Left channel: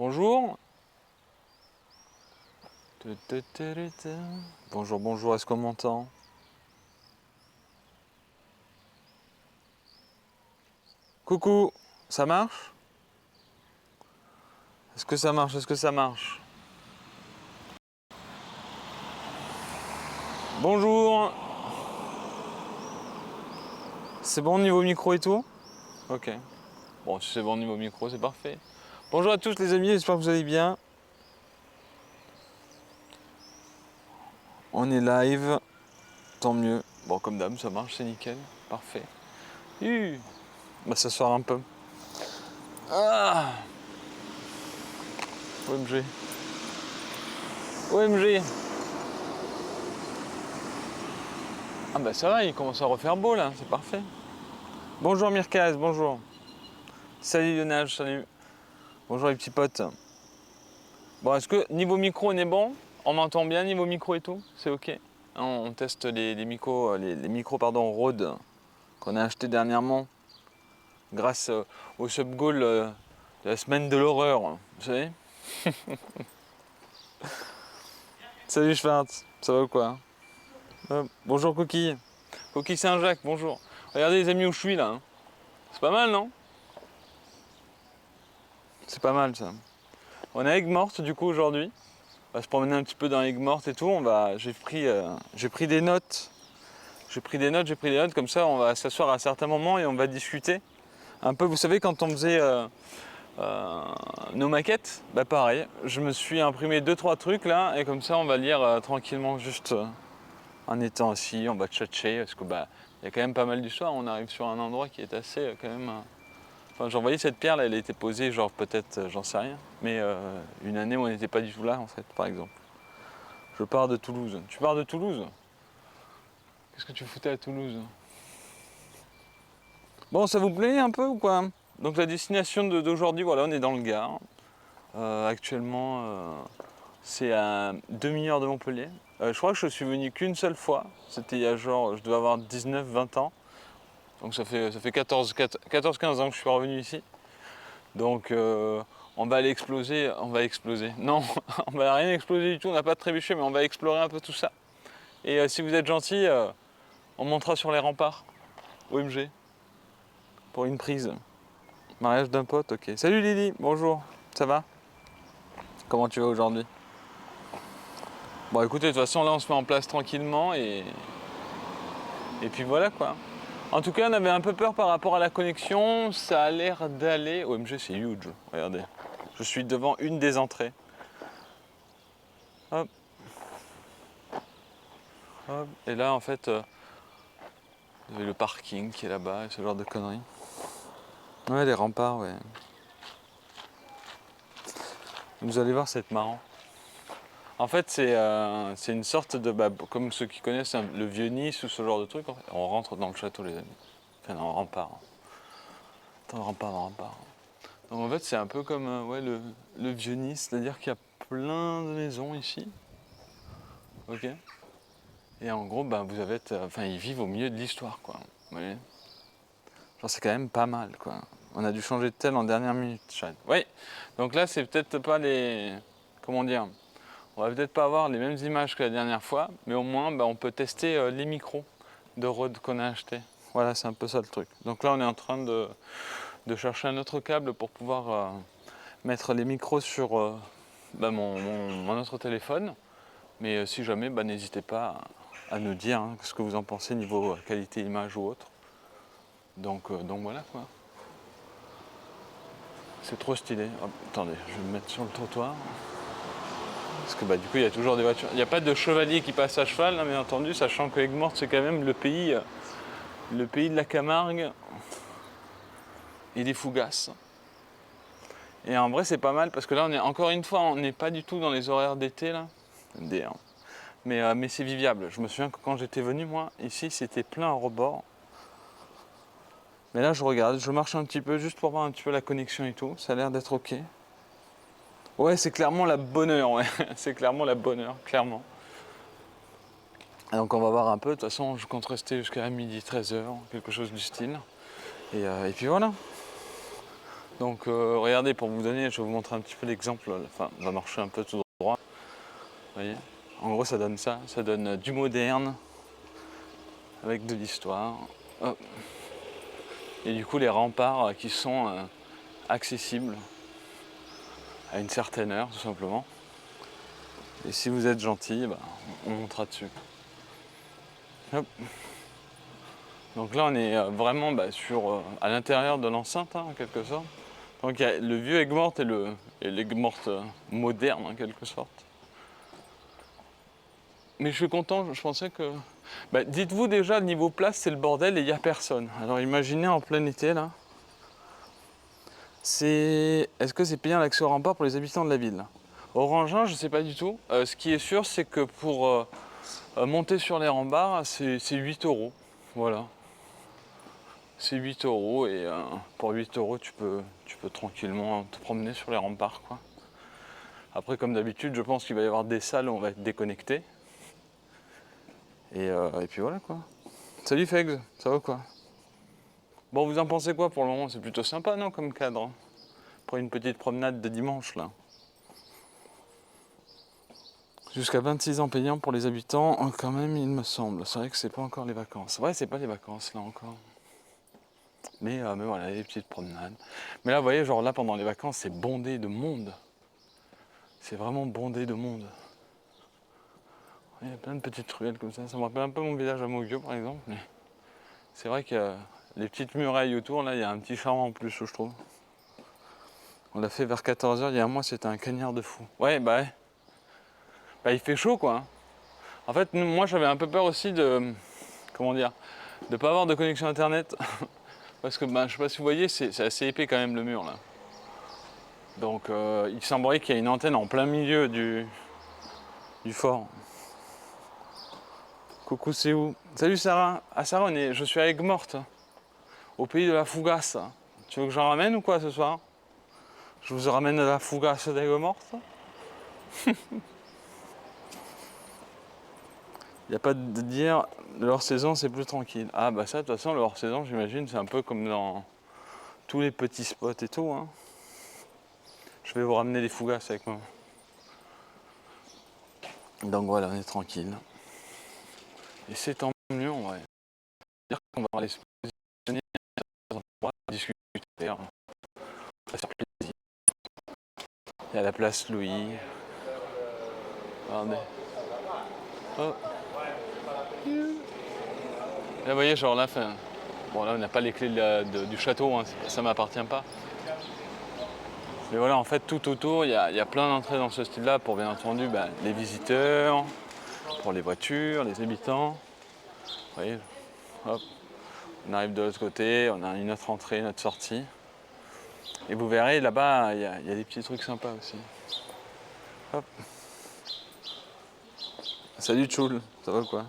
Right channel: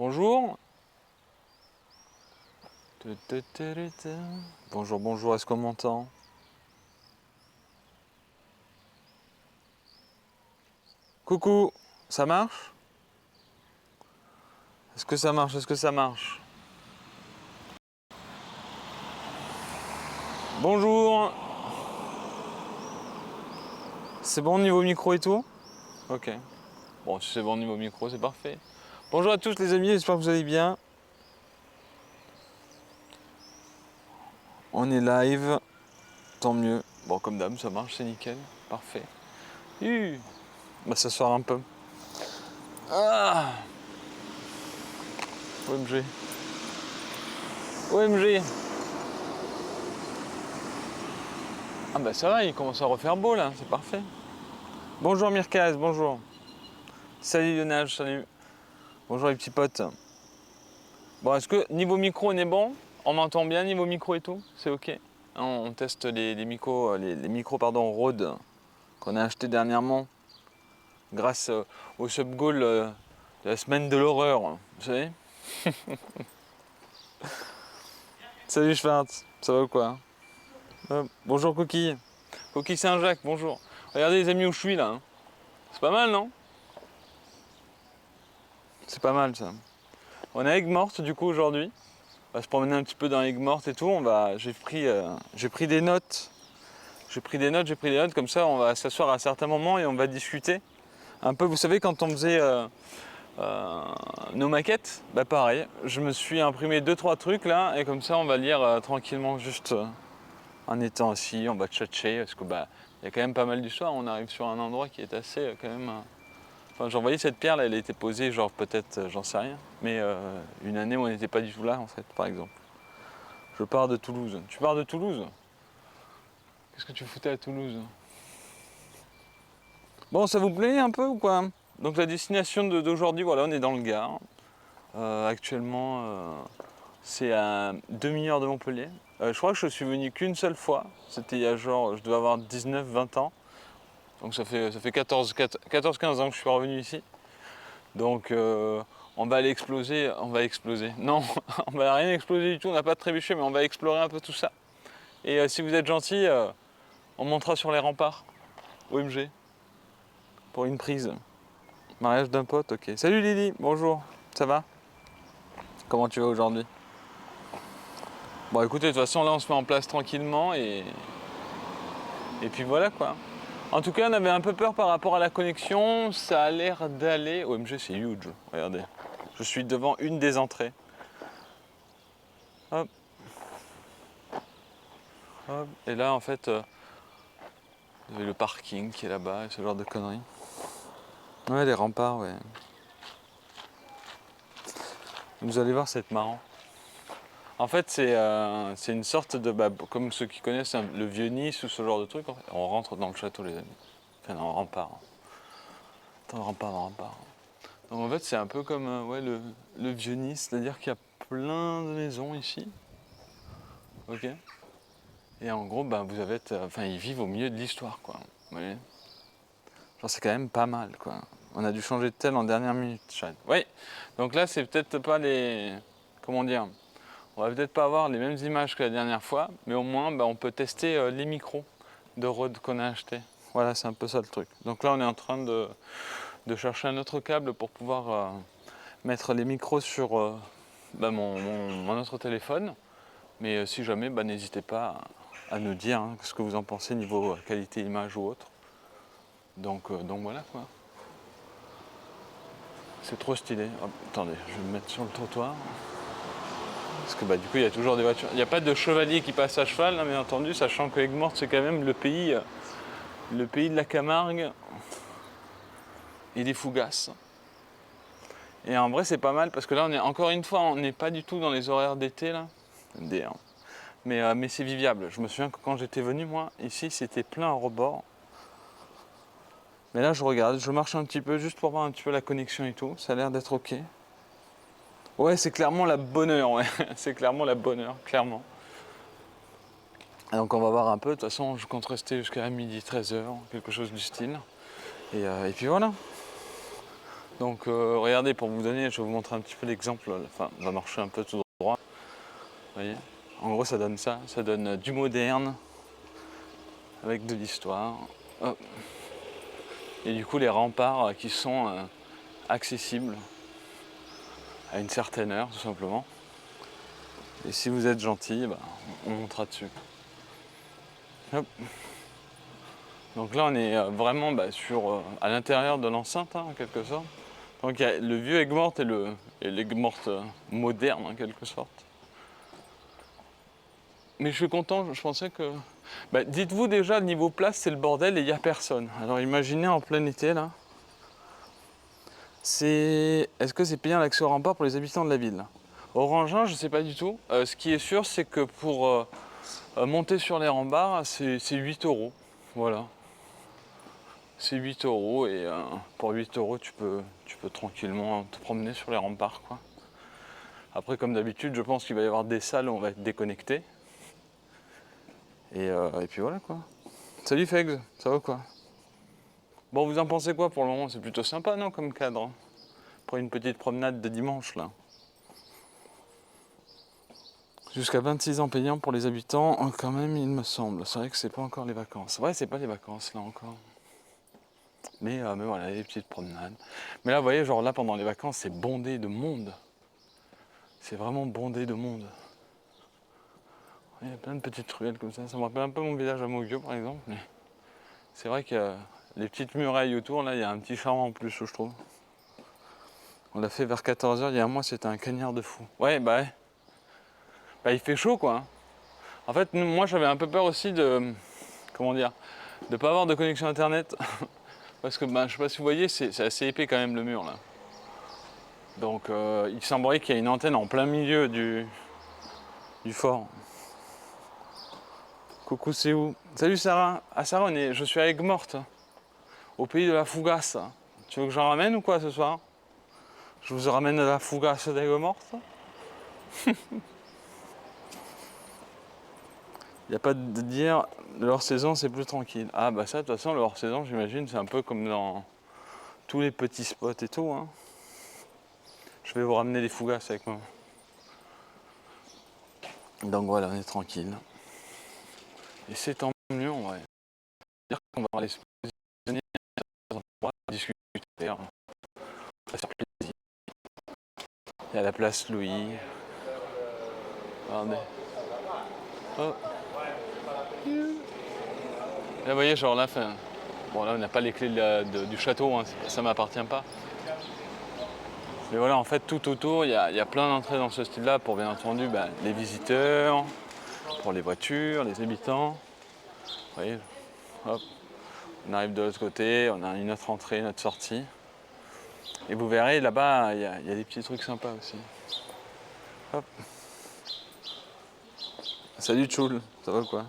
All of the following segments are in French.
Bonjour. Bonjour, bonjour, est-ce qu'on m'entend? Coucou, ça marche? Est-ce que ça marche? Est-ce que ça marche? Bonjour. C'est bon niveau micro et tout? Ok. Bon, si c'est bon niveau micro, c'est parfait. Bonjour à tous les amis, j'espère que vous allez bien. On est live, tant mieux. Bon, comme d'hab, ça marche, c'est nickel. Parfait. On va s'asseoir un peu. Ah, OMG. OMG. Ah bah ça va, il commence à refaire beau là, c'est parfait. Bonjour Mirkaz, bonjour. Salut Lionel, salut. Bonjour les petits potes. Bon, est-ce que niveau micro on est bon? On m'entend bien niveau micro et tout? C'est ok? On teste les micros, les micros pardon, Rode qu'on a acheté dernièrement grâce au sub-goal de la semaine de l'horreur, vous savez? Salut Schwartz, ça va ou quoi? Bonjour Cookie. Cookie Saint-Jacques, bonjour. Regardez les amis où je suis là. Hein. C'est pas mal, non? C'est pas mal ça. On est à Aigues-Mortes du coup aujourd'hui. On va se promener un petit peu dans Aigues-Mortes et tout. J'ai pris des notes. J'ai pris des notes, comme ça on va s'asseoir à certains moments et on va discuter. Un peu, vous savez, quand on faisait nos maquettes, bah pareil, je me suis imprimé 2-3 trucs là et comme ça on va lire tranquillement juste en étant assis, on va tchatcher parce que bah il y a quand même pas mal d'histoires. On arrive sur un endroit qui est assez quand même. Enfin, genre, vous voyez cette pierre là, elle a été posée, genre peut-être, j'en sais rien, mais une année où on n'était pas du tout là en fait, par exemple. Je pars de Toulouse. Tu pars de Toulouse? Qu'est-ce que tu foutais à Toulouse? Bon, ça vous plaît un peu ou quoi? Donc la destination d'aujourd'hui, voilà, on est dans le Gard. Actuellement, c'est à demi-heure de Montpellier. Je crois que je suis venu qu'une seule fois. C'était il y a genre, je devais avoir 19-20 ans. Donc ça fait 14-15 ans que je suis revenu ici. Donc on va aller exploser, on va exploser. Non, on va rien exploser du tout, on n'a pas trébuché, mais on va explorer un peu tout ça. Et si vous êtes gentil, on montera sur les remparts. OMG. Pour une prise. Mariage d'un pote, ok. Salut Lily, bonjour. Ça va? Comment tu vas aujourd'hui? Bon écoutez, de toute façon là on se met en place tranquillement et puis voilà quoi. En tout cas on avait un peu peur par rapport à la connexion, ça a l'air d'aller. OMG c'est huge, regardez. Je suis devant une des entrées. Hop. Hop. Et là en fait, vous avez le parking qui est là-bas et ce genre de conneries. Ouais les remparts, ouais. Vous allez voir, c'est marrant. En fait, c'est une sorte de. Bah, comme ceux qui connaissent le vieux Nice ou ce genre de truc, en fait. On rentre dans le château, les amis. Enfin, dans le rempart. Dans le rempart, dans le rempart. Donc en fait, c'est un peu comme ouais, le vieux Nice, c'est-à-dire qu'il y a plein de maisons ici. Ok. Et en gros, bah, vous avez. Enfin, ils vivent au milieu de l'histoire, quoi. Vous voyez. Genre, c'est quand même pas mal, quoi. On a dû changer de tel en dernière minute, Chad. Oui. Donc là, c'est peut-être pas les. Comment dire? On va peut-être pas avoir les mêmes images que la dernière fois, mais au moins bah, on peut tester les micros de Rode qu'on a achetés. Voilà, c'est un peu ça le truc. Donc là, on est en train de chercher un autre câble pour pouvoir mettre les micros sur bah, mon autre téléphone. Mais si jamais, bah, n'hésitez pas à nous dire hein, ce que vous en pensez niveau qualité image ou autre. Donc voilà quoi. C'est trop stylé. Hop, attendez, je vais me mettre sur le trottoir. Parce que bah, du coup, il y a toujours des voitures. Il n'y a pas de chevalier qui passe à cheval, hein, bien entendu, sachant que Aigues-Mortes, c'est quand même le pays de la Camargue et des Fougasses. Et en vrai, c'est pas mal parce que là, on est encore une fois, on n'est pas du tout dans les horaires d'été là. Hein. Mais c'est viviable. Je me souviens que quand j'étais venu, moi, ici, c'était plein à rebord. Mais là, je regarde, je marche un petit peu juste pour voir un petit peu la connexion et tout. Ça a l'air d'être ok. Ouais, c'est clairement la bonne heure, ouais. C'est clairement la bonne heure, clairement. Donc on va voir un peu, de toute façon je compte rester jusqu'à midi 13h, quelque chose du style. Et puis voilà. Donc regardez, pour vous donner, je vais vous montrer un petit peu l'exemple. Enfin, on va marcher un peu tout droit. Vous voyez, en gros, ça donne ça. Ça donne du moderne avec de l'histoire. Hop. Et du coup, les remparts qui sont accessibles à une certaine heure, tout simplement. Et si vous êtes gentil, bah, on montera dessus. Hop. Donc là, on est vraiment à l'intérieur de l'enceinte, hein, en quelque sorte. Donc il y a le vieux Aigues-Mortes et l'Aigues-Mortes moderne, en quelque sorte. Mais je suis content, je pensais que... Bah, dites-vous déjà, niveau place, c'est le bordel et il n'y a personne. Alors imaginez en plein été, là. Est-ce que c'est payant l'accès au rempart pour les habitants de la ville? Orangin, je ne sais pas du tout. Ce qui est sûr, c'est que pour monter sur les remparts, c'est 8 euros. Voilà. C'est 8 euros et pour 8 euros, tu peux tranquillement te promener sur les remparts, quoi. Après, comme d'habitude, je pense qu'il va y avoir des salles où on va être déconnecté. Et puis voilà, quoi. Salut Fegs, ça va quoi? Bon, vous en pensez quoi pour le moment? C'est plutôt sympa, non, comme cadre, hein, pour une petite promenade de dimanche, là. Jusqu'à 26 ans payant pour les habitants, quand même, il me semble. C'est vrai que c'est pas encore les vacances. Ouais, c'est pas les vacances, là, encore. Mais voilà, les petites promenades. Mais là, vous voyez, genre là, pendant les vacances, c'est bondé de monde. C'est vraiment bondé de monde. Il y a plein de petites ruelles comme ça. Ça me rappelle un peu mon village à Mogio, par exemple. Mais c'est vrai que les petites murailles autour, là, il y a un petit charme en plus, je trouve. On l'a fait vers 14 h il y a un mois, c'était un cagnard de fou. Ouais. Bah, il fait chaud, quoi, hein. En fait, moi, j'avais un peu peur aussi de... Comment dire? De pas avoir de connexion internet. Parce que, je sais pas si vous voyez, c'est assez épais quand même, le mur, là. Donc, il semblerait qu'il y ait une antenne en plein milieu du fort. Coucou, c'est où? Salut Sarah. Ah Sarah, je suis à Aigues-Mortes, au pays de la Fougasse. Tu veux que j'en ramène ou quoi ce soir? Je vous ramène à la Fougasse d'Aigues-Mortes. Il n'y a pas de dire, le hors-saison c'est plus tranquille. Ah bah ça, de toute façon, le hors-saison, j'imagine, c'est un peu comme dans tous les petits spots et tout, hein. Je vais vous ramener des Fougasses avec moi. Donc voilà, on est tranquille. Et c'est tant mieux, on va dire qu'on va aller se positionner dans un endroit, discuter, on va se faire plaisir. Il y a la place Louis. Regardez. Oh. Là, vous voyez, genre là, bon là, on n'a pas les clés du château, hein, ça m'appartient pas. Mais voilà, en fait, tout autour, il y a plein d'entrées dans ce style-là pour, bien entendu, les visiteurs, pour les voitures, les habitants. Vous voyez, hop, on arrive de l'autre côté, on a une autre entrée, une autre sortie. Et vous verrez, là-bas, il y a des petits trucs sympas aussi. Hop. Salut Tchoul, ça va quoi?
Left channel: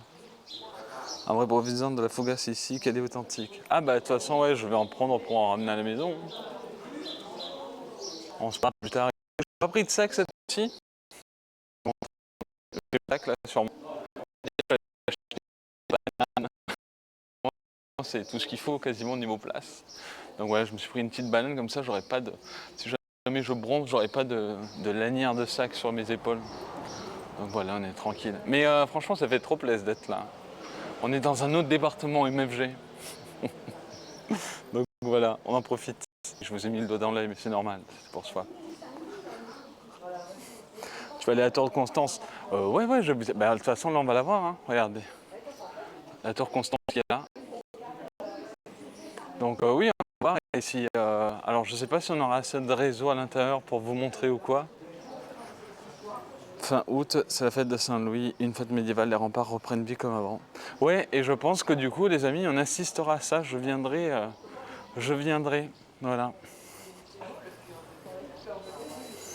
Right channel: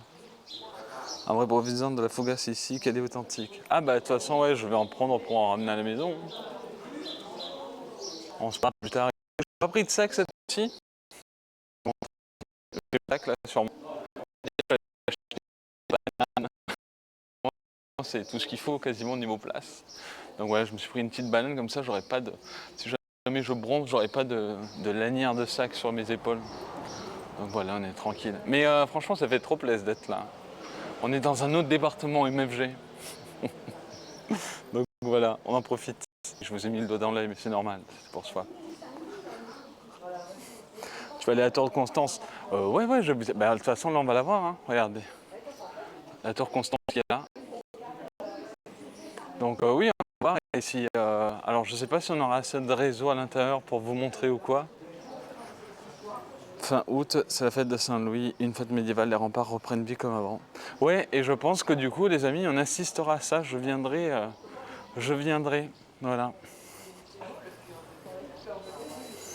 Un vrai provision de la Fougasse ici, qu'elle est authentique. Ah bah de toute façon, ouais, je vais en prendre pour en ramener à la maison. On se parle plus tard. J'ai pas pris de sac cette fois-ci. J'ai le sac là sur moi. C'est tout ce qu'il faut quasiment au niveau place. Donc voilà, je me suis pris une petite banane comme ça, j'aurais pas de. Si jamais je bronze, j'aurais pas de lanière de sac sur mes épaules. Donc voilà, on est tranquille. Mais franchement, ça fait trop plaisir d'être là. On est dans un autre département MFG. Donc voilà, on en profite. Je vous ai mis le doigt dans l'œil, mais c'est normal, c'est pour soi. Tu vas aller à la tour de Constance? Ouais, de toute façon, là, on va la voir, hein. Regardez. La tour Constance qui est là. Donc oui, on va voir. Et si, alors, je sais pas si on aura assez de réseau à l'intérieur pour vous montrer ou quoi. Fin août, c'est la fête de Saint-Louis, une fête médiévale, les remparts reprennent vie comme avant. Ouais, et je pense que du coup, les amis, on assistera à ça. Je viendrai. Voilà.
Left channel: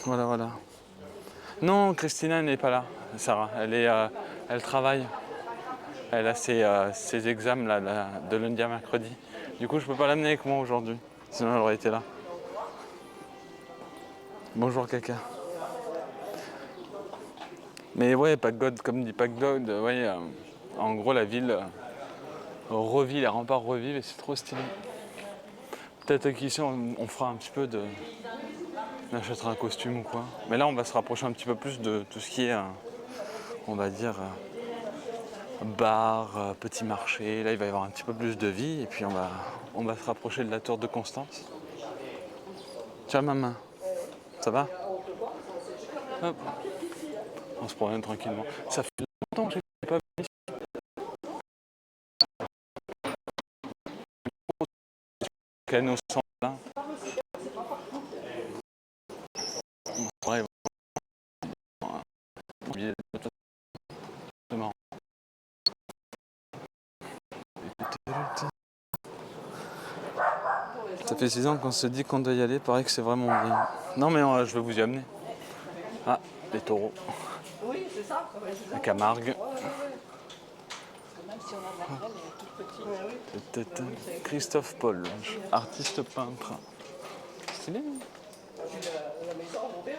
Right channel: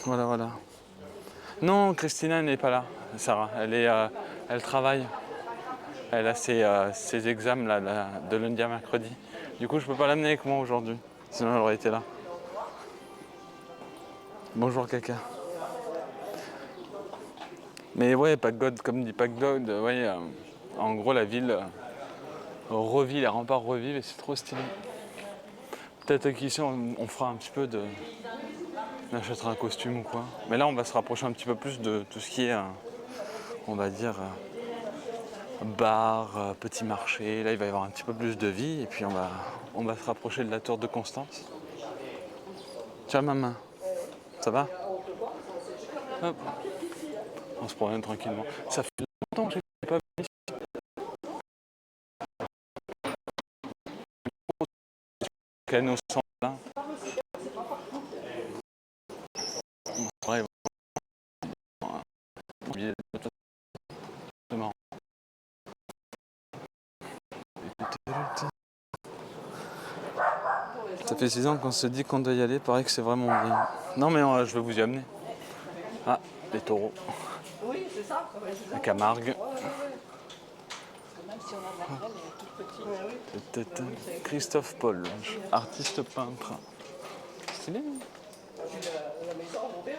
Voilà. Non, Christina n'est pas là, Sarah. Elle travaille. Elle a ses examens là, de lundi à mercredi. Du coup, je peux pas l'amener avec moi aujourd'hui. Sinon, elle aurait été là. Bonjour, caca. Mais ouais, Pack-God, comme dit Pack-God, ouais, en gros, la ville revit, les remparts revivent et c'est trop stylé. Peut-être qu'ici on fera un petit peu de... On achètera un costume ou quoi. Mais là on va se rapprocher un petit peu plus de tout ce qui est, on va dire, bar, petit marché. Là il va y avoir un petit peu plus de vie et puis on va se rapprocher de la tour de Constance. Tiens maman, ça va? Hop. On se promène tranquillement. Ça fait longtemps que je n'ai pas venu canaux sans là. Ouais, ça fait 6 ans qu'on se dit qu'on doit y aller, pareil que c'est vraiment bien. Non mais je vais vous y amener. Ah, les taureaux. Oui, c'est ça. La Camargue. Même si on a de la graine, elle est toute petite. Christophe Paul, artiste peintre. Stylé. La maison de mon père,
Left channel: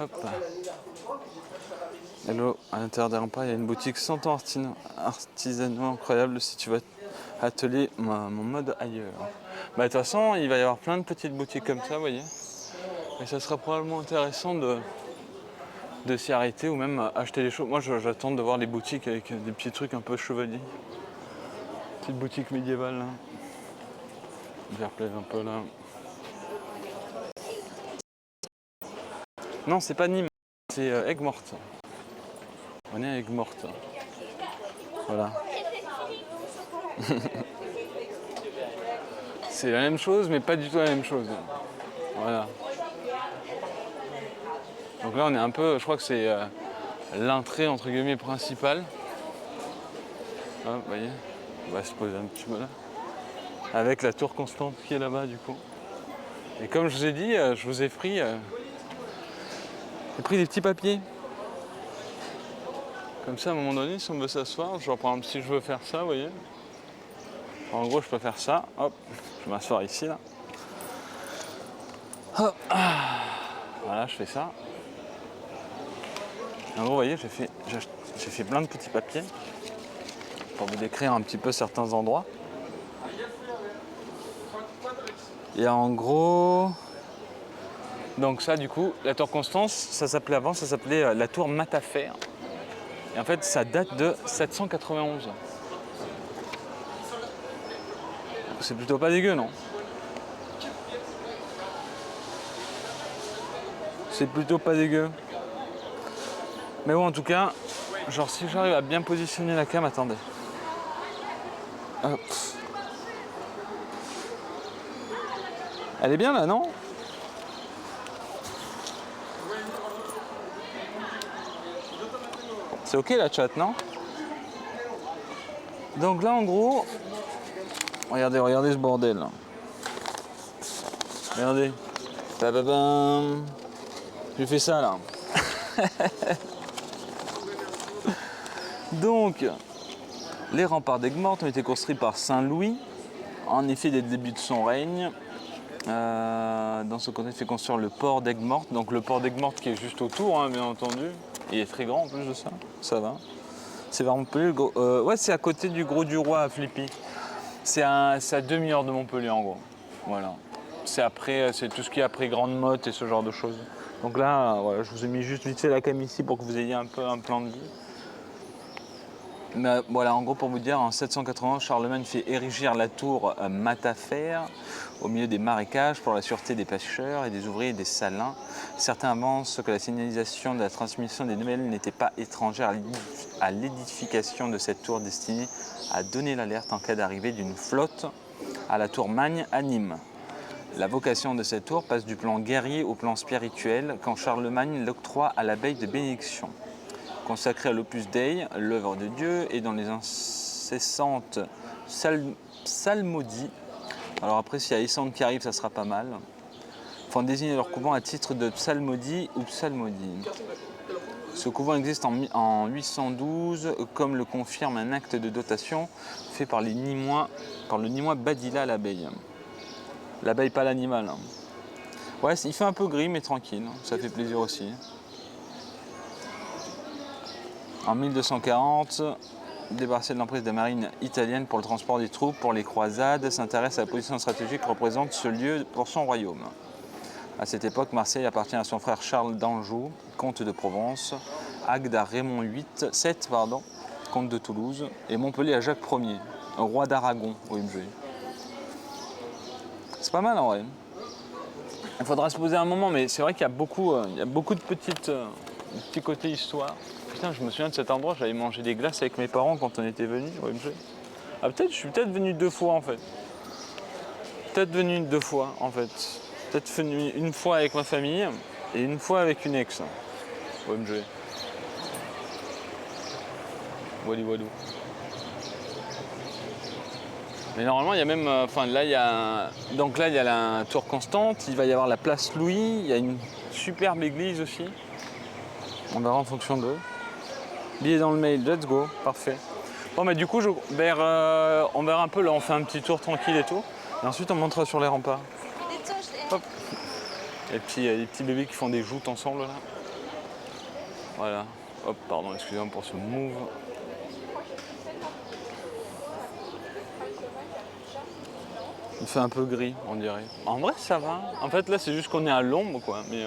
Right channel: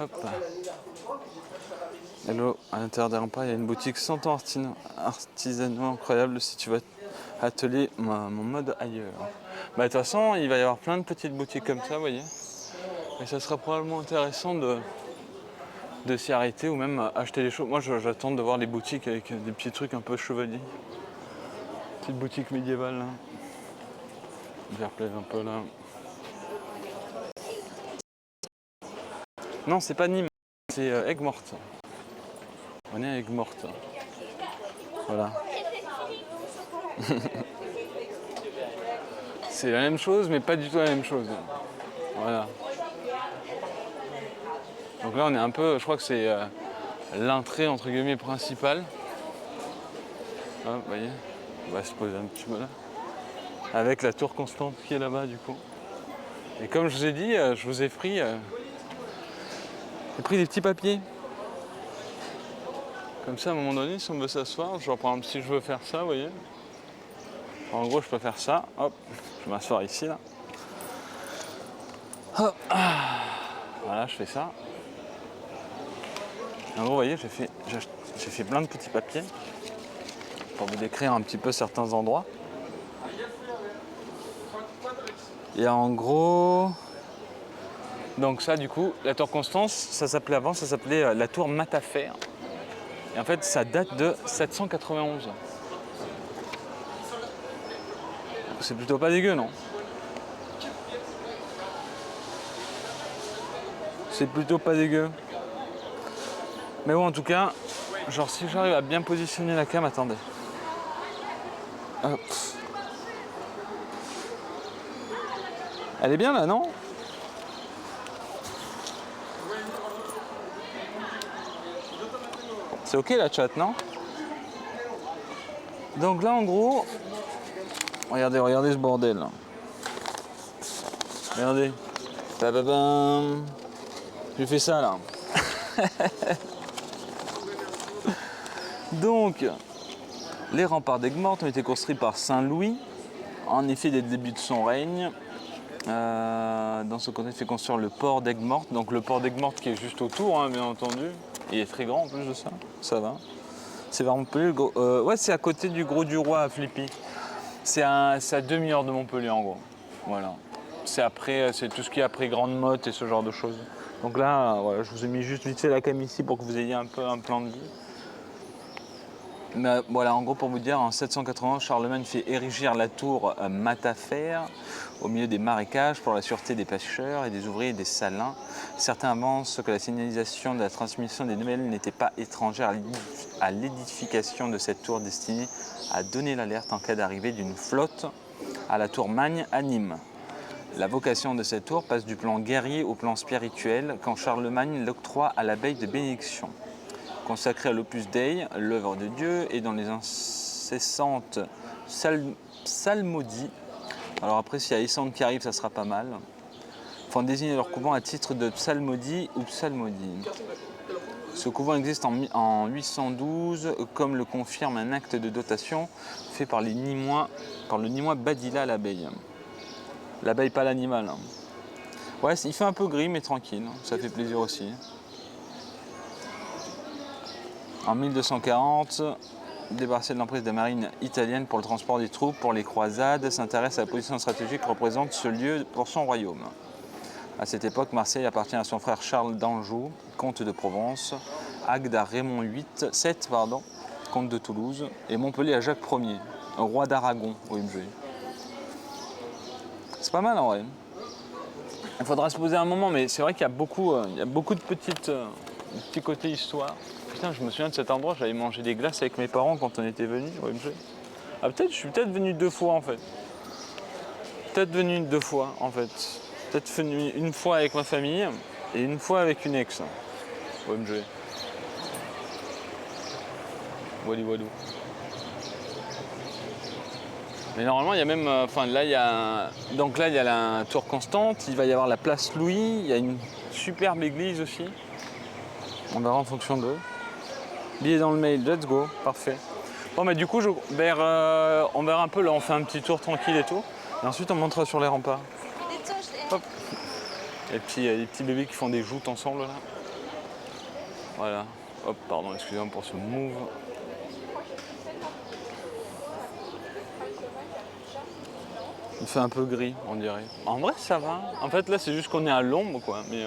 Hop. Hello, à l'intérieur des remparts, il y a une boutique 100 ans artisanaux incroyable si tu veux atelier mon mode ailleurs. Bah, de toute façon, il va y avoir plein de petites boutiques comme ça, vous voyez. Et ça sera probablement intéressant de s'y arrêter ou même acheter des choses. Moi, j'attends de voir les boutiques avec des petits trucs un peu chevaliers. Petite boutique médiévale là. Je replaise un peu là. Non, c'est pas Nîmes, c'est Aigues-Mortes. On est à Aigues-Mortes. Voilà. C'est la même chose, mais pas du tout la même chose. Voilà. Donc là, on est un peu, je crois que c'est l'entrée entre guillemets principale. Ah, vous voyez, on va se poser un petit peu là. Avec la tour Constante qui est là-bas du coup. Et comme je vous ai dit, je vous ai pris des petits papiers. Comme ça, à un moment donné, si on veut s'asseoir, genre par exemple si je veux faire ça, vous voyez. En gros, je peux faire ça, hop, je vais m'asseoir ici là. Hop. Voilà, je fais ça. En gros, vous voyez, j'ai fait plein de petits papiers pour vous décrire un petit peu certains endroits. Et en gros, donc ça du coup, la tour Constance, ça s'appelait la tour Matafer. Et en fait, ça date de 791. C'est plutôt pas dégueu, non? C'est plutôt pas dégueu. Mais bon, en tout cas, genre si j'arrive à bien positionner la cam, attendez. Hop. Elle est bien là, non? C'est ok la chat, non? Donc là, en gros, regardez ce bordel là. Regardez. Bababam. J'ai fait ça là. Donc, les remparts d'Aigues-Mortes ont été construits par Saint Louis, en effet dès le début de son règne. Dans ce contexte, il fait construire le port d'Aigues-Mortes. Donc le port d'Aigues-Mortes qui est juste autour, hein, bien entendu. Il est très grand en plus de ça. Ça va. C'est vers Montpellier. Ouais, c'est à côté du Gros du Roi à Flippy. C'est à demi-heure de Montpellier en gros. Voilà. C'est tout ce qui est après Grande Motte et ce genre de choses. Donc là, voilà, je vous ai mis juste vite fait la cam ici pour que vous ayez un peu un plan de vue. Mais voilà, en gros pour vous dire, en 780, Charlemagne fait érigir la tour Matafer au milieu des marécages pour la sûreté des pêcheurs et des ouvriers des salins. Certains avancent que la signalisation de la transmission des nouvelles n'était pas étrangère à l'édification de cette tour destinée à donner l'alerte en cas d'arrivée d'une flotte à la tour Magne à Nîmes. La vocation de cette tour passe du plan guerrier au plan spirituel quand Charlemagne l'octroie à l'abbaye de Bénédiction. Consacré à l'Opus Dei, l'œuvre de Dieu, et dans les incessantes psalmodies. Alors après, s'il y a Essande qui arrive, ça sera pas mal. Font désigner leur couvent à titre de psalmodie ou psalmodie. Ce couvent existe en 812, comme le confirme un acte de dotation fait par le Nîmois Badilla à l'abeille. L'abeille, pas l'animal. Ouais, il fait un peu gris, mais tranquille, ça fait plaisir aussi. En 1240, débarrassé de l'emprise des marines italiennes pour le transport des troupes, pour les croisades, s'intéresse à la position stratégique que représente ce lieu pour son royaume. À cette époque, Marseille appartient à son frère Charles d'Anjou, comte de Provence, Agde à Raymond VIII, comte de Toulouse, et Montpellier à Jacques Ier, roi d'Aragon, OMG. C'est pas mal en vrai. Il faudra se poser un moment, mais c'est vrai qu'il y a beaucoup de petits côtés histoire. Putain, je me souviens de cet endroit, j'avais mangé des glaces avec mes parents quand on était venus, OMG. Ah peut-être, je suis peut-être venu 2 fois en fait. Peut-être venu 2 fois en fait. Peut-être venu une fois avec ma famille et une fois avec une ex. OMG. Walou walou. Mais normalement, il y a même. Enfin, là, il y a. Donc là, il y a la tour Constante, il va y avoir la place Louis, il y a une superbe église aussi. On verra en fonction d'eux. Billet dans le mail, let's go, parfait. Bon, mais du coup, on verra un peu, là, on fait un petit tour tranquille et tout. Et ensuite, on montera sur les remparts. Hop. Et puis, il y a des petits bébés qui font des joutes ensemble, là. Voilà. Hop, pardon, excusez-moi pour ce move. Il fait un peu gris, on dirait. En vrai, ça va. En fait, là, c'est juste qu'on est à l'ombre, quoi. Mais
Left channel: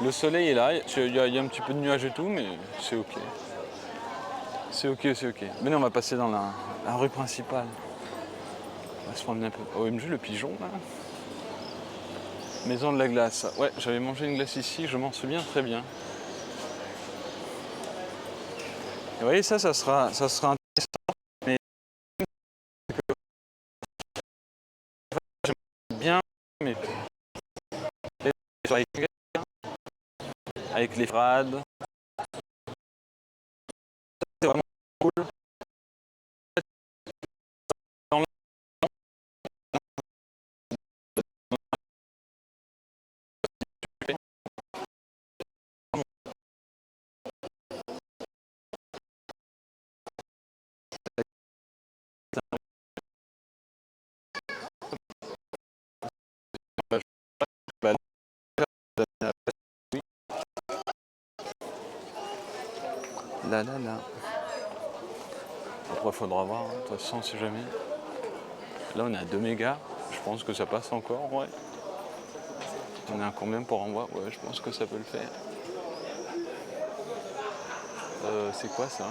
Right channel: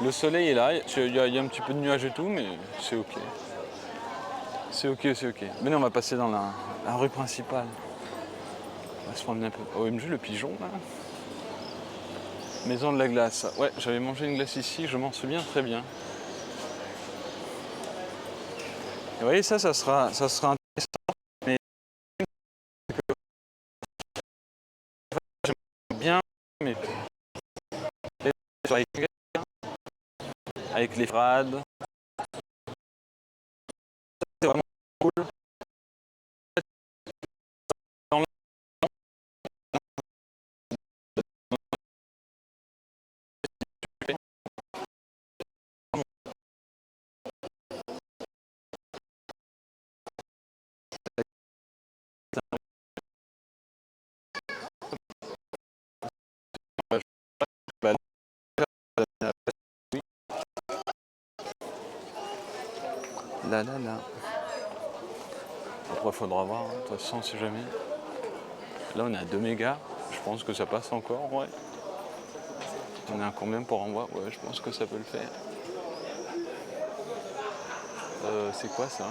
le soleil est là. Il y a un petit peu de nuages et tout, mais c'est ok. C'est ok, c'est ok. Mais non, on va passer dans la rue principale. On va se promener un peu. OMG, le pigeon, là. Maison de la glace. Ouais, j'avais mangé une glace ici, je m'en souviens très bien. Et vous voyez, ça sera intéressant. Mais j'aime bien, mais avec les frades. C'est vraiment cool. Dans là, là, là. Après, il faudra voir, hein. De toute façon, si jamais. Là, on est à 2 mégas. Je pense que ça passe encore, ouais. On est à combien pour envoi? Ouais, je pense que ça peut le faire. C'est quoi ça?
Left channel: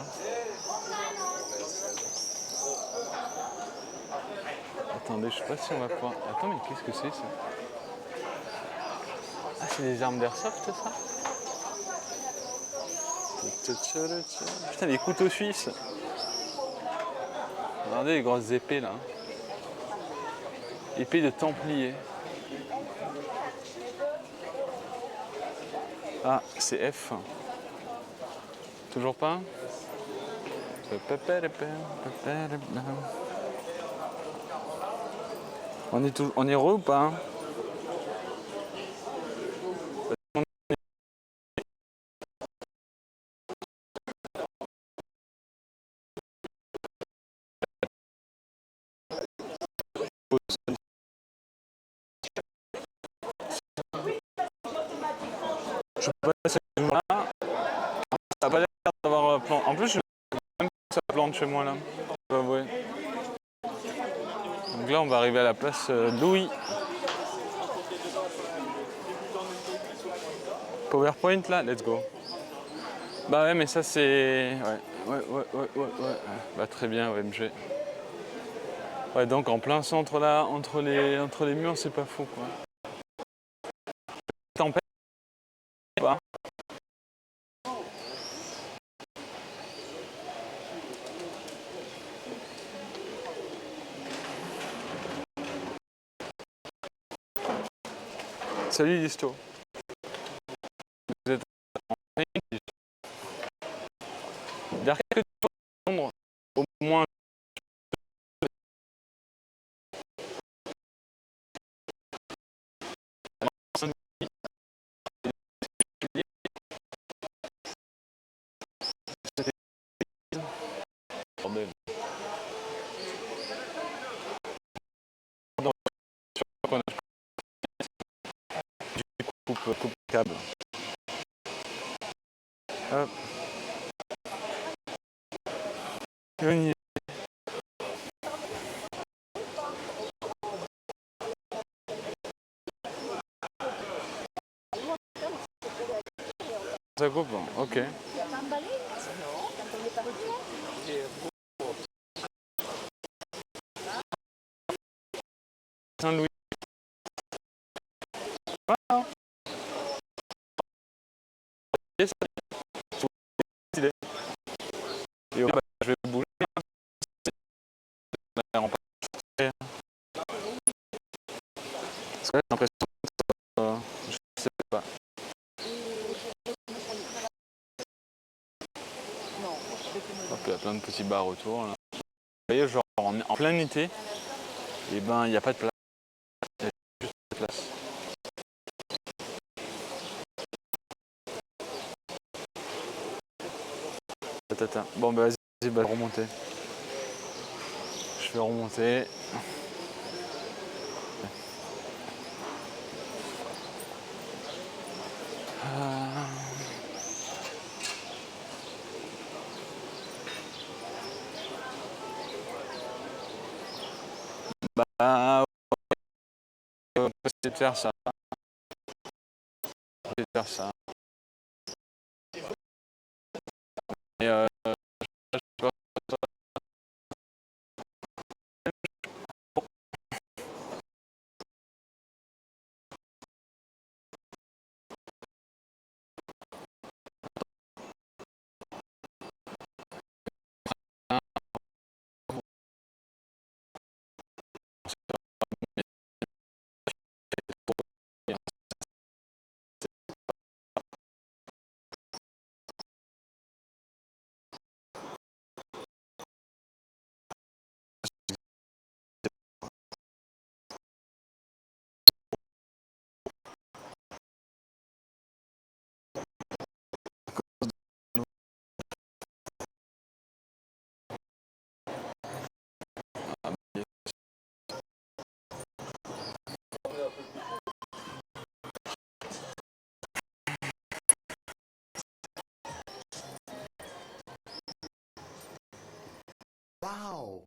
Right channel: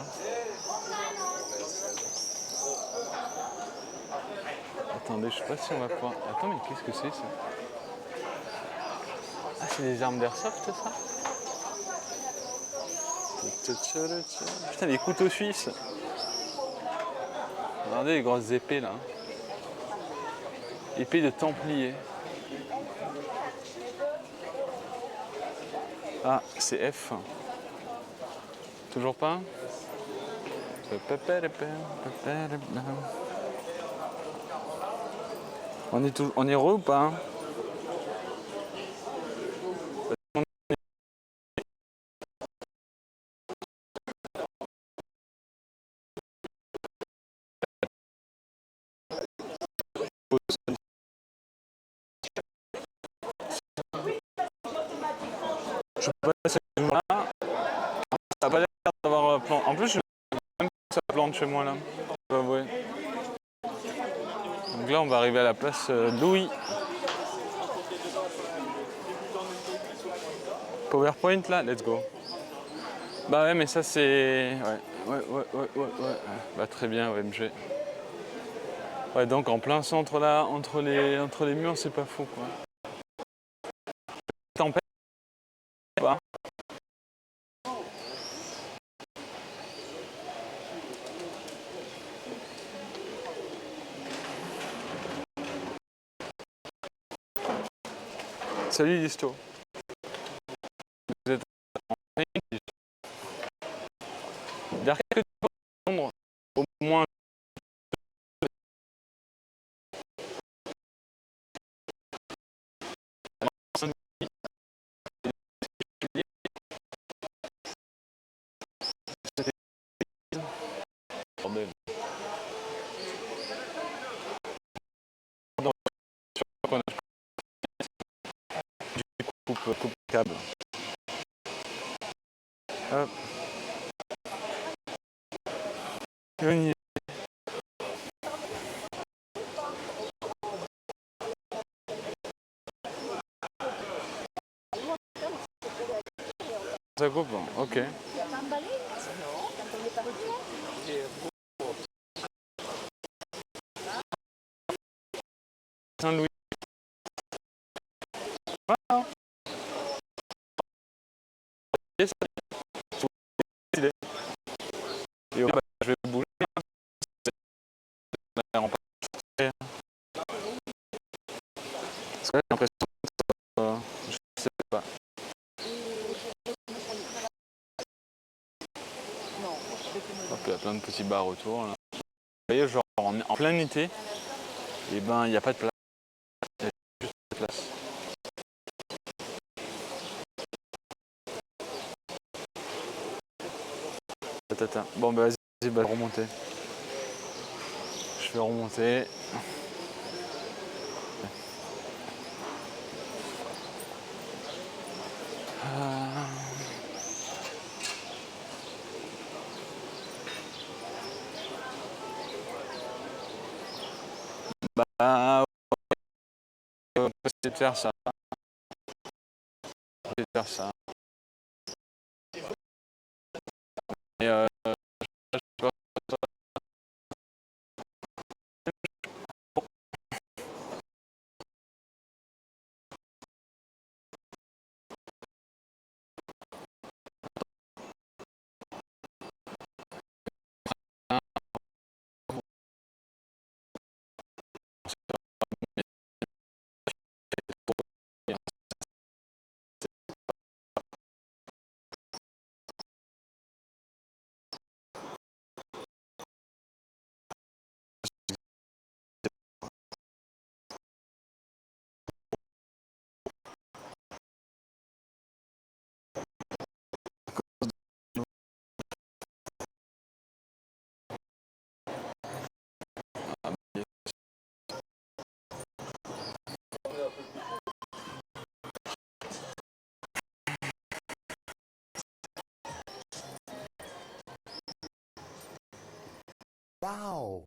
Attendez, je sais pas si on va pouvoir. Attends, mais qu'est-ce que c'est ça? Ah, c'est des armes d'airsoft ça? Putain, les couteaux suisses! Regardez les grosses épées là. Épée de Templier. Ah, c'est F. Toujours pas? On est heureux ou pas? Hein? Je sais pas si c'est là. Ça n'a pas l'air d'avoir plan. En plus, je sais même pas si ça plante chez moi là. Je dois avouer. Donc là, on va arriver à la place Louis. PowerPoint là, let's go. Bah ouais, mais ça c'est. Ouais. Bah très bien, OMG. Ouais, donc en plein centre là, entre les murs, c'est pas fou quoi. Tempête ou pas? Salut Listo. Vous êtes en vers quelques Londres, au moins. Bordel. Coupe câble. Hop. Yoni. Ça coupe, ok. Saint-Louis. Ah, yes, il est. Et bah, je vais bouger. En partie. Parce que là, j'ai l'impression que je sais pas. Hop, il y a plein de petits bars autour. Là. Vous voyez, genre en plein été, et ben il n'y a pas de place. Il y a juste pas de place. Tata. Bon bah vas-y, bah, remonter. Je vais remonter. Bah, on va essayer de faire ça. On va essayer de faire ça. Et je sais pas, Wow.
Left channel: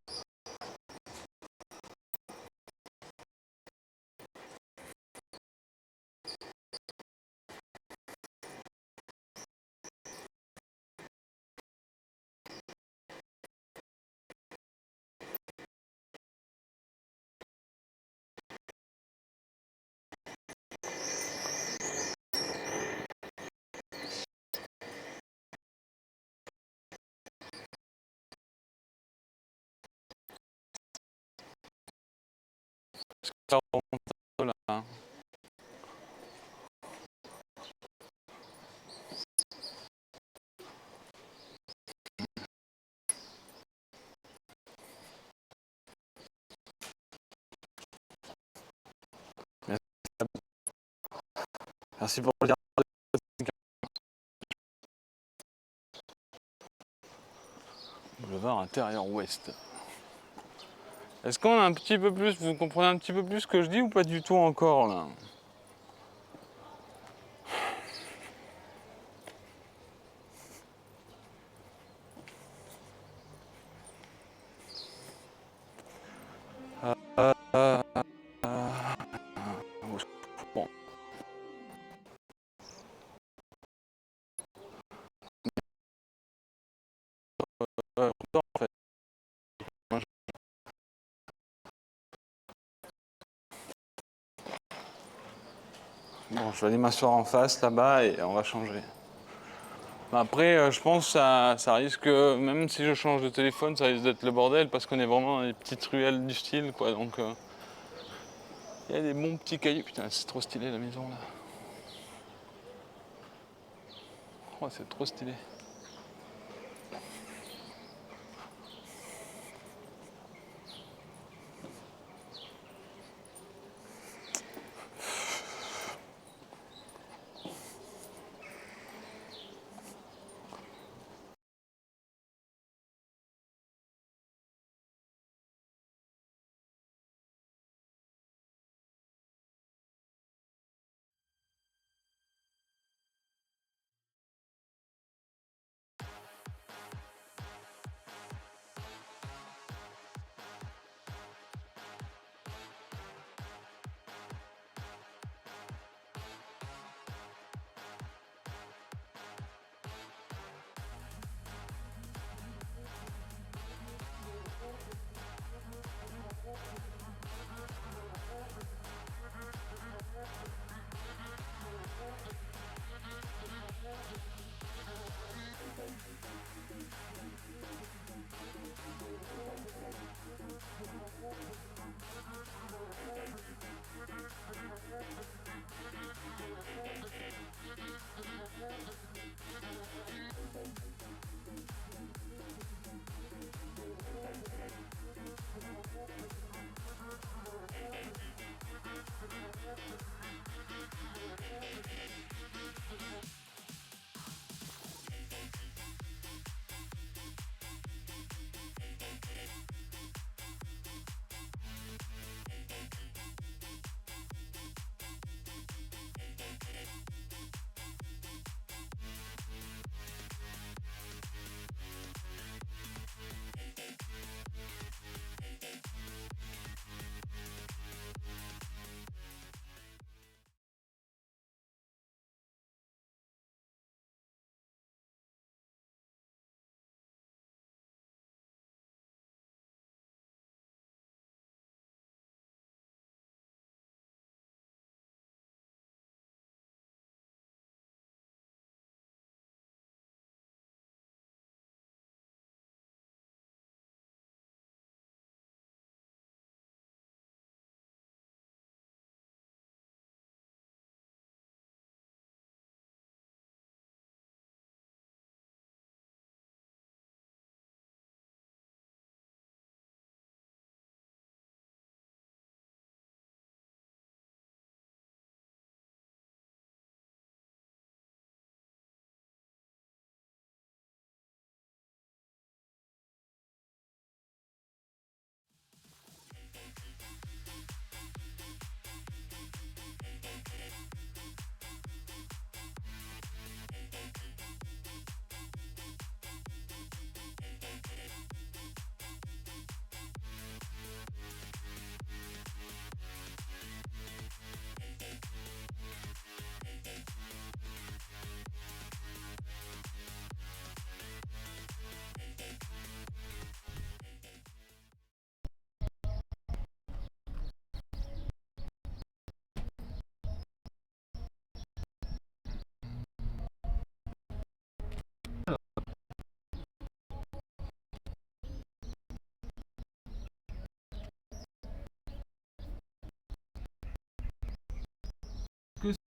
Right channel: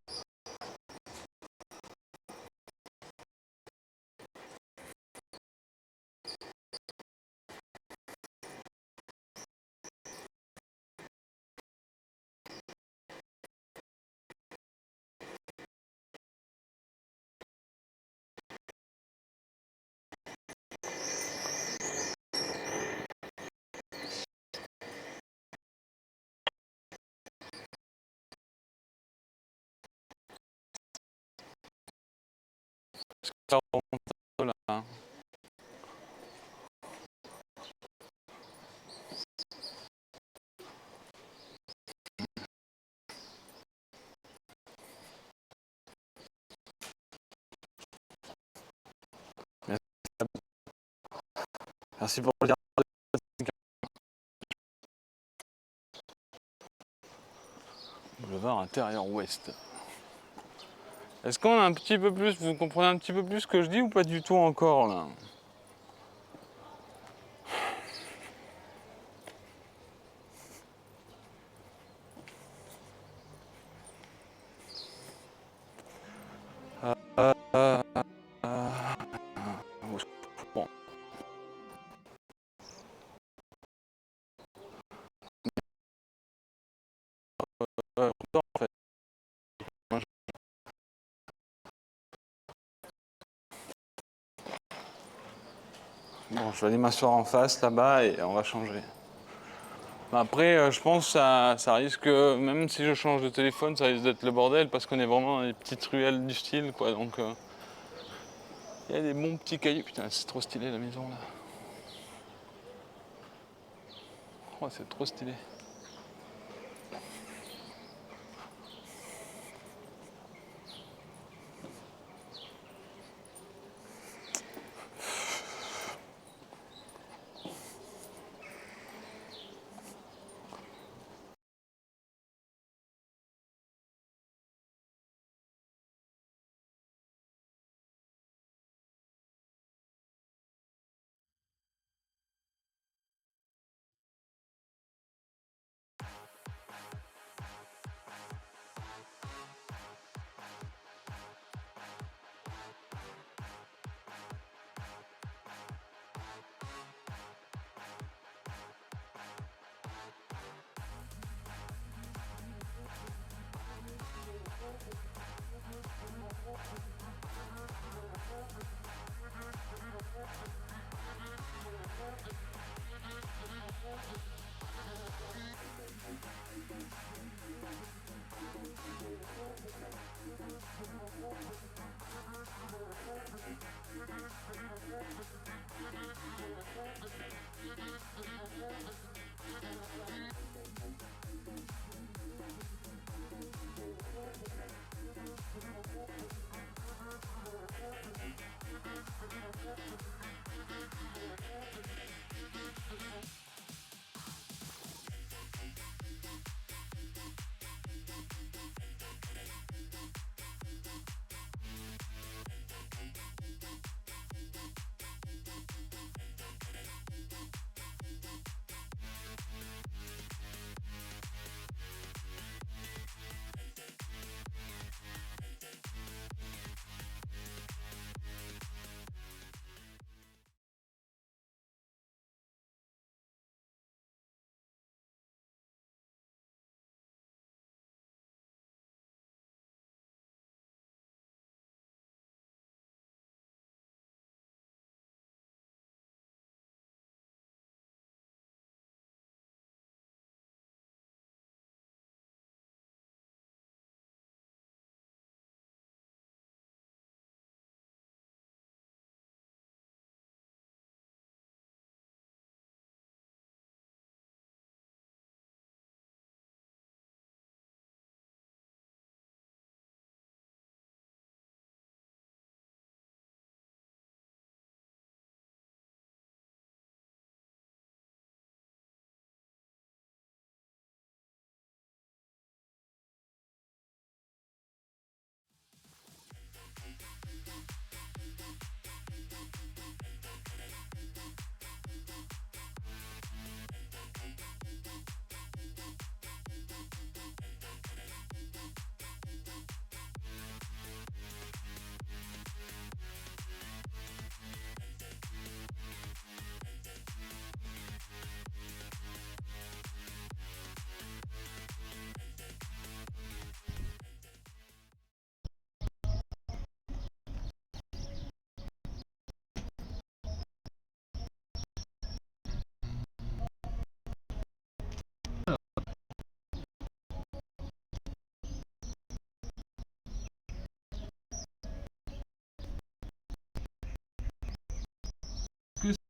ça remonte là. Merci pour le dire. Boulevard intérieur ouest. Est-ce qu'on a un petit peu plus, vous comprenez un petit peu plus ce que je dis ou pas du tout encore là? Bon. En fait. Bon, je vais aller m'asseoir en face là-bas et on va changer. Après, je pense que ça risque, même si je change de téléphone, ça risque d'être le bordel parce qu'on est vraiment dans les petites ruelles du style, quoi. Donc, il y a des bons petits cailloux. Putain, c'est trop stylé la maison là. Oh, c'est trop stylé.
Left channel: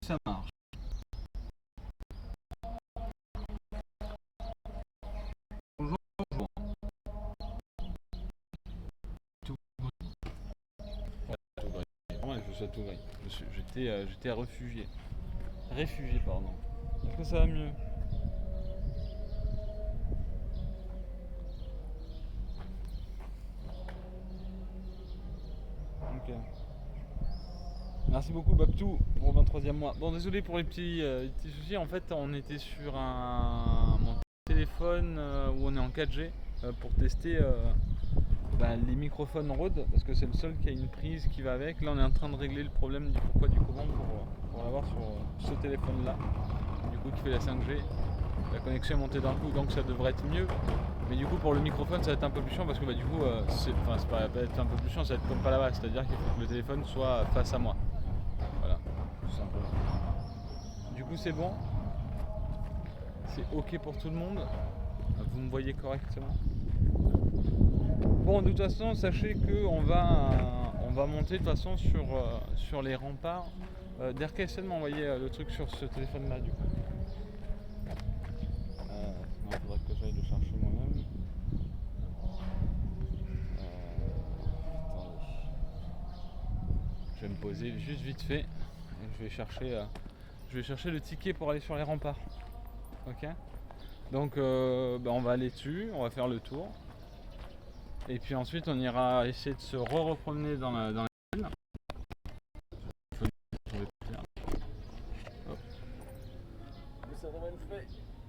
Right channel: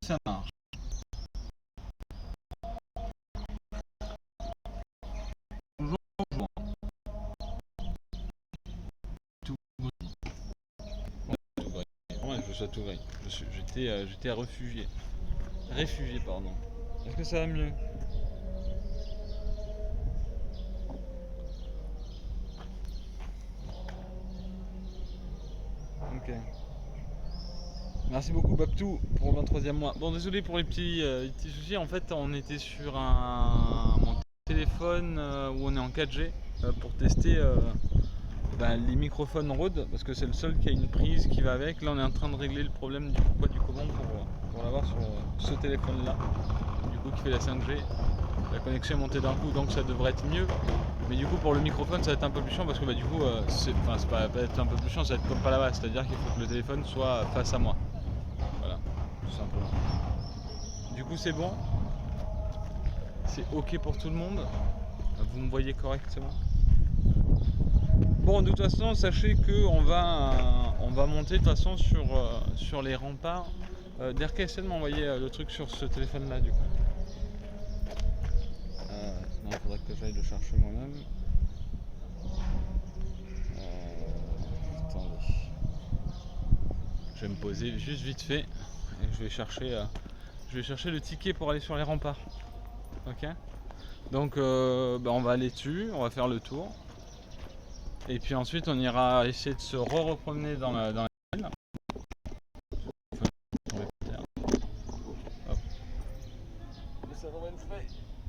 ça marche. Bonjour, bonjour. Tout gris. Tout gris. Vraiment, je suis à tout gris. J'étais réfugié. Réfugié, pardon. Est-ce que ça va mieux? Ok. Merci beaucoup Babtou pour le 23e mois. Bon, désolé pour les petits soucis. En fait, on était sur mon téléphone où on est en 4G pour tester les microphones Rode parce que c'est le seul qui a une prise qui va avec. Là, on est en train de régler le problème du pourquoi du comment pour l'avoir sur ce téléphone-là. Du coup, qui fait la 5G. La connexion est montée d'un coup, donc ça devrait être mieux. Mais du coup, pour le microphone, ça va être un peu plus chiant parce que du coup, c'est pas être un peu plus chiant, ça va être comme pas là-bas. C'est-à-dire qu'il faut que le téléphone soit face à moi. Voilà, tout simplement. Du coup, c'est bon. C'est ok pour tout le monde. Vous me voyez correctement. Bon, de toute façon, sachez que on va monter de toute façon sur les remparts. Derka, essaie de m'envoyer le truc sur ce téléphone-là, du coup. Non, il faudrait que j'aille le chercher moi-même. Attendez. Je vais me poser juste vite fait et je vais chercher le ticket pour aller sur les remparts. Ok. Donc on va aller dessus, on va faire le tour. Et puis ensuite on ira essayer de se repromener dans la ville.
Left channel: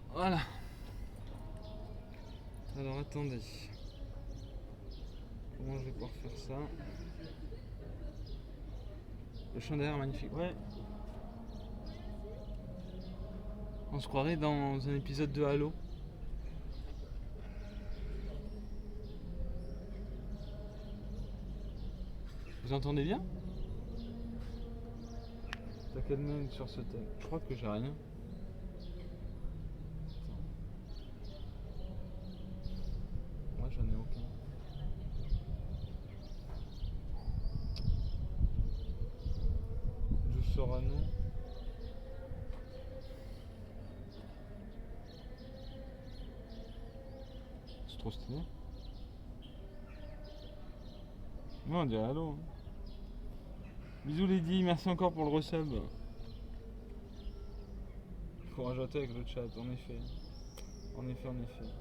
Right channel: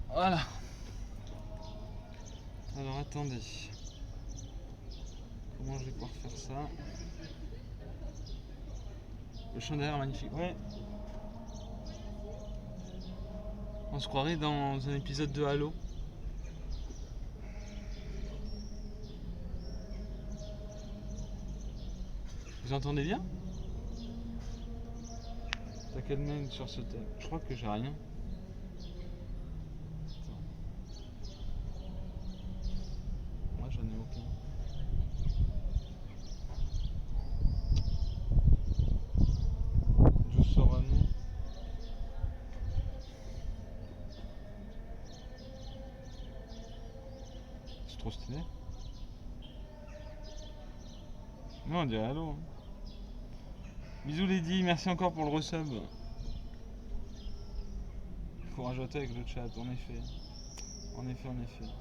Voilà. Alors attendez. Comment je vais pouvoir faire ça? Le champ derrière magnifique. Ouais. On se croirait dans un épisode de Halo. Vous entendez bien? T'as quel mail sur ce thème? Je crois que j'ai rien. Attends. Moi j'en ai aucun. Je sors un nom. C'est trop stylé. Non, on dirait Halo. Hein. Bisous Lady, merci encore pour le resub. Faut rajouter avec le chat, en effet. En effet, en effet.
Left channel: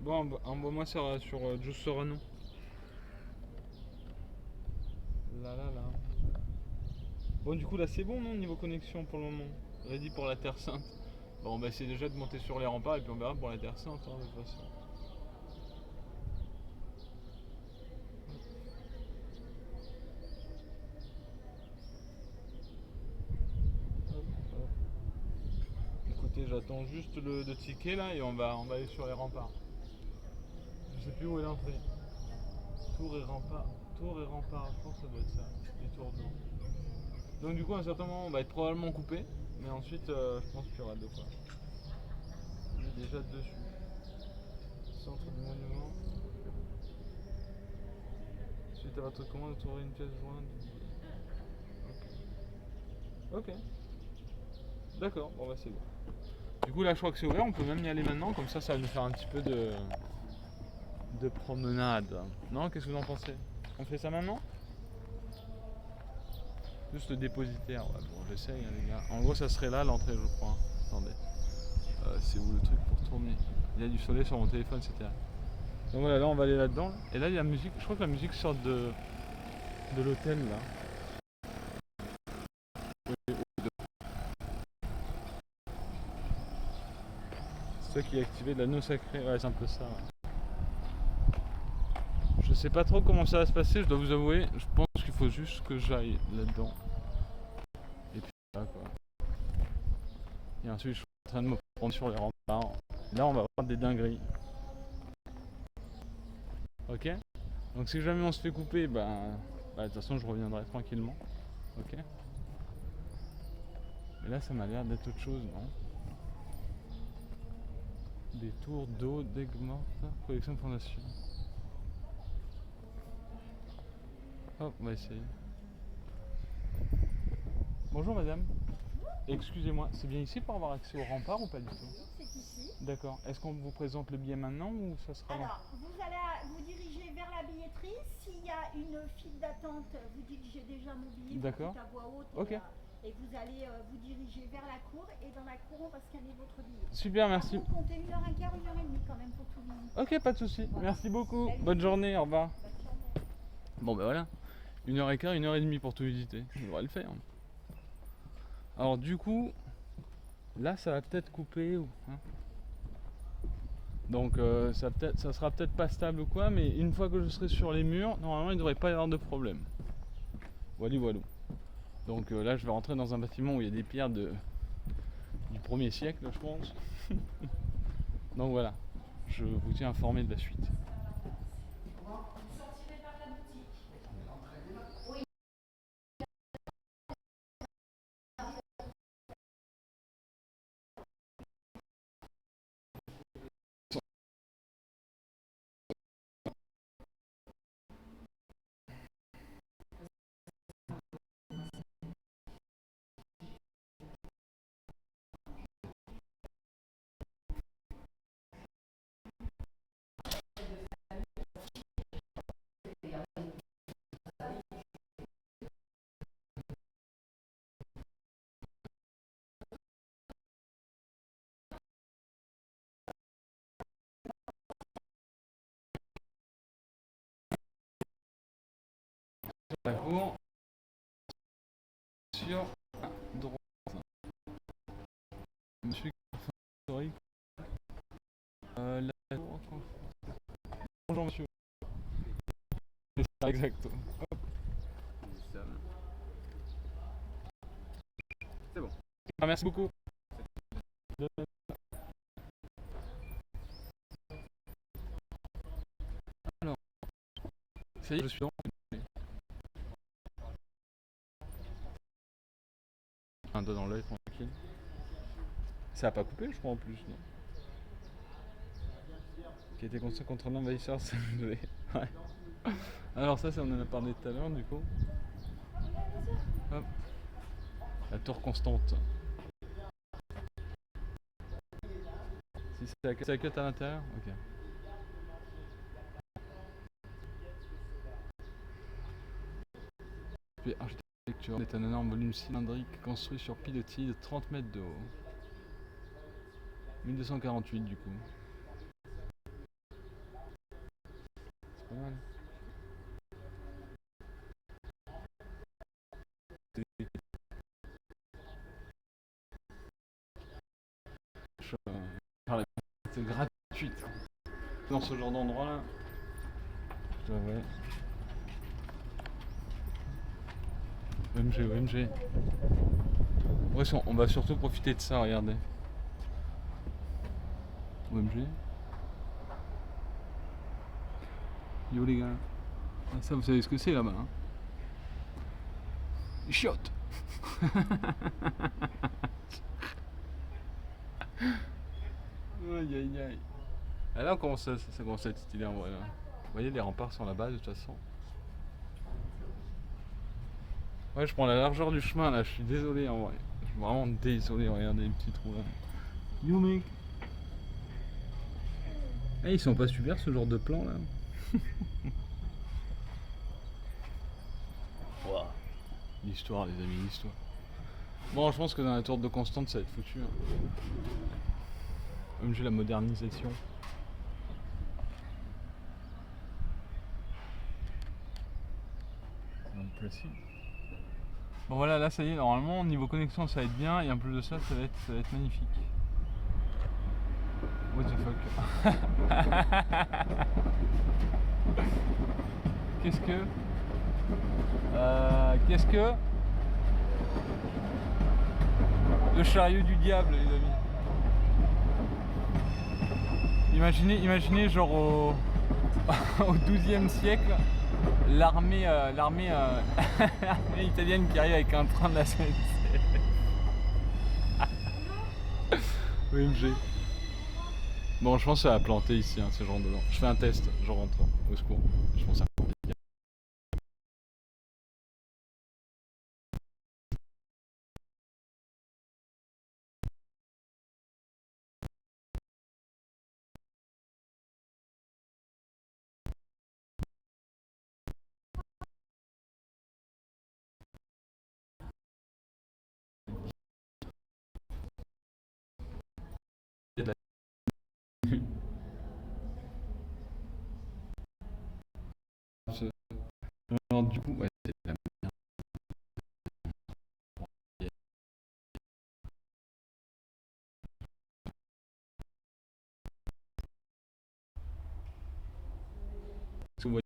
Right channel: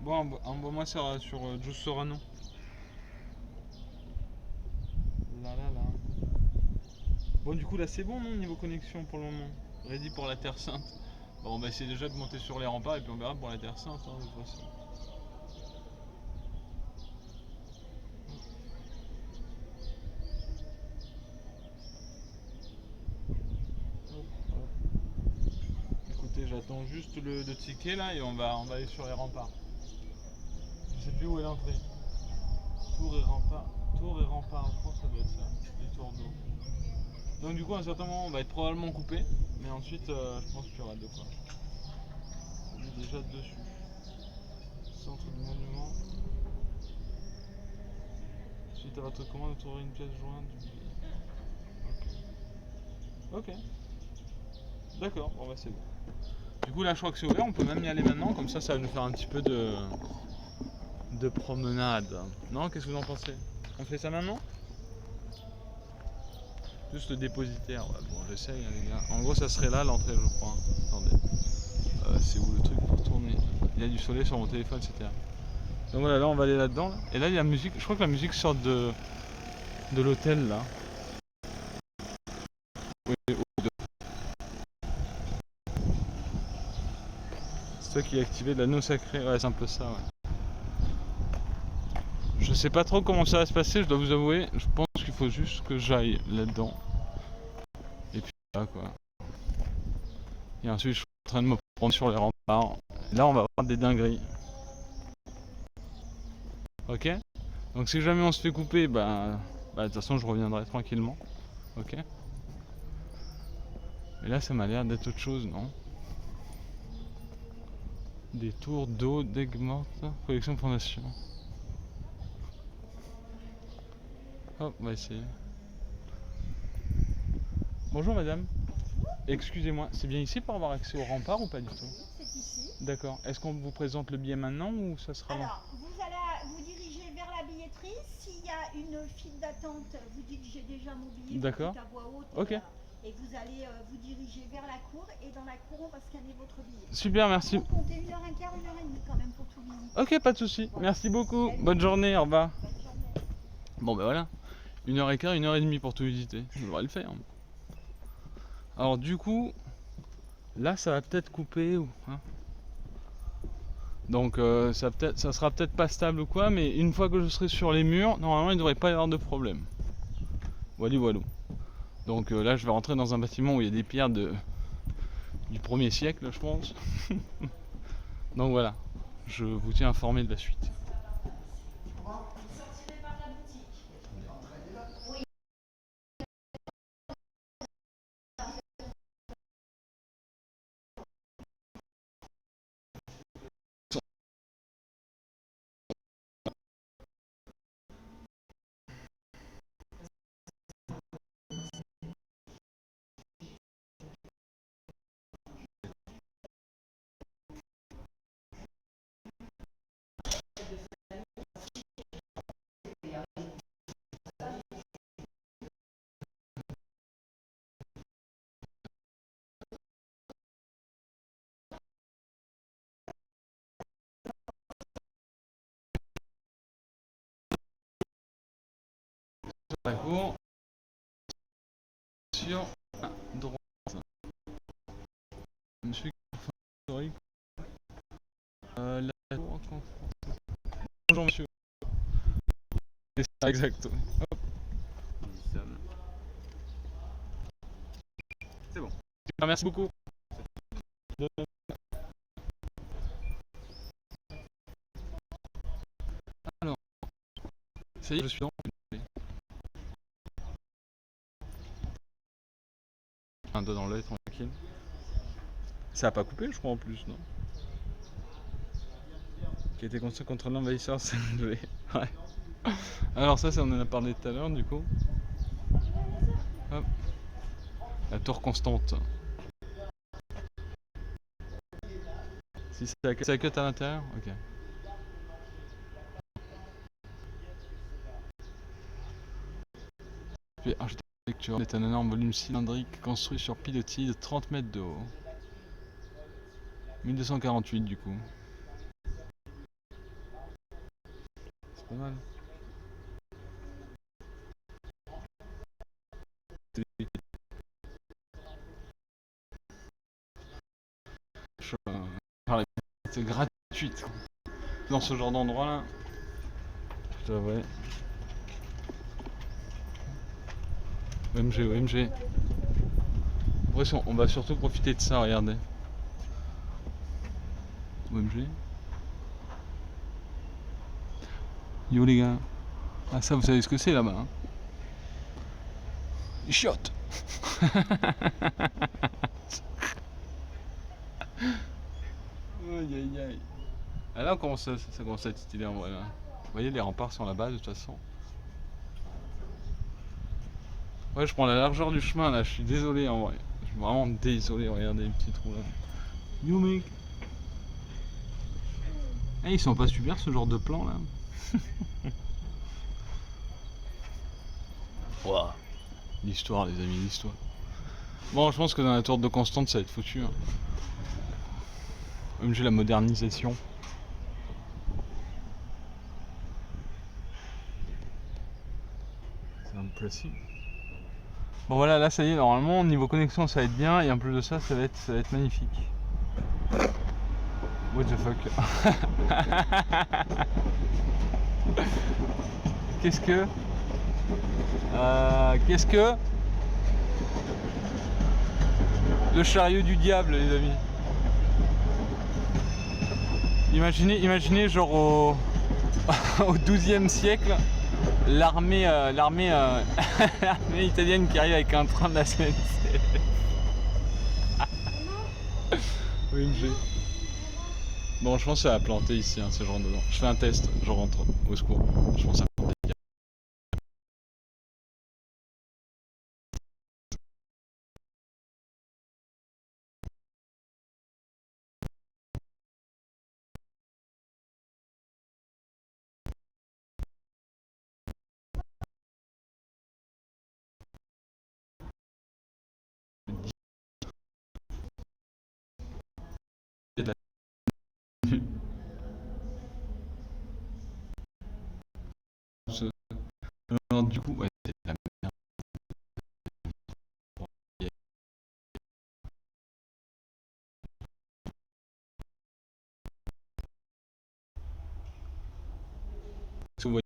Bon, envoie-moi sur Juice Sorano. Là, là, là. Bon, du coup, là, c'est bon, non, niveau connexion pour le moment. Ready pour la Terre Sainte. Bon, on va essayer déjà de monter sur les remparts et puis on verra pour la Terre Sainte, hein, de toute façon. Écoutez, j'attends juste le ticket là et on va aller sur les remparts. Je sais plus où est l'entrée. Tour et rempart. Tour et rempart, je pense que ça doit être ça. Les tours d'eau. Donc du coup à un certain moment on va être probablement coupé. Mais ensuite je pense qu'il y aura de quoi. On est déjà dessus. Centre du monument. Suite à votre commande, vous trouverez une pièce jointe du billet. Ok. Ok. D'accord, bon bah c'est bon. Du coup là je crois que c'est ouvert, on peut même y aller maintenant, comme ça va nous faire un petit peu de promenade. Non, qu'est-ce que vous en pensez? On fait ça maintenant? Juste le dépositaire, ouais bon j'essaye hein, les gars. En gros ça serait là l'entrée je crois. Attendez. C'est où le truc pour tourner? Il y a du soleil sur mon téléphone, etc. Donc voilà, là on va aller là-dedans. Là. Et là il y a la musique, je crois que la musique sort de l'hôtel là. Oui, c'est toi qui as activé de l'anneau sacré, ouais c'est un peu ça. Ouais. Je sais pas trop comment ça va se passer, je dois vous avouer. Je pense qu'il faut juste que j'aille là-dedans. Et puis là quoi. Et ensuite je suis en train de me prendre sur les remparts. Là on va avoir des dingueries. Ok? Donc si jamais on se fait couper, bah de toute façon je reviendrai tranquillement. Ok? Et là ça m'a l'air d'être autre chose, non? Des tours d'eau, d'Aigues mortes, collection fondation. Hop, on va essayer. Bonjour madame. Excusez-moi, c'est bien ici pour avoir accès au rempart ou pas du tout? C'est ici. D'accord. Est-ce qu'on vous présente le billet maintenant ou ça sera long? Alors, vous allez vous diriger vers la billetterie. S'il y a une file d'attente, vous dites j'ai déjà mon billet, vous D'accord. dites à voix haute. Ok. Et vous allez vous diriger vers la cour. Et dans la cour, on va scanner votre billet. Super, merci. Vous comptez 1h15, 1h30 quand même pour tout visiter. Ok, pas de souci. Merci beaucoup. Bonne journée, au revoir. Bon, ben voilà. 1h15, 1h30 pour tout visiter. Ça devrait le faire. Alors, du coup, là, ça va peut-être couper. Hein. Donc, ça sera peut-être pas stable ou quoi, mais une fois que je serai sur les murs, normalement, il ne devrait pas y avoir de problème. Voilà, voilà. Donc là, je vais rentrer dans un bâtiment où il y a des pierres du 1er siècle, je pense. Donc voilà, je vous tiens informé de la suite. D'accord. Sur droite. Monsieur historique. Bonjour monsieur. C'est ça exactement. Hop. C'est bon. Ah, merci beaucoup. Alors, ça y est, je suis dans. Un doigt dans l'œil, tranquille. Ça a pas coupé, je crois, en plus, non? Qui a été construit contre l'envahisseur CNV. Ouais. Alors ça, on en a parlé tout à l'heure, du coup. Hop. La tour constante. Si c'est la queue à l'intérieur? Ok. Puis architecture est un énorme volume cylindrique construit sur pilotis de 30 mètres de haut. 1248 du coup. C'est pas mal. C'est gratuite. Dans ce genre d'endroit là. Je devrais. OMG, OMG. Bref, on va surtout profiter de ça, regardez. OMG. Yo les gars. Ah ça vous savez ce que c'est là-bas hein. Chiottes. Aïe aïe aïe. Ah là ça commence à être stylé en vrai là. Vous voyez les remparts sont là-bas de toute façon. Ouais je prends la largeur du chemin là, je suis désolé en vrai. Je suis vraiment désolé, regardez les petits trous là. Yo mec. Eh, ils sont pas super ce genre de plan là. Wow. L'histoire les amis, l'histoire. Bon je pense que dans la tour de Constante ça va être foutu. Hein. Même j'ai la modernisation. C'est impressive. Bon voilà là ça y est normalement niveau connexion ça va être bien et en plus de ça ça va être magnifique. What the fuck. Qu'est-ce que le chariot du diable les amis. Imaginez genre au XIIe siècle l'armée italienne qui arrive avec un train de la SNCF. OMG. Bon je pense que ça va planter ici hein, ce genre de. Je fais un test, je rentre au secours. Je pense que ça de la- Ce- Non, du coup, ouais, c'est la merde. Vous voyez,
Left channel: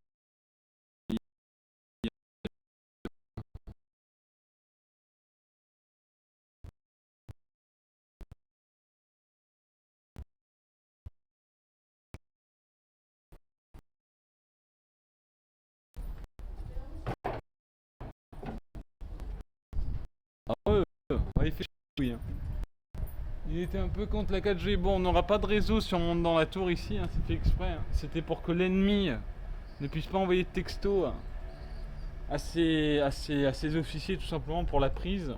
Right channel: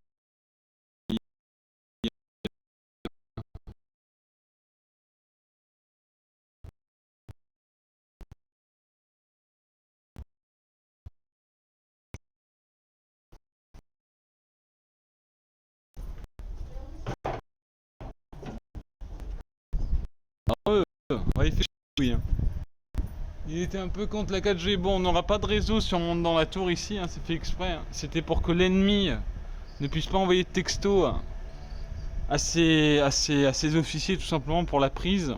ouais, il fait oui, hein. Il était un peu contre la 4G. Bon, on n'aura pas de réseau si on monte dans la tour ici, hein, c'est fait exprès, hein. C'était pour que l'ennemi ne puisse pas envoyer de texto à ses officiers tout simplement pour la prise.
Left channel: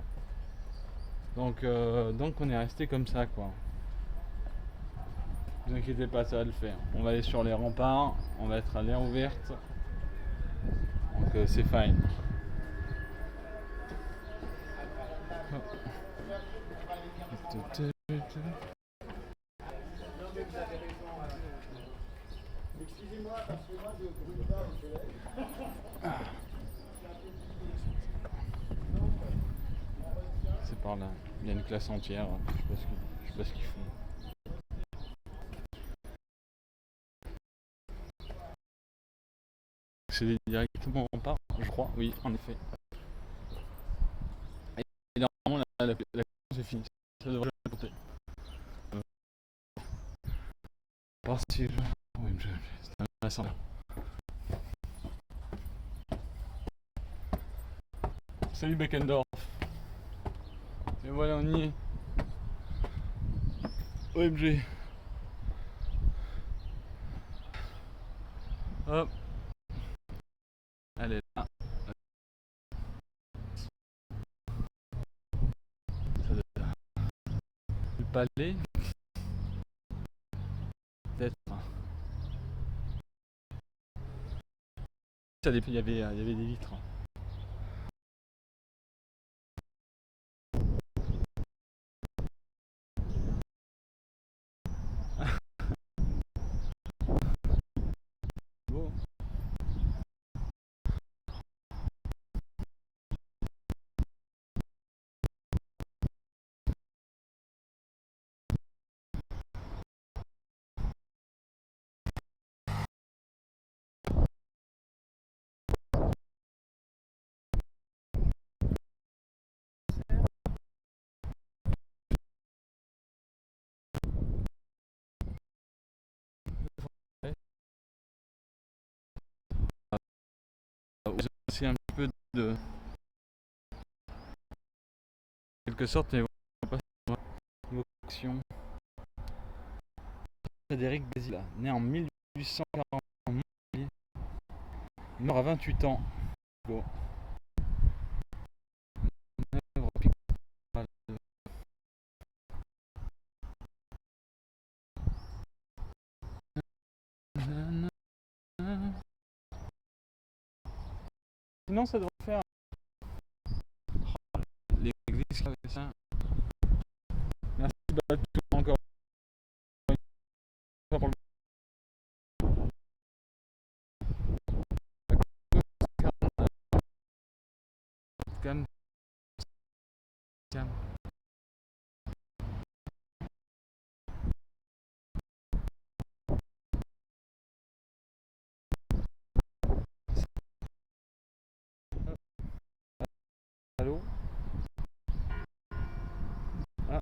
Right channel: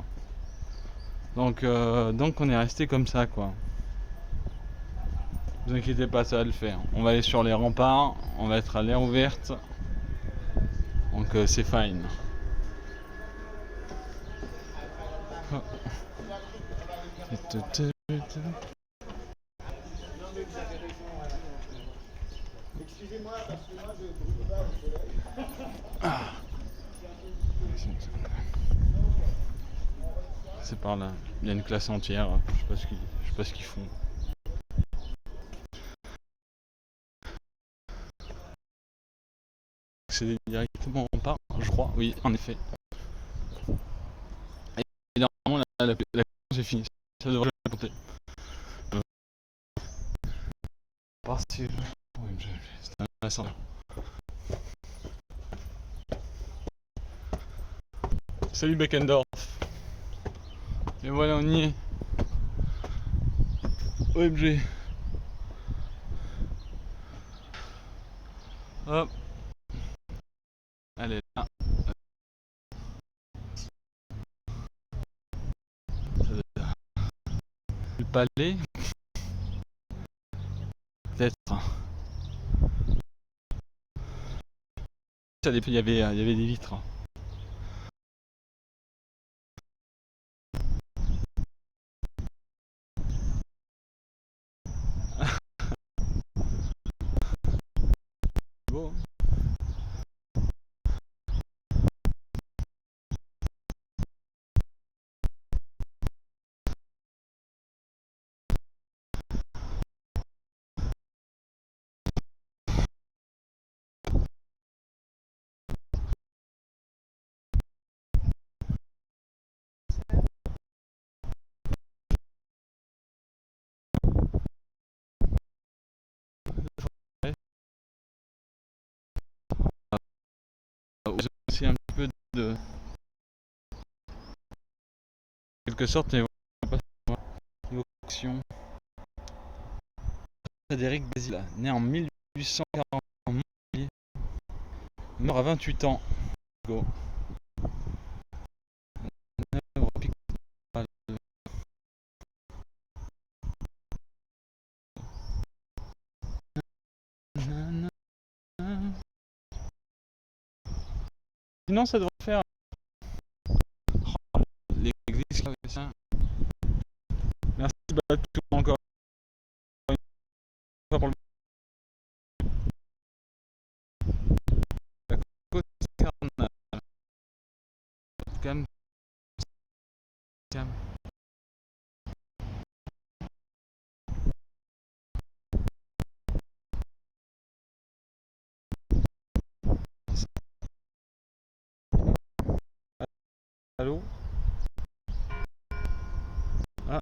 Donc on est resté comme ça quoi. Ne vous inquiétez pas, ça va le faire. On va aller sur les remparts, on va être à l'air ouverte. Donc c'est fine. C'est par là. Il y a une classe entière. Je sais pas ce qu'ils font. C'est directement en part, je crois. Oui, en effet. Et normalement, la c'est fini. Ça devrait monter. Parti. Oui, c'est intéressant. Salut Beckendorf. Et voilà, on y est. OMG. Hop. Allez, là. Le palais. Peut-être. Il y avait des vitres. Bon. C'est un petit peu de quelque sorte, mais pas évocation. Frédéric Basile, né en 1840 en Montpellier, mort à 28 ans. Go. Sinon, ça devrait faire l'église avec ça. Merci Batou encore une fois pour le cam. Cam. Allô. Ah.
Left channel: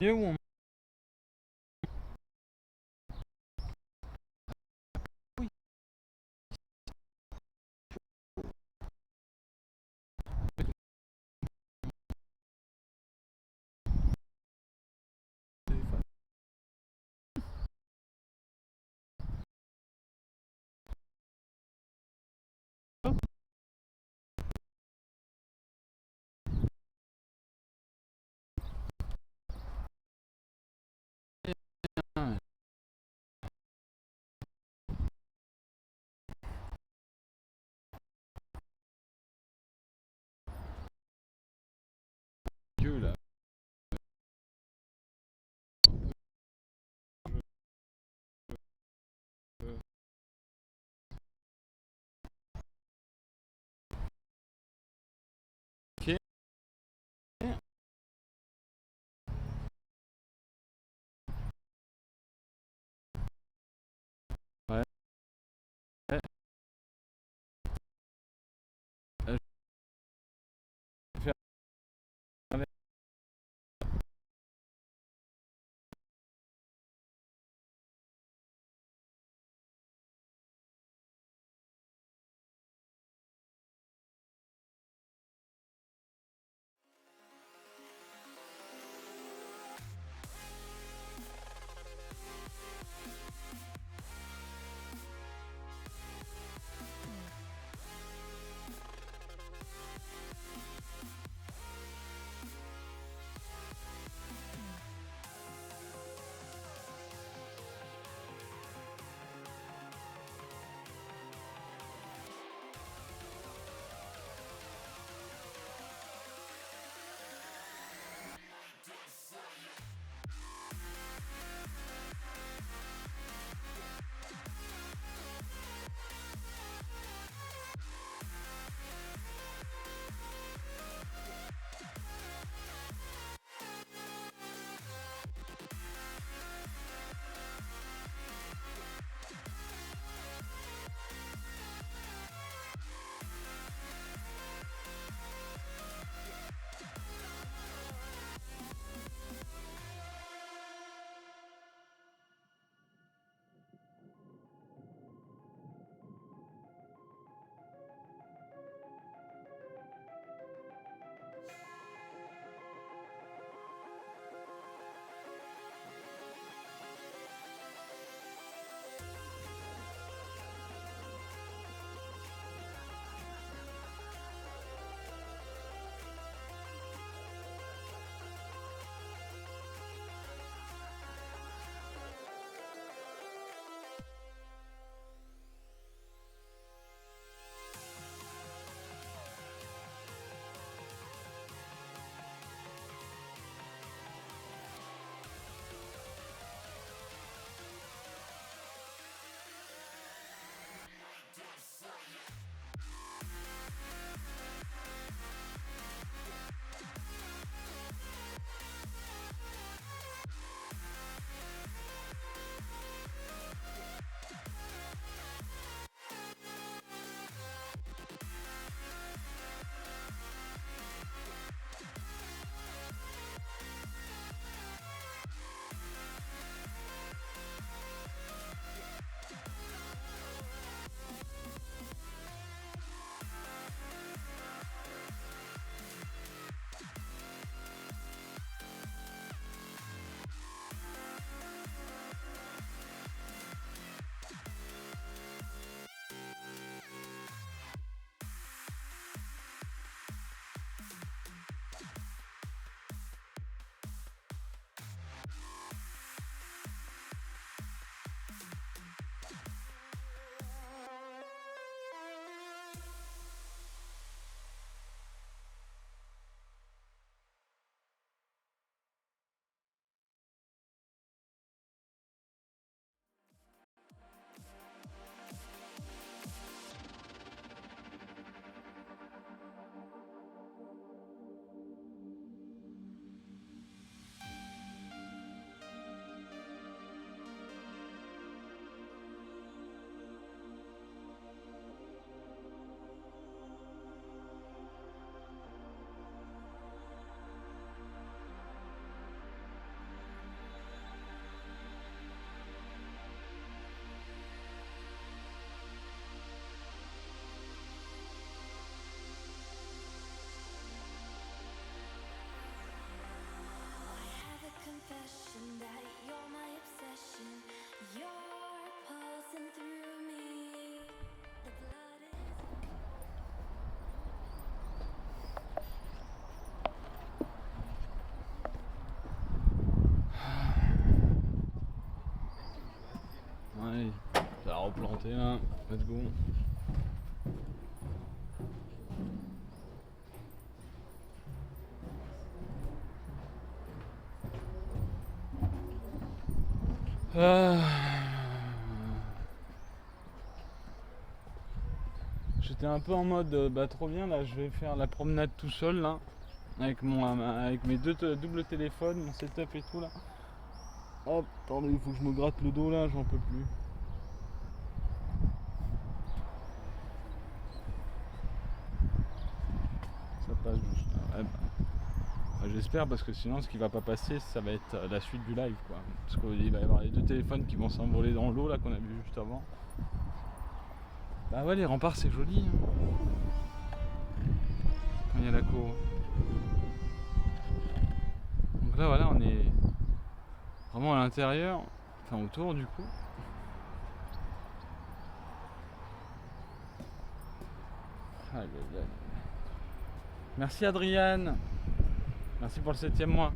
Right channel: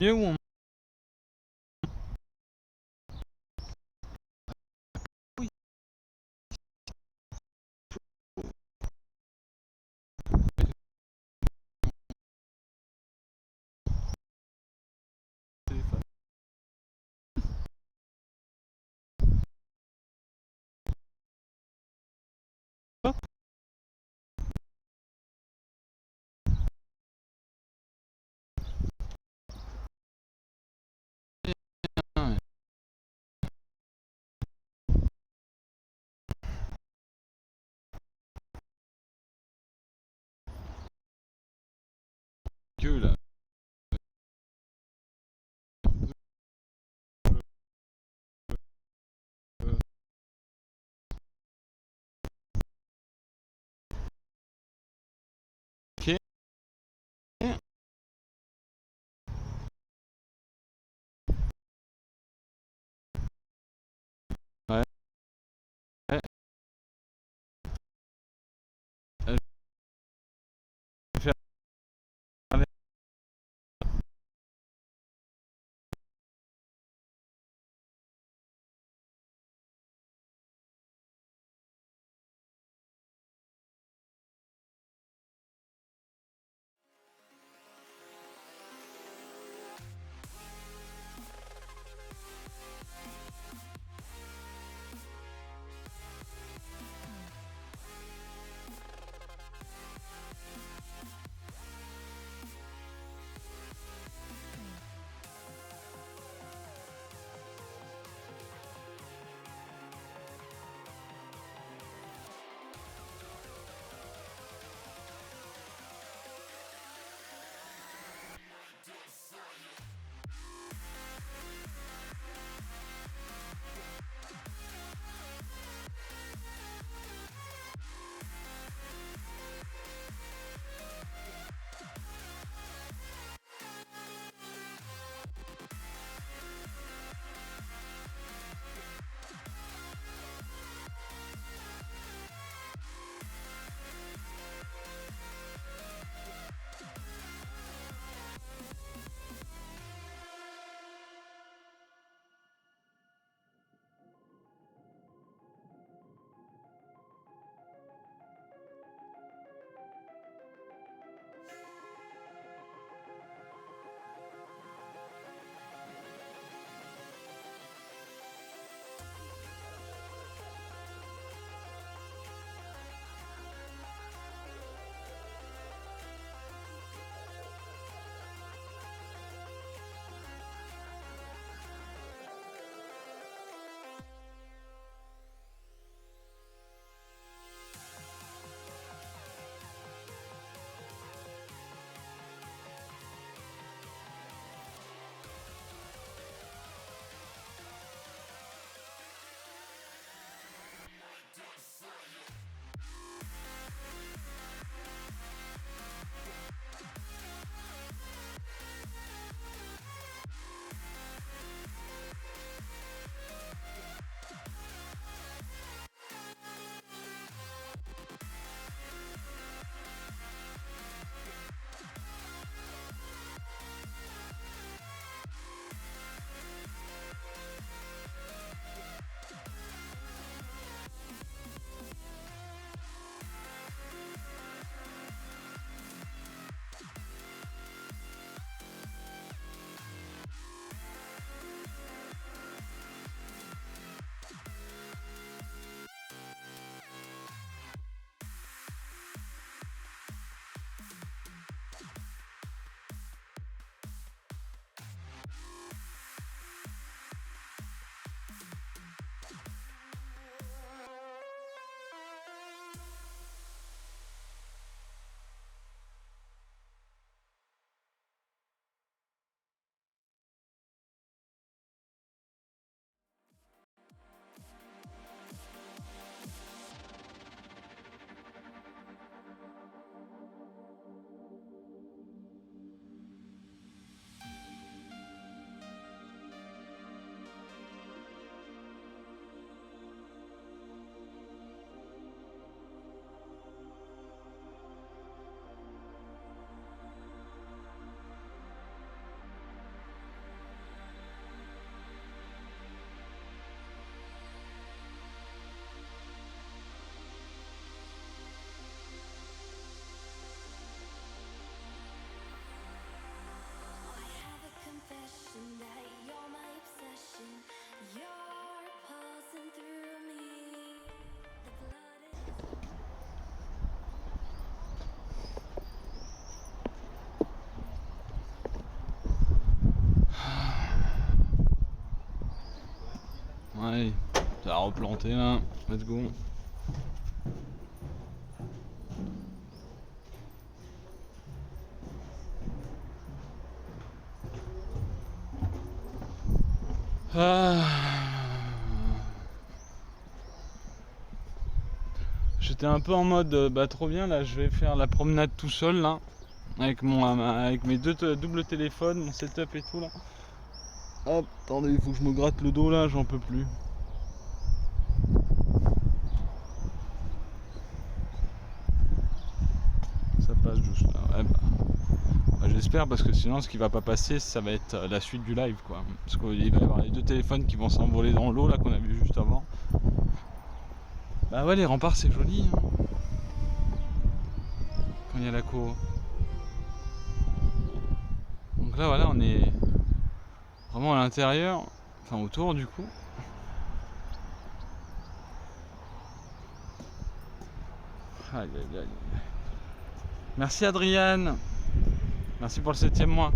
Mieux ou on... Oui. monter là, let's go. J'étais un peu en mode bah trop bien là, je vais faire la promenade tout seul là, avec mes deux doubles téléphones, mon setup et tout là. Hop, attendez, il faut que je me gratte le dos là, j'en peux plus. Ça passe juste là, ouais bah, j'espère, parce que sinon ce qui va pas passer ça va être la suite du live quoi. Parce qu'il va y avoir les deux téléphones qui vont s'envoler dans l'eau là qu'on a vu juste avant. Bah ouais, les remparts c'est joli hein, quand il y a la cour. Donc là voilà, on est vraiment à l'intérieur, enfin autour du coup. Aïe aïe aïe. Merci Adriane. Merci pour le 7e mois.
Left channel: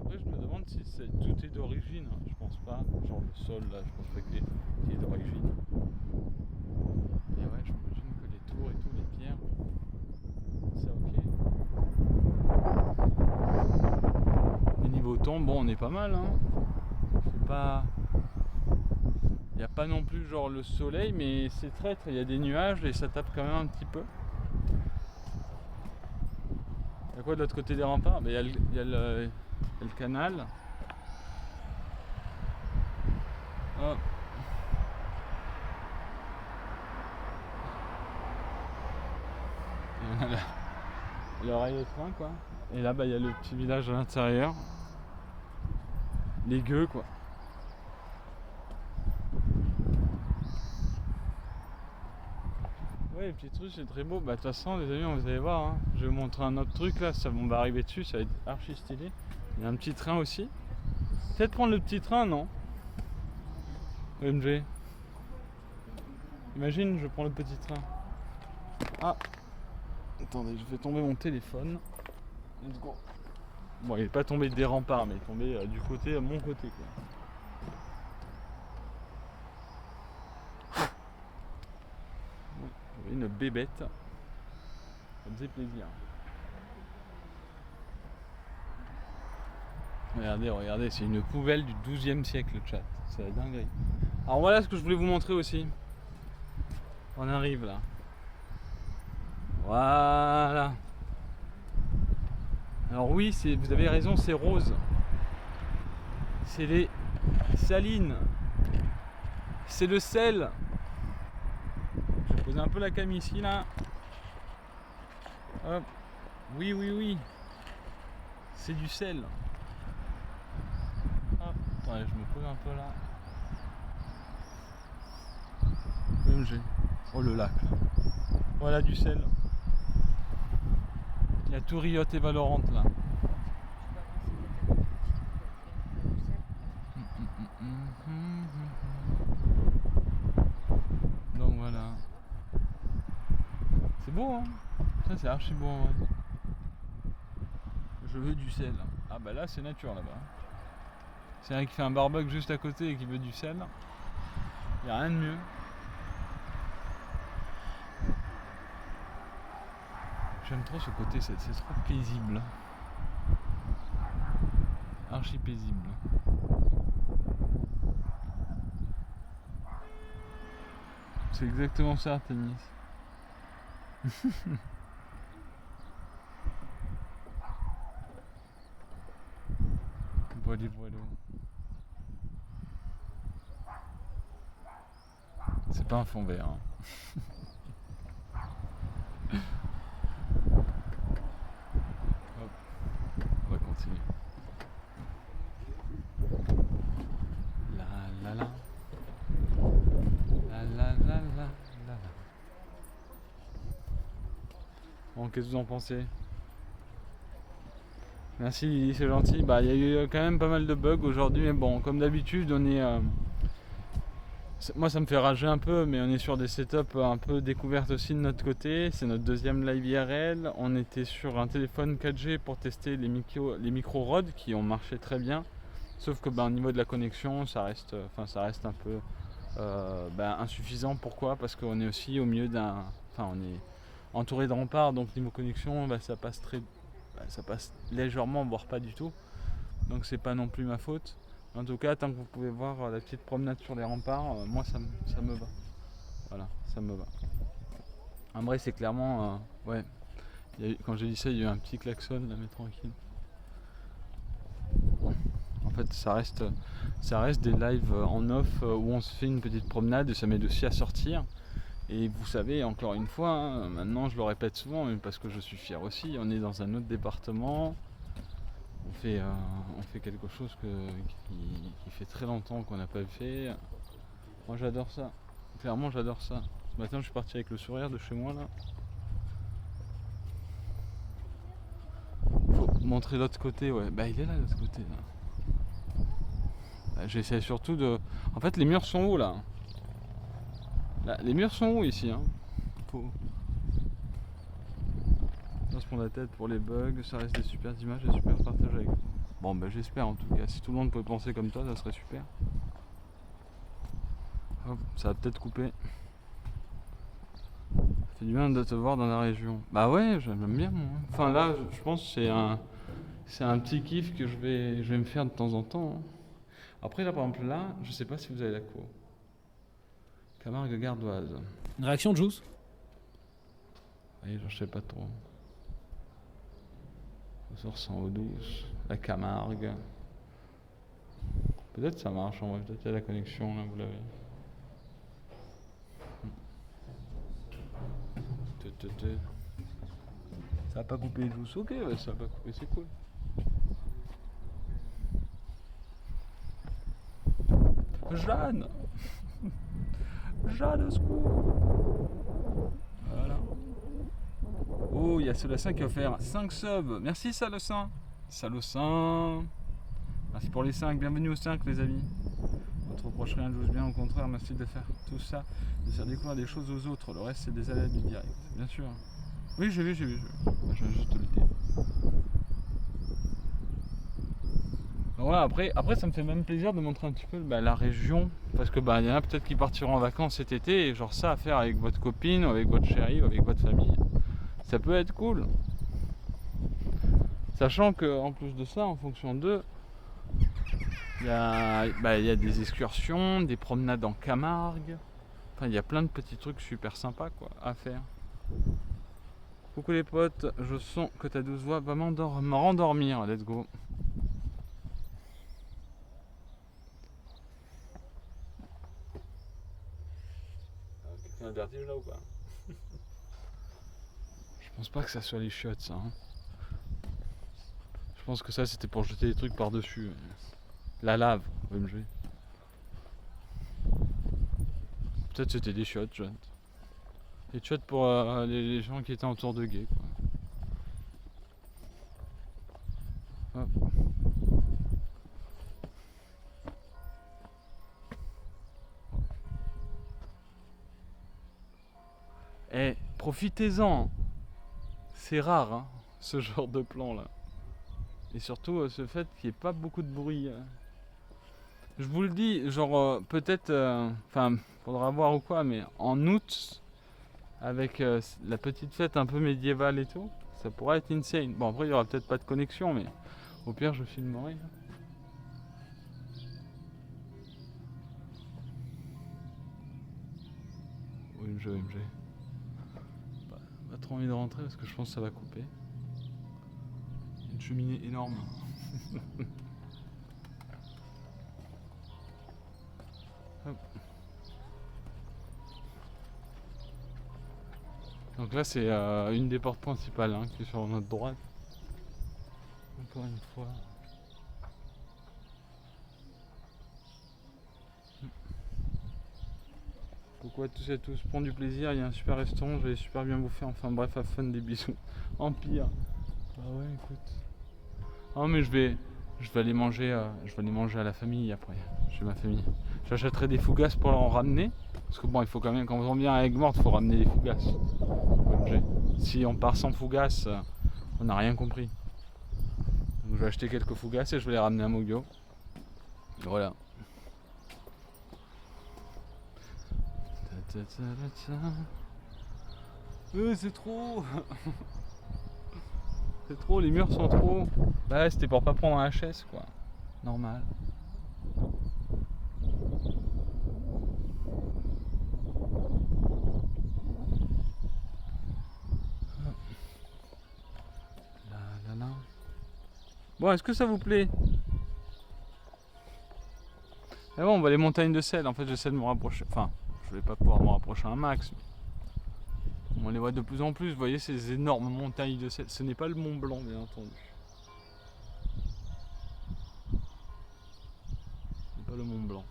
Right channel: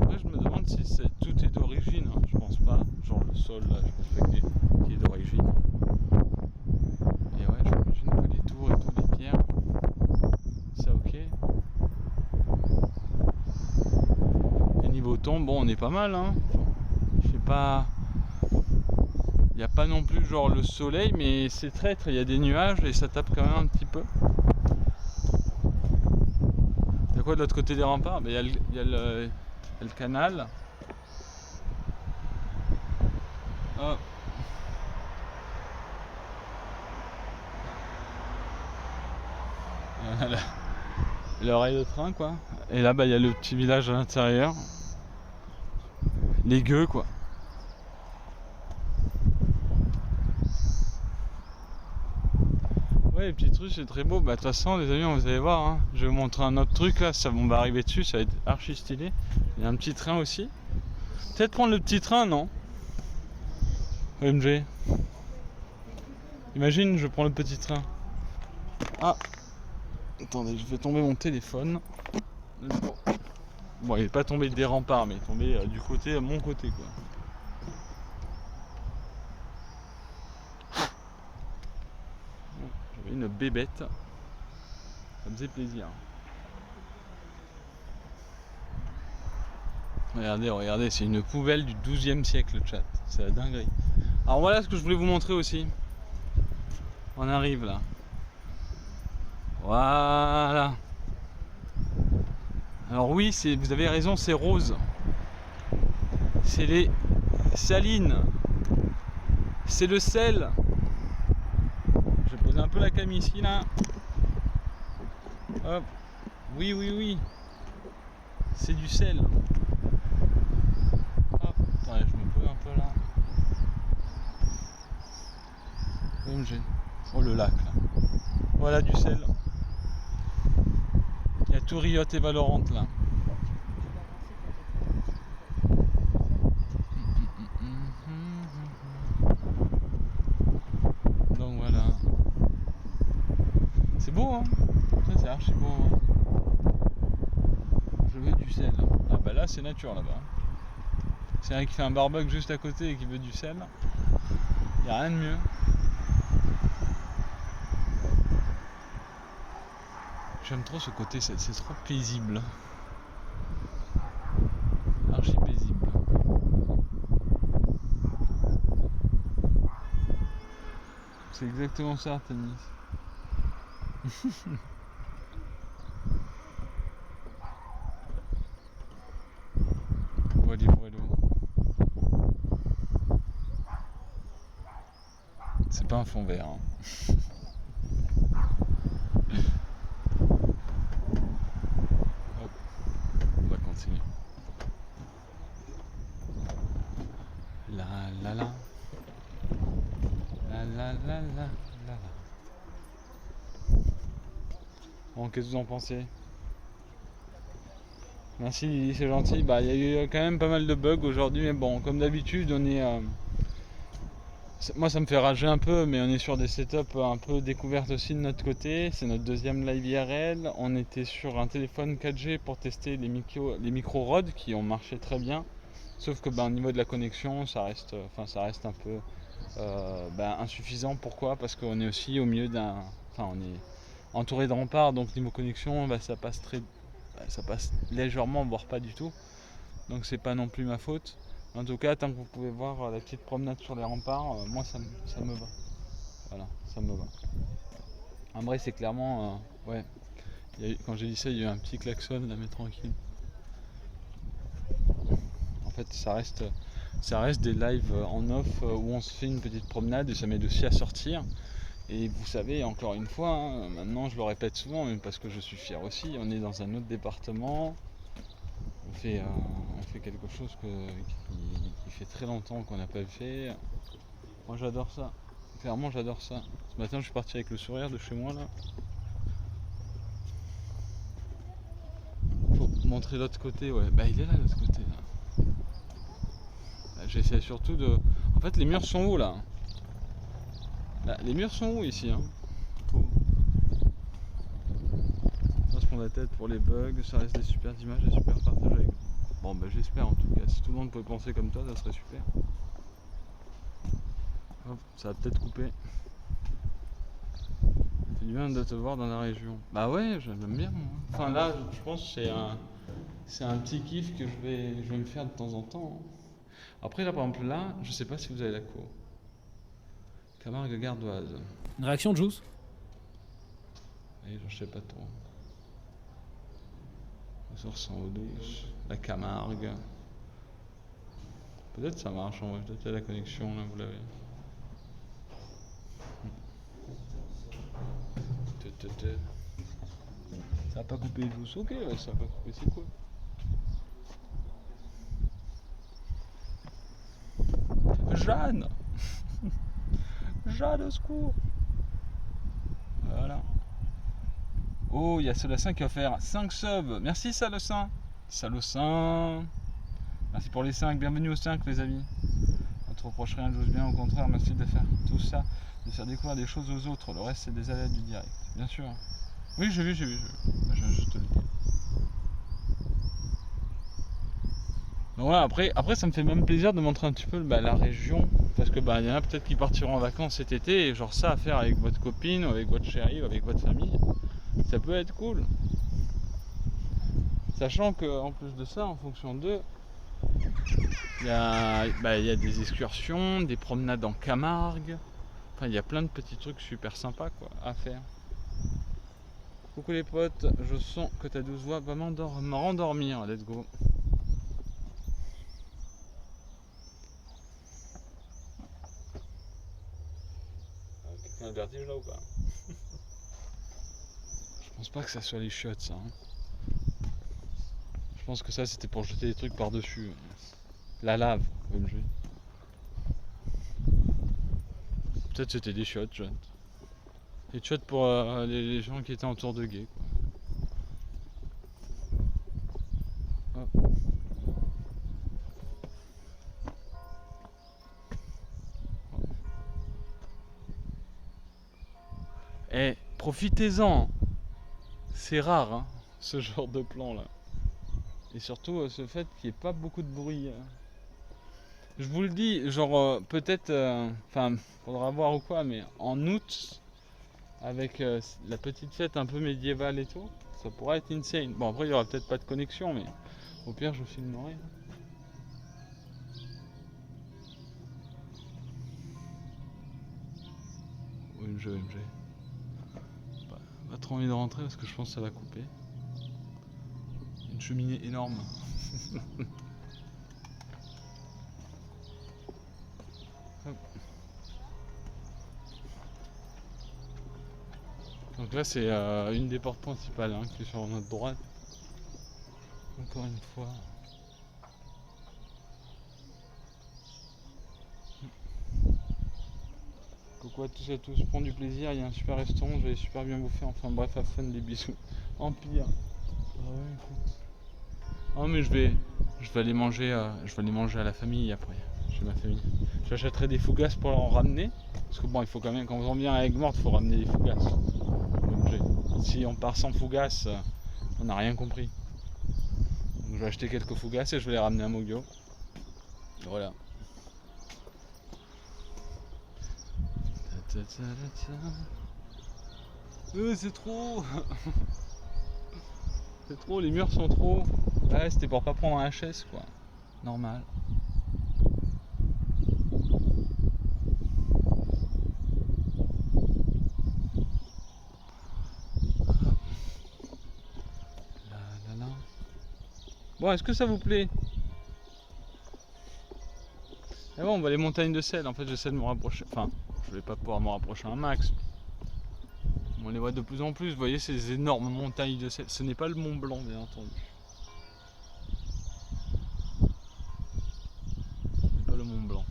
Après je me demande si tout est d'origine, hein. Je pense pas. Genre le sol là, je pense pas qu'il est d'origine. Et ouais, j'imagine que les tours et tout, les pierres, ça ok. Et niveau temps, bon on est pas mal hein. Je sais pas. Il n'y a pas non plus genre le soleil, mais c'est traître, il y a des nuages et ça tape quand même un petit peu. Il y a quoi de l'autre côté des remparts? Il y a le canal. Oh. Il y a l'oreille de train quoi. Et là il y a le petit village à l'intérieur. Les gueux quoi. Ouais, les petits trucs c'est très beau. Bah de toute façon les amis, vous allez voir hein. Je vais vous montrer un autre truc là, on va arriver dessus, ça va être archi stylé. Il y a un petit train aussi. Peut-être prendre le petit train, non? OMG. Imagine, je prends le petit train. Ah. Attendez, je vais tomber mon téléphone. Bon, il n'est pas tombé des remparts, mais il est tombé du côté, à mon côté quoi. J'avais une bébête. Ça me faisait plaisir. Regardez, c'est une poubelle du 12e siècle le chat. C'est la dinguerie. Alors voilà ce que je voulais vous montrer aussi. On arrive là. Voilà. Alors oui, vous avez raison, c'est rose. C'est les salines. C'est le sel. Je vais poser un peu la cam ici là. Hop. Oui. C'est du sel. Hop. Attendez, je me pose un peu là. OMG. Oh le lac là. Voilà du sel. Il y a tout Riot et Valorant là. Donc voilà. C'est beau hein. Ça c'est archi beau. Ouais. Je veux du sel. Ah bah là c'est nature là-bas. C'est un qui fait un barbecue juste à côté et qui veut du sel. Il n'y a rien de mieux. J'aime trop ce côté, c'est trop paisible. Archi paisible. C'est exactement ça, Artemis. Voilà. C'est pas un fond vert. Hein. Hop, on va continuer. La la la. La. Bon, qu'est-ce que vous en pensez? Merci, c'est gentil. Bah, il y a eu quand même pas mal de bugs aujourd'hui, mais bon, comme d'habitude, on est. Moi, ça me fait rager un peu, mais on est sur des setups un peu découvertes aussi de notre côté. C'est notre deuxième live IRL. On était sur un téléphone 4G pour tester les micros Rode qui ont marché très bien. Sauf que au niveau de la connexion, ça reste un peu insuffisant. Pourquoi? Parce qu'on est aussi au milieu on est entouré de remparts, donc niveau connexion, ça passe légèrement, voire pas du tout. Donc c'est pas non plus ma faute. En tout cas, tant que vous pouvez voir la petite promenade sur les remparts, moi ça me va. Voilà, ça me va. En vrai, c'est clairement, ouais. Quand j'ai dit ça, il y a eu un petit klaxon là, mais tranquille. En fait, ça reste des lives en off où on se fait une petite promenade et ça m'aide aussi à sortir. Et vous savez, encore une fois, hein, maintenant je le répète souvent, mais parce que je suis fier aussi, on est dans un autre département. On fait quelque chose qui fait très longtemps qu'on n'a pas fait. Moi j'adore ça. Clairement j'adore ça. Ce matin je suis parti avec le sourire de chez moi là. Faut montrer l'autre côté, ouais. Bah il est là l'autre côté là. J'essaie surtout de. En fait les murs sont hauts là. Là les murs sont hauts ici hein. Faut pas se prendre la tête pour les bugs, ça reste des super images, des super partages avec. Bon bah j'espère en tout cas, si tout le monde peut penser comme toi, ça serait super. Hop, ça va peut-être couper. Ça fait du bien de te voir dans la région. Bah ouais, j'aime bien moi. Enfin là, je pense que c'est un petit kiff que je vais me faire de temps en temps. Hein. Après là par exemple là, je sais pas si vous avez la cour. Camargue Gardoise. Une réaction de Juice? Oui, je sais pas trop. Je ressens eau douce, la Camargue. Peut-être ça marche, en vrai, peut-être qu'il y a la connexion là, vous l'avez. Ça a pas coupé douce, ok, ouais, ça a pas coupé, c'est cool. Jeanne Jeanne, au secours. Voilà. Oh, il y a Salocin qui a offert 5 subs. Merci Salocin. Salocin. Merci pour les 5. Bienvenue aux 5 les amis. On ne te reproche rien, j'ose bien. Au contraire, merci de faire tout ça. De faire découvrir des choses aux autres. Le reste, c'est des aléas du direct. Bien sûr. Oui, j'ai vu. Je viens juste te le dire. Donc voilà, après, ça me fait même plaisir de montrer un petit peu la région. Parce que y en a peut-être qui partiront en vacances cet été. Et genre ça à faire avec votre copine, ou avec votre chérie, ou avec votre famille. Ça peut être cool. Sachant qu'en plus de ça, en fonction d'eux, il y a des excursions, des promenades en Camargue. Enfin, il y a plein de petits trucs super sympas quoi, à faire. Coucou les potes, je sens que ta douce voix va me rendormir. Let's go. Quelqu'un a le vertige là ou pas? Je pense pas que ça soit les chiottes ça. Hein. Je pense que ça c'était pour jeter des trucs par dessus. La lave, OMG. Peut-être c'était des chiottes, John. Des chiottes pour les gens qui étaient en tour de guet quoi. Hop. Eh, profitez-en. C'est rare hein, ce genre de plan là. Et surtout ce fait qu'il n'y ait pas beaucoup de bruit. Je vous le dis, genre peut-être, faudra voir ou quoi, mais en août, avec la petite fête un peu médiévale et tout, ça pourrait être insane. Bon après il n'y aura peut-être pas de connexion, mais au pire je filmerai. OMG. Pas trop envie de rentrer parce que je pense que ça va couper. Une cheminée énorme. Hop. Donc là c'est une des portes principales hein, qui est sur notre droite. Encore une fois. Coucou à tous et à tous, prends du plaisir, il y a un super restaurant, je vais super bien bouffer, enfin bref, à fun, des bisous. Empire. Ah ouais écoute. Ah mais je vais aller manger à la famille après, chez ma famille. J'achèterai des fougasses pour en ramener. Parce que bon il faut quand même, quand on vient à Aigues-Mortes, il faut ramener des fougasses. Si on part sans fougasses, on n'a rien compris. Donc je vais acheter quelques fougasses et je vais les ramener à Mogyo. Voilà. Ta, ta, ta, ta, ta. C'est trop. C'est trop, les murs sont trop. Ouais, c'était pour pas prendre un HS quoi. Normal. Là, là, là. Bon, est-ce que ça vous plaît? Ah bon, on va les montagnes de sel. En fait, j'essaie de me rapprocher. Enfin, je vais pas pouvoir me rapprocher un max. On les voit de plus en plus. Vous voyez ces énormes montagnes de sel. Ce n'est pas le Mont Blanc, bien entendu. Ce n'est pas le Mont Blanc.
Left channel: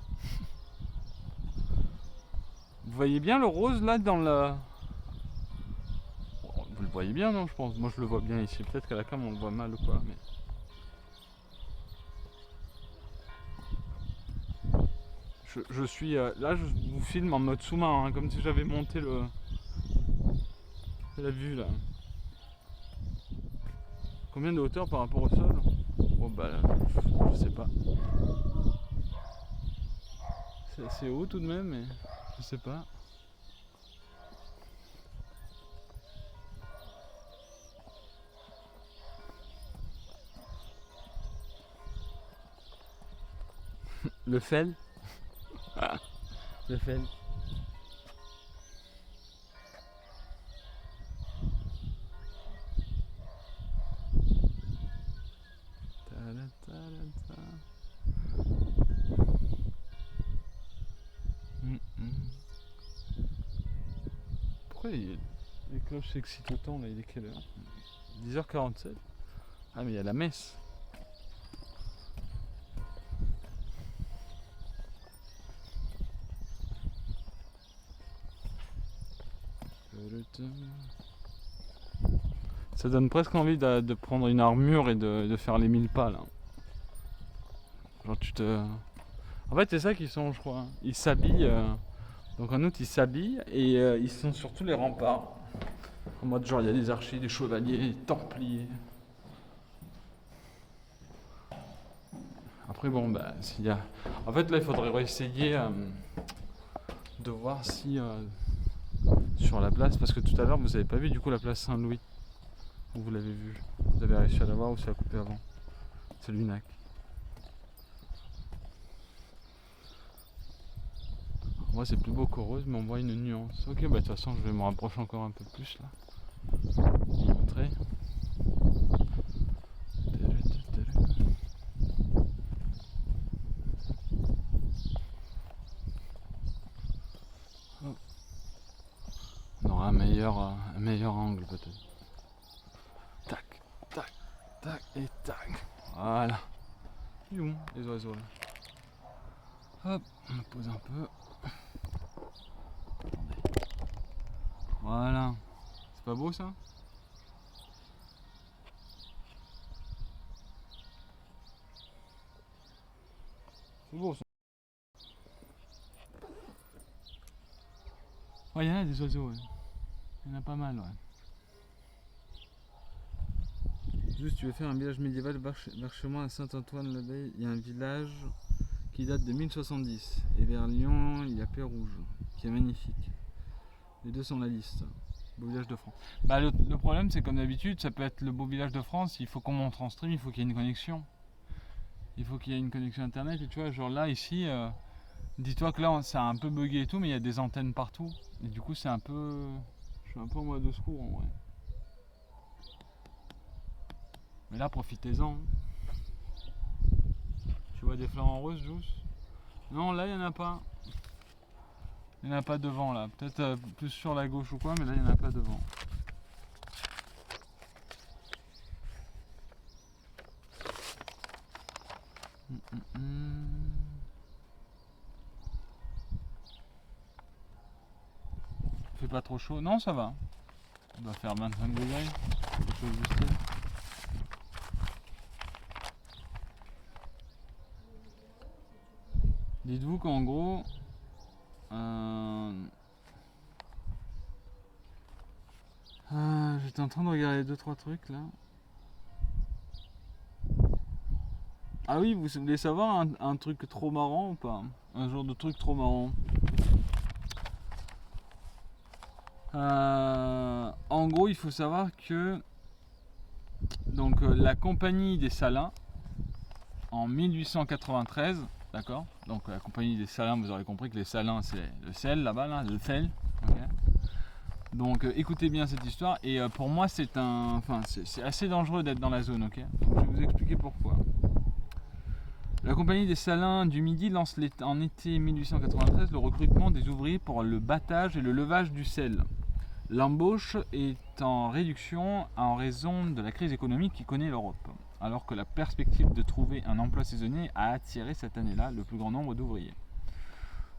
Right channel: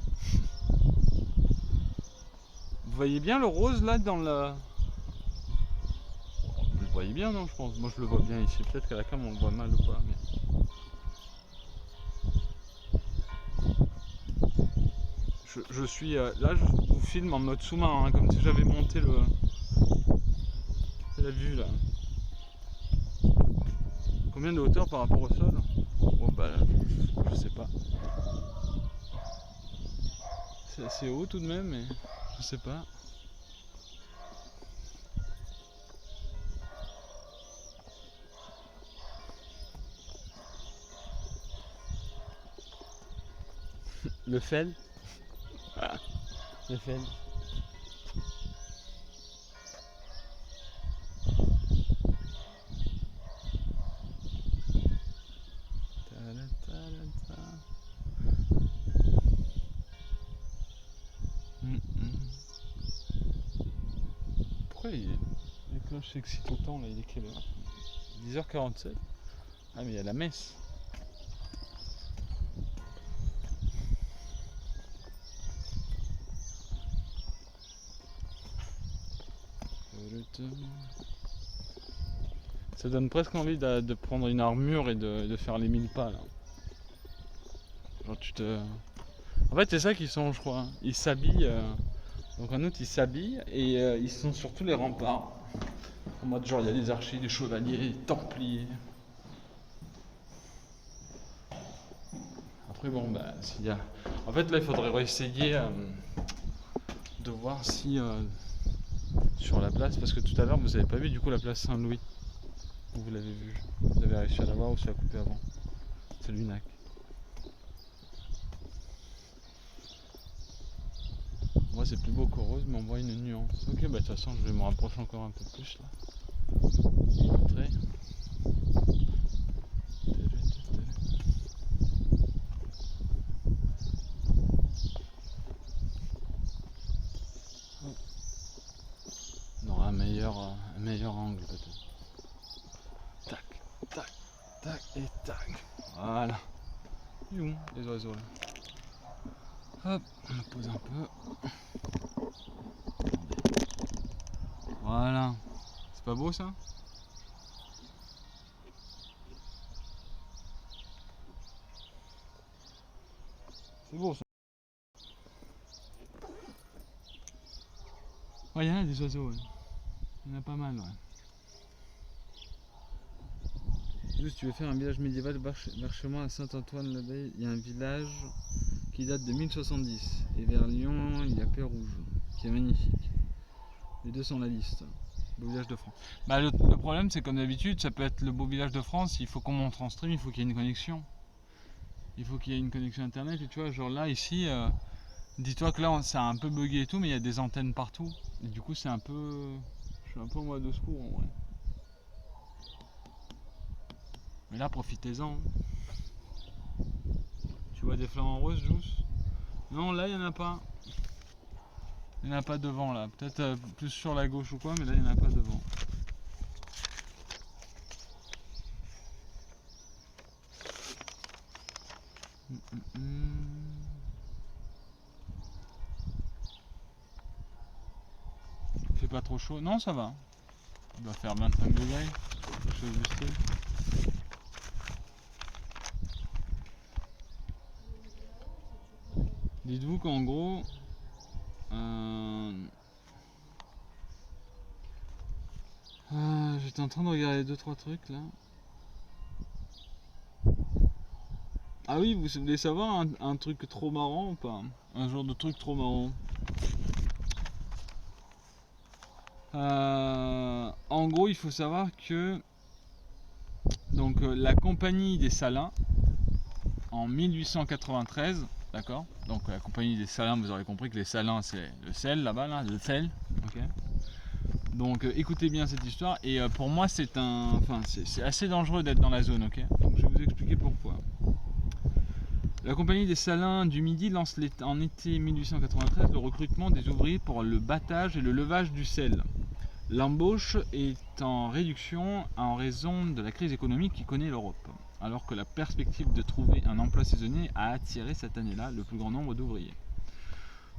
Vous voyez bien le rose là dans le. Vous le voyez bien, non? Je pense. Moi, je le vois bien ici. Peut-être qu'à la cam, on le voit mal ou pas. Mais... je suis là, je vous filme en mode sous-marin, hein, comme si j'avais monté la vue là. Combien de hauteur par rapport au sol? Bon bah, je sais pas. C'est assez haut tout de même, mais je sais pas. Le fel. Ah, le fel. Pourquoi les cloches s'excitent autant là? Il est quelle heure? 10h47. Ah mais il y a la messe. Ça donne presque envie de prendre une armure et de faire les 1000 pas là. Genre tu te... En fait c'est ça qu'ils sont je crois. Ils s'habillent. Donc en août ils s'habillent et ils sont sur tous les remparts. En mode genre il y a des archers, des chevaliers, des templiers. Après bon bah s'il y a... En fait là il faudrait essayer de voir si sur la place, parce que tout à l'heure vous avez pas vu du coup la place Saint-Louis. Vous l'avez vu. Vous avez réussi à la voir ou ça a coupé avant? C'est l'UNAC. Moi c'est plus beau qu'Heureuse mais on voit une nuance. Ok bah de toute façon je vais me rapprocher encore un peu plus là. Pour montrer. On aura un meilleur angle peut-être. Tac, tac, tac et tac. Voilà. Ils sont les oiseaux là. Hop, on pose un peu. Attendez. Voilà. C'est pas beau ça? C'est beau ça. Ouais, il y en a des oiseaux, ouais. Il y en a pas mal, ouais. Juste, tu veux faire un village médiéval Berchemont à Saint-Antoine-l'Abeille. Il y a un village qui date de 1070. Et vers Lyon, il y a Pérouge, qui est magnifique. Les deux sont la liste. Beau village de France. Bah, le problème, c'est comme d'habitude, ça peut être le beau village de France. Il faut qu'on monte en stream, il faut qu'il y ait une connexion. Il faut qu'il y ait une connexion internet. Et tu vois, genre là, ici, dis-toi que là, ça a un peu bugué et tout, mais il y a des antennes partout. Et du coup, c'est un peu. Je suis un peu en mode de secours en vrai. Mais là, profitez-en. Tu vois des flamants roses, Juice? Non, là, il n'y en a pas. Il n'y en a pas devant, là. Peut-être plus sur la gauche ou quoi, mais là, il n'y en a pas devant. Il fait pas trop chaud? Non, ça va. Il doit faire 25 degrés. Quelque chose du style. Dites-vous qu'en gros, j'étais en train de regarder 2-3 trucs là. Ah oui, vous voulez savoir un truc trop marrant ou pas? Un genre de truc trop marrant. En gros, il faut savoir que donc la compagnie des Salins, en 1893, d'accord? Donc la compagnie des Salins, vous aurez compris que les Salins, c'est le sel là-bas, là, le sel. Okay. Donc écoutez bien cette histoire. Et pour moi, c'est assez dangereux d'être dans la zone, ok? Donc, je vais vous expliquer pourquoi. La compagnie des Salins du Midi lance en été 1893 le recrutement des ouvriers pour le battage et le levage du sel. L'embauche est en réduction en raison de la crise économique qui connaît l'Europe, alors que la perspective de trouver un emploi saisonnier a attiré cette année-là le plus grand nombre d'ouvriers.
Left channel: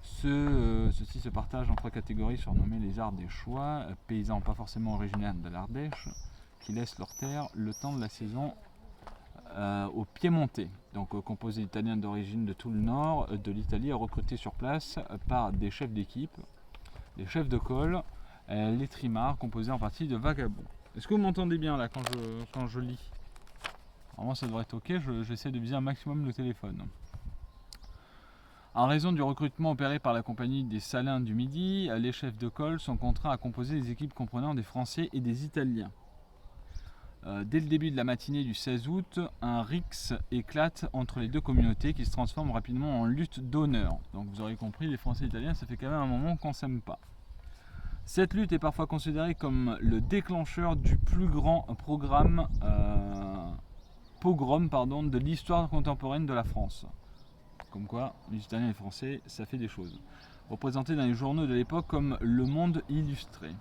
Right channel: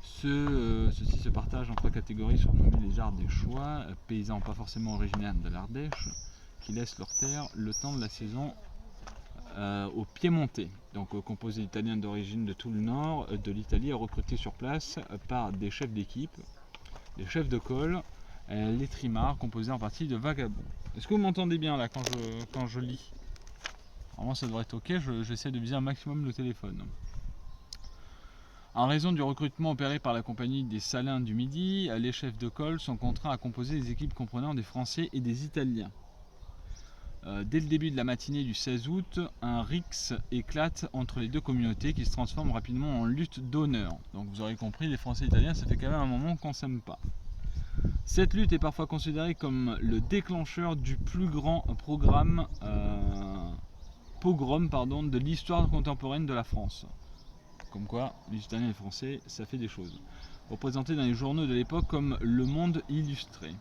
Ceux-ci se partagent en 3 catégories surnommées les Ardéchois, paysans pas forcément originaires de l'Ardèche, qui laissent leur terre le temps de la saison aux Piémontais, donc composé d'Italiens d'origine de tout le nord de l'Italie, recrutés sur place par des chefs d'équipe, des chefs de col, les trimards, composés en partie de vagabonds. Est-ce que vous m'entendez bien là quand je lis? Normalement ça devrait être ok, j'essaie de viser un maximum le téléphone. En raison du recrutement opéré par la compagnie des Salins du Midi, les chefs de col sont contraints à composer des équipes comprenant des Français et des Italiens. Dès le début de la matinée du 16 août, un rixe éclate entre les deux communautés qui se transforme rapidement en lutte d'honneur. Donc vous aurez compris, les Français et les Italiens, ça fait quand même un moment qu'on ne s'aime pas. Cette lutte est parfois considérée comme le déclencheur du plus grand pogrom de l'histoire contemporaine de la France. Comme quoi, les Italiens et les Français, ça fait des choses. Représentés dans les journaux de l'époque comme Le Monde Illustré.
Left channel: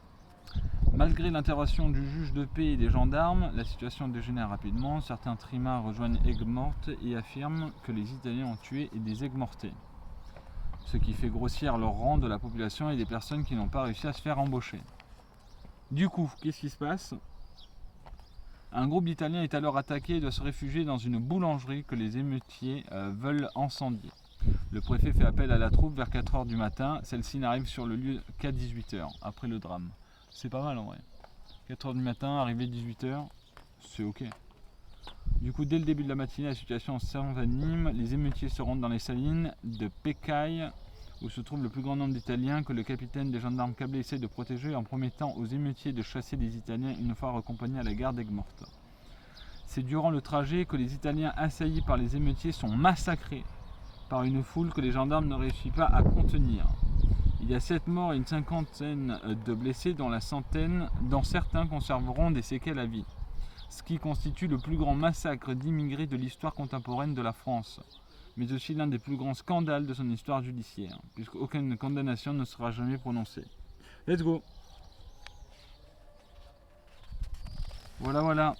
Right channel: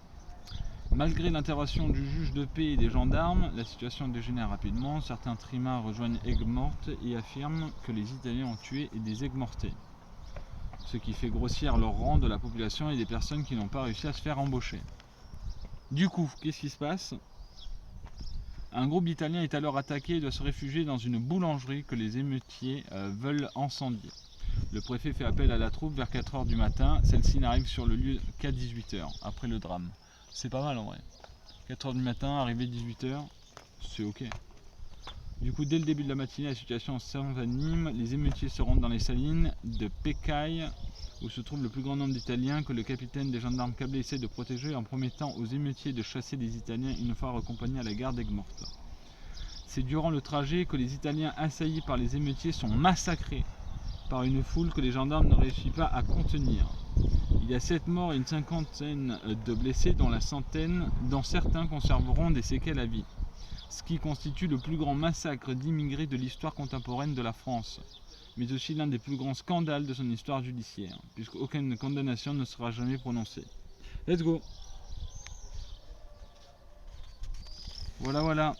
Malgré l'intervention du juge de paix et des gendarmes, la situation dégénère rapidement. Certains trimards rejoignent Aigues-Mortes et affirment que les Italiens ont tué des Aigues-Mortais. Ce qui fait grossir leur rang de la population et des personnes qui n'ont pas réussi à se faire embaucher. Du coup, qu'est-ce qui se passe? Un groupe d'Italiens est alors attaqué et doit se réfugier dans une boulangerie que les émeutiers veulent incendier. Le préfet fait appel à la troupe vers 4 h du matin. Celle-ci n'arrive sur le lieu qu'à 18 h, après le drame. C'est pas mal en vrai. 4 h du matin, arrivé 18 h, c'est ok. Du coup, dès le début de la matinée, la situation s'envenime. Les émeutiers se rendent dans les salines de Pécaille, où se trouve le plus grand nombre d'Italiens que le capitaine des gendarmes câblés essaie de protéger en promettant aux émeutiers de chasser les Italiens une fois raccompagnés à la gare d'Aigues-Mortes. C'est durant le trajet que les Italiens assaillis par les émeutiers sont massacrés par une foule que les gendarmes ne réussissent pas à contenir. Il y a 7 morts et une cinquantaine de blessés, dont certains conserveront des séquelles à vie. Ce qui constitue le plus grand massacre d'immigrés de l'histoire contemporaine de la France, mais aussi l'un des plus grands scandales de son histoire judiciaire, puisqu'aucune condamnation ne sera jamais prononcée. Let's go! Voilà.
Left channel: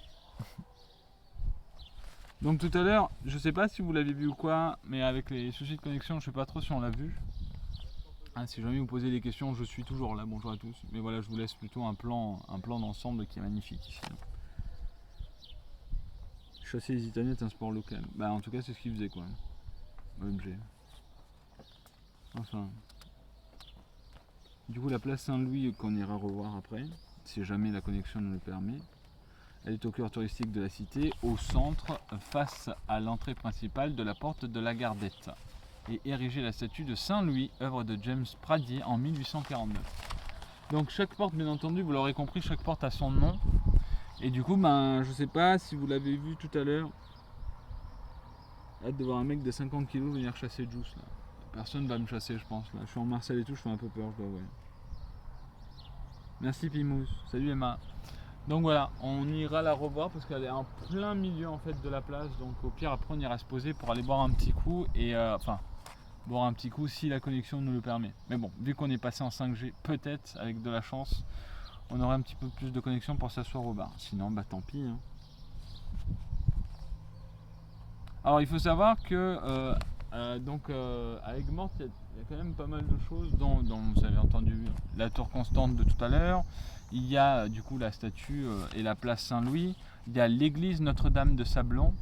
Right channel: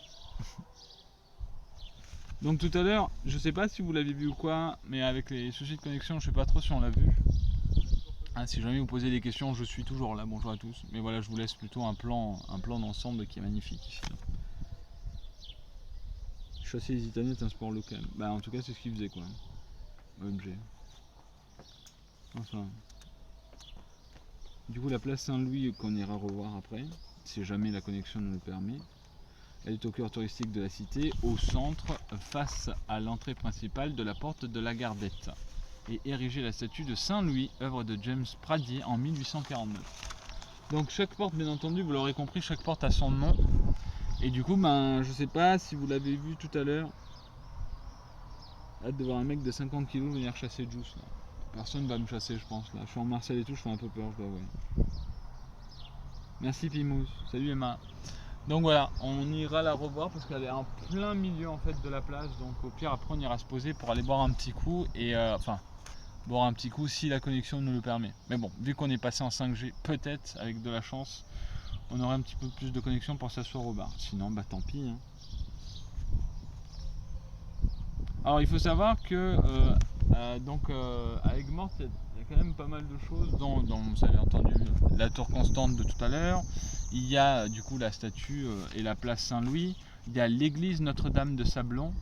Donc tout à l'heure, je sais pas si vous l'avez vu ou quoi, mais avec les soucis de connexion, je sais pas trop si on l'a vu. Si jamais vous posez des questions, je suis toujours là, bonjour à tous. Mais voilà, je vous laisse plutôt un plan d'ensemble qui est magnifique ici. Chasser les Italiens est un sport local. Bah en tout cas c'est ce qu'ils faisaient quoi. OMG. Enfin. Du coup la place Saint-Louis qu'on ira revoir après, si jamais la connexion nous le permet. Elle est au cœur touristique de la cité, au centre, face à l'entrée principale de la porte de la Gardette. Et érigée la statue de Saint-Louis, œuvre de James Pradier en 1849. Donc chaque porte, bien entendu, vous l'aurez compris, chaque porte a son nom. Et du coup, je sais pas si vous l'avez vu tout à l'heure. Hâte de voir un mec de 50 kg venir chasser Juice là. Personne va me chasser je pense là. Je suis en Marseille et tout, je fais un peu peur, je dois avouer. Merci Pimous, salut Emma. Donc voilà, on ira la revoir parce qu'elle est en plein milieu en fait de la place. Donc au pire après on ira se poser pour aller boire un petit coup et boire un petit coup si la connexion nous le permet. Mais bon, vu qu'on est passé en 5G, peut-être avec de la chance, on aurait un petit peu plus de connexion pour s'asseoir au bar. Sinon, bah tant pis. Hein. Alors il faut savoir que à Aigues-Mortes, il y a quand même pas mal de choses dont vous avez entendu la tour constante de tout à l'heure. Il y a du coup la statue et la place Saint-Louis. Il y a l'église Notre-Dame de Sablon.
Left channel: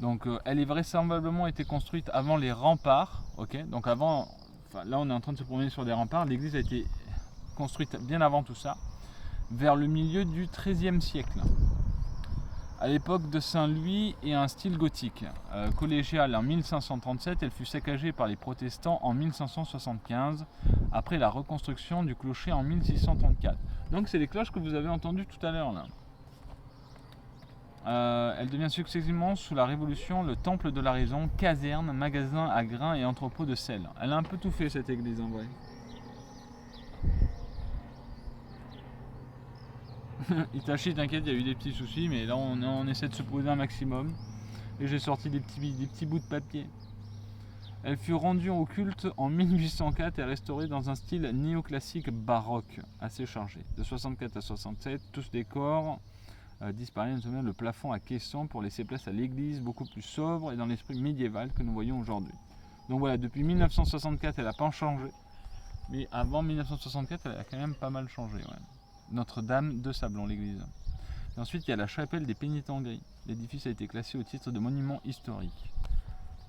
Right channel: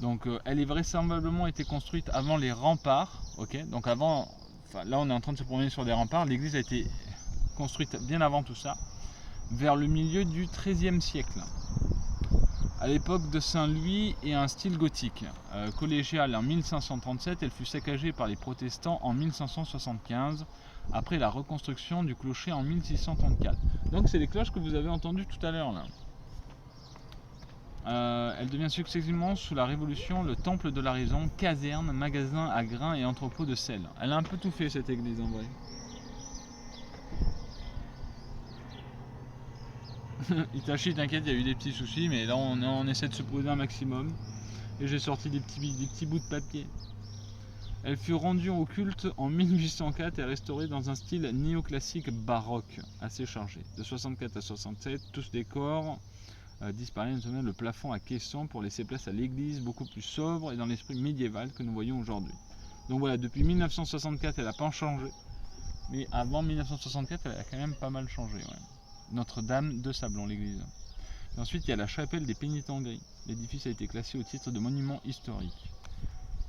Donc elle est vraisemblablement été construite avant les remparts. Ok, donc avant, là on est en train de se promener sur des remparts. L'église a été construite bien avant tout ça, vers le milieu du XIIIe siècle. à l'époque de Saint-Louis et un style gothique. Collégiale en 1537, elle fut saccagée par les protestants en 1575, après la reconstruction du clocher en 1634. Donc c'est les cloches que vous avez entendues tout à l'heure là. Elle devient successivement sous la Révolution le temple de la raison, caserne, magasin à grains et entrepôt de sel. Elle a un peu tout fait cette église en vrai. Itachi, t'inquiète, il y a eu des petits soucis, mais là on essaie de se poser un maximum. Et j'ai sorti des petits bouts de papier. Elle fut rendue au culte en 1804 et restaurée dans un style néoclassique baroque, assez chargé. De 64 à 67, tous les décors disparaissent, notamment le plafond à caisson pour laisser place à l'église, beaucoup plus sobre et dans l'esprit médiéval que nous voyons aujourd'hui. Donc voilà, depuis 1964, elle n'a pas changé. Mais avant 1964, elle a quand même pas mal changé. Ouais. Notre-Dame de Sablon, l'église. Et ensuite, il y a la chapelle des Pénitents Gris. L'édifice a été classé au titre de monument historique.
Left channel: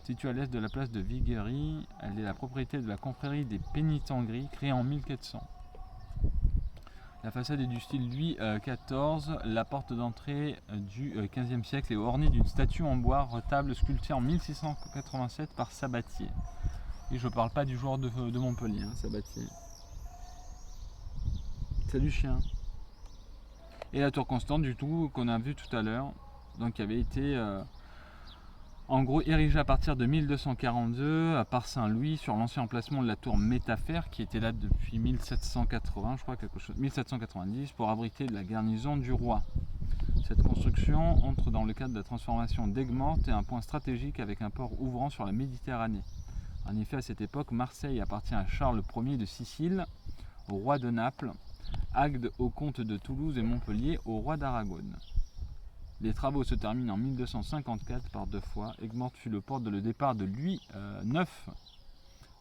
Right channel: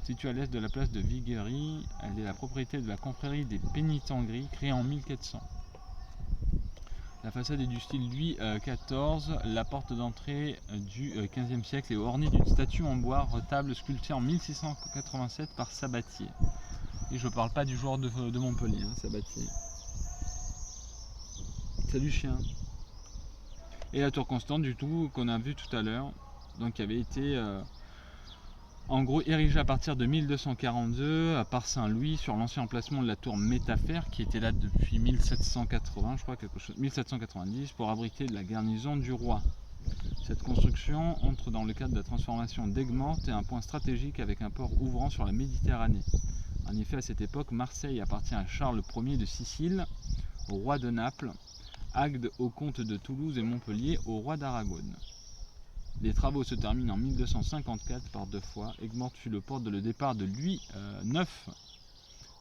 Située à l'est de la place de Viguerie, elle est la propriété de la confrérie des Pénitents Gris, créée en 1400. La façade est du style Louis XIV. La porte d'entrée du XVe siècle est ornée d'une statue en bois retable sculptée en 1687 par Sabatier. Et je parle pas du joueur de Montpellier, hein, Sabatier. Salut chien. Et la tour constante du tout qu'on a vu tout à l'heure, donc qui avait été en gros érigée à partir de 1242 par Saint-Louis sur l'ancien emplacement de la tour Métafère qui était là depuis 1780, je crois, 1790, pour abriter la garnison du roi. Cette construction entre dans le cadre de la transformation d'Aigues-Mortes et un point stratégique avec un port ouvrant sur la Méditerranée. En effet, à cette époque, Marseille appartient à Charles Ier de Sicile, au roi de Naples, Agde au comte de Toulouse et Montpellier au roi d'Aragon. Les travaux se terminent en 1254 par deux fois. Aigues-Mortes fut le port de le départ de Louis IX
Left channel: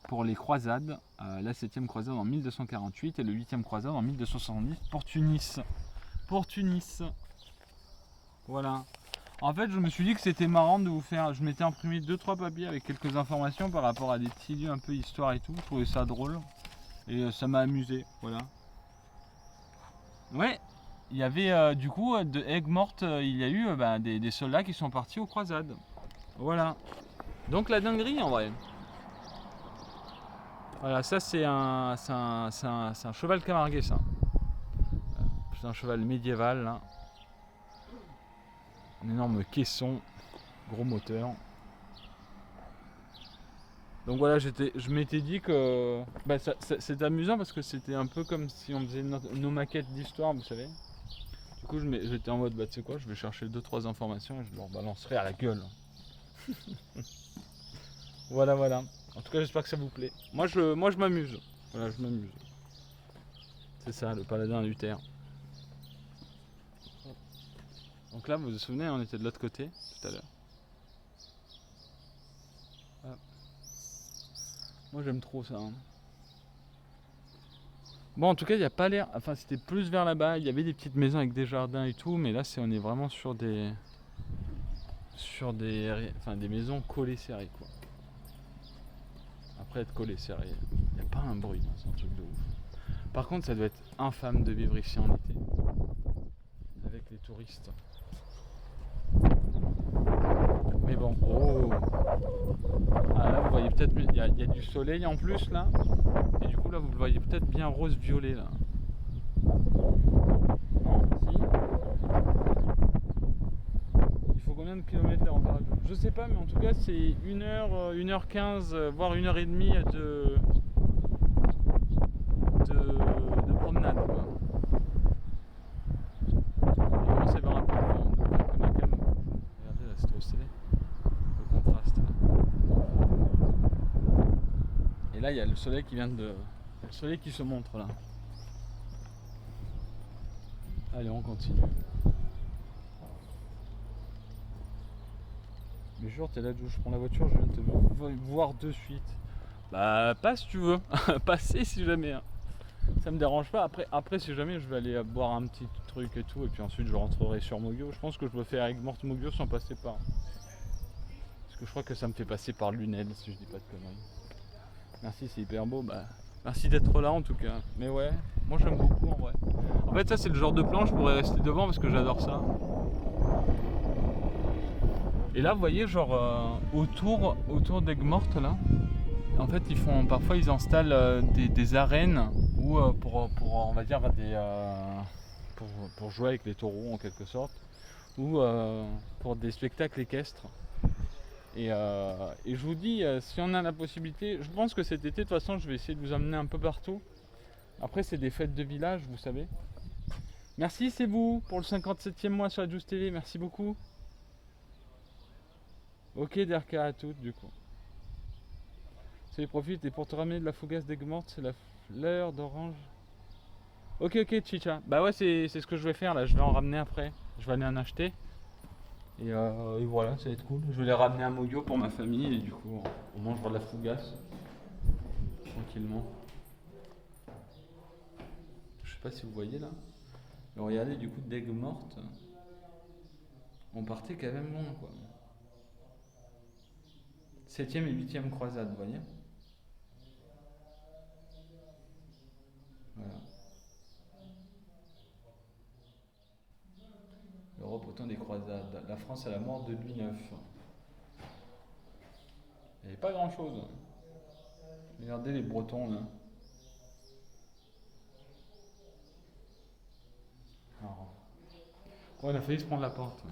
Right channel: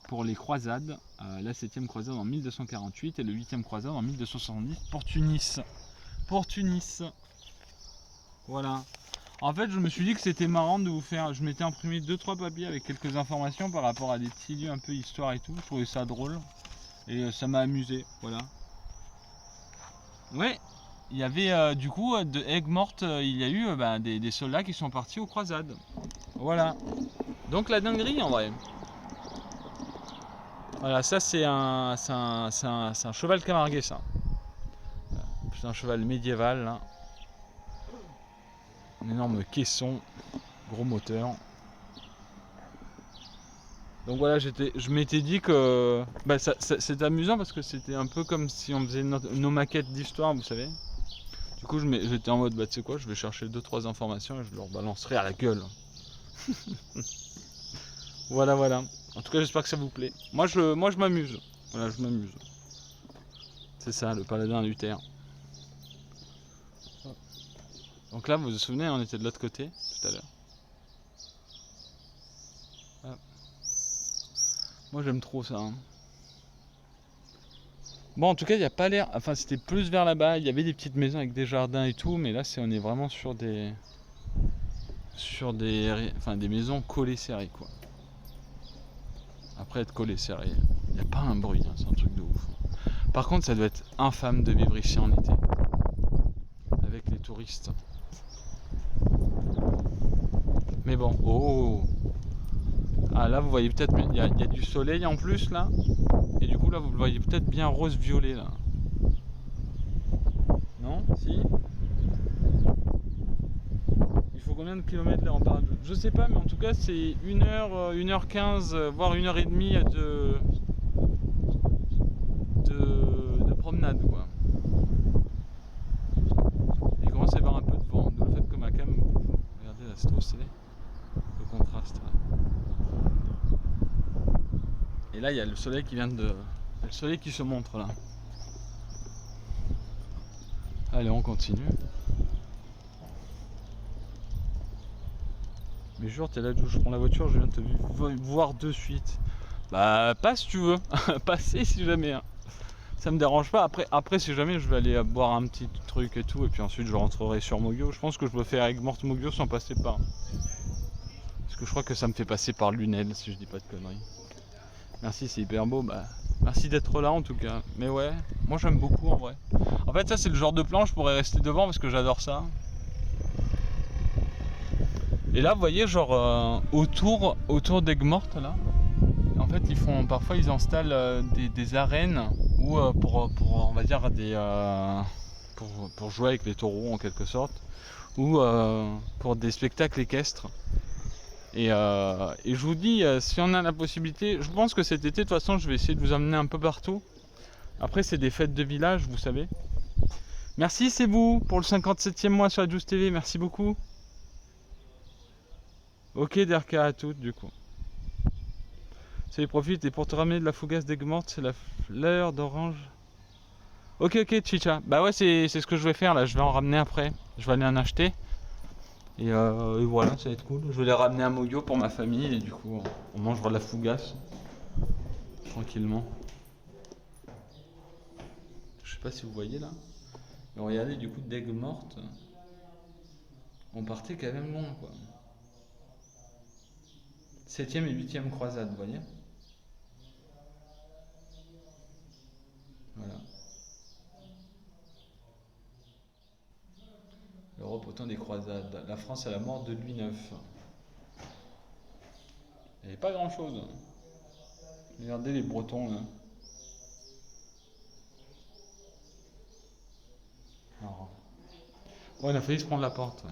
pour les croisades, la 7e croisade en 1248 et le 8e croisade en 1270 pour Tunis. Pour Tunis. Voilà. En fait, je me suis dit que c'était marrant de vous faire... Je m'étais imprimé 2-3 papiers avec quelques informations par rapport à des petits lieux un peu histoire et tout. Je trouvais ça drôle. Et ça m'a amusé. Voilà. Ouais, il y avait du coup de Aigues-Mortes, il y a eu des soldats qui sont partis aux croisades. Voilà. Donc la dinguerie en vrai. Voilà, ça c'est un cheval camarguais ça. C'est un cheval médiéval là. Un énorme caisson, gros moteur. Donc voilà, je m'étais dit que c'était amusant parce que c'était un peu comme si on faisait nos maquettes d'histoire, vous savez. Du coup, j'étais en mode, tu sais quoi, je vais chercher 2-3 informations et je leur balancerai à la gueule. Voilà, voilà. En tout cas, j'espère que ça vous plaît. Moi, je m'amuse. Voilà, je m'amuse. C'est ça, le paladin Luther. Donc là, vous vous souvenez, on était de l'autre côté tout à l'heure. Moi j'aime trop ça. Hein. Bon, en tout cas, il n'y a pas l'air. Enfin, c'était plus vers là-bas. Il y avait des petites maisons avec des jardins et tout, mais là, on est vraiment sur des maisons collées serrées, quoi. Après être collées serrées, il n'y a pas un bruit. Hein, c'est un truc de ouf. Par contre, ça doit être infâme de vivre ici en été, avec les touristes. Mais bon, oh. Ah là vous voyez peut-être, il y a du soleil en plus là. Et du coup là vous le voyez peut-être bien rose-violet là. Non? Si? Il faut combien de kilomètres là en parade? Je sais pas, mais en tout cas c'est 1h, 1h15, voire 1h30 de promenade quoi. Il commence à y avoir un peu de vent, donc peut-être que ma cam bouge. Regardez là, c'est trop stylé. Le contraste là. Et là il y a le soleil qui vient de... Le soleil qui se montre là. Allez, on continue. Mais jure, t'es là, je prends la voiture, je viens de te voir de suite. Bah passe si tu veux. Passez si jamais. Hein. Ça me dérange pas. Après si jamais je vais aller boire un petit truc et tout. Et puis ensuite je rentrerai sur Mogio. Je pense que je peux faire Aigues-Mortes Mogio sans passer par. Parce que je crois que ça me fait passer par Lunel si je dis pas de conneries. Merci, c'est hyper beau. Bah, merci d'être là en tout cas. Mais ouais, moi j'aime beaucoup en vrai. En fait ça c'est le genre de plan, je pourrais rester devant parce que j'adore ça. Et là, vous voyez, genre autour d'Aigues-Mortes, là, en fait, parfois ils installent des arènes ou pour on va dire pour jouer avec les taureaux en quelque sorte, ou pour des spectacles équestres. Et je vous dis, si on a la possibilité, je pense que cet été, de toute façon, je vais essayer de vous emmener un peu partout. Après, c'est des fêtes de village, vous savez. Merci, c'est vous, pour le 57e mois sur la Juice TV, merci beaucoup. Ok, DRK à toutes, du coup. Ça y profite, et pour te ramener de la fougasse d'Aigues-Mortes, c'est la fleur d'orange. Ok, Chicha. Bah ouais, c'est ce que je vais faire, là, je vais en ramener après. Je vais aller en acheter. Et voilà, ça va être cool. Je vais les ramener à Moyo pour ma famille, et du coup, on mangera de la fougasse. Tranquillement. Je sais pas si vous voyez là. Et regardez, du coup, d'Aigues-Mortes, on partait quand même loin, quoi. 7e et 8e croisade, vous voyez. Voilà. L'Europe au temps des croisades. La France à la mort de Louis IX. Il n'y avait pas grand chose. Regardez les Bretons là. Alors. Ouais, on a failli se prendre la porte.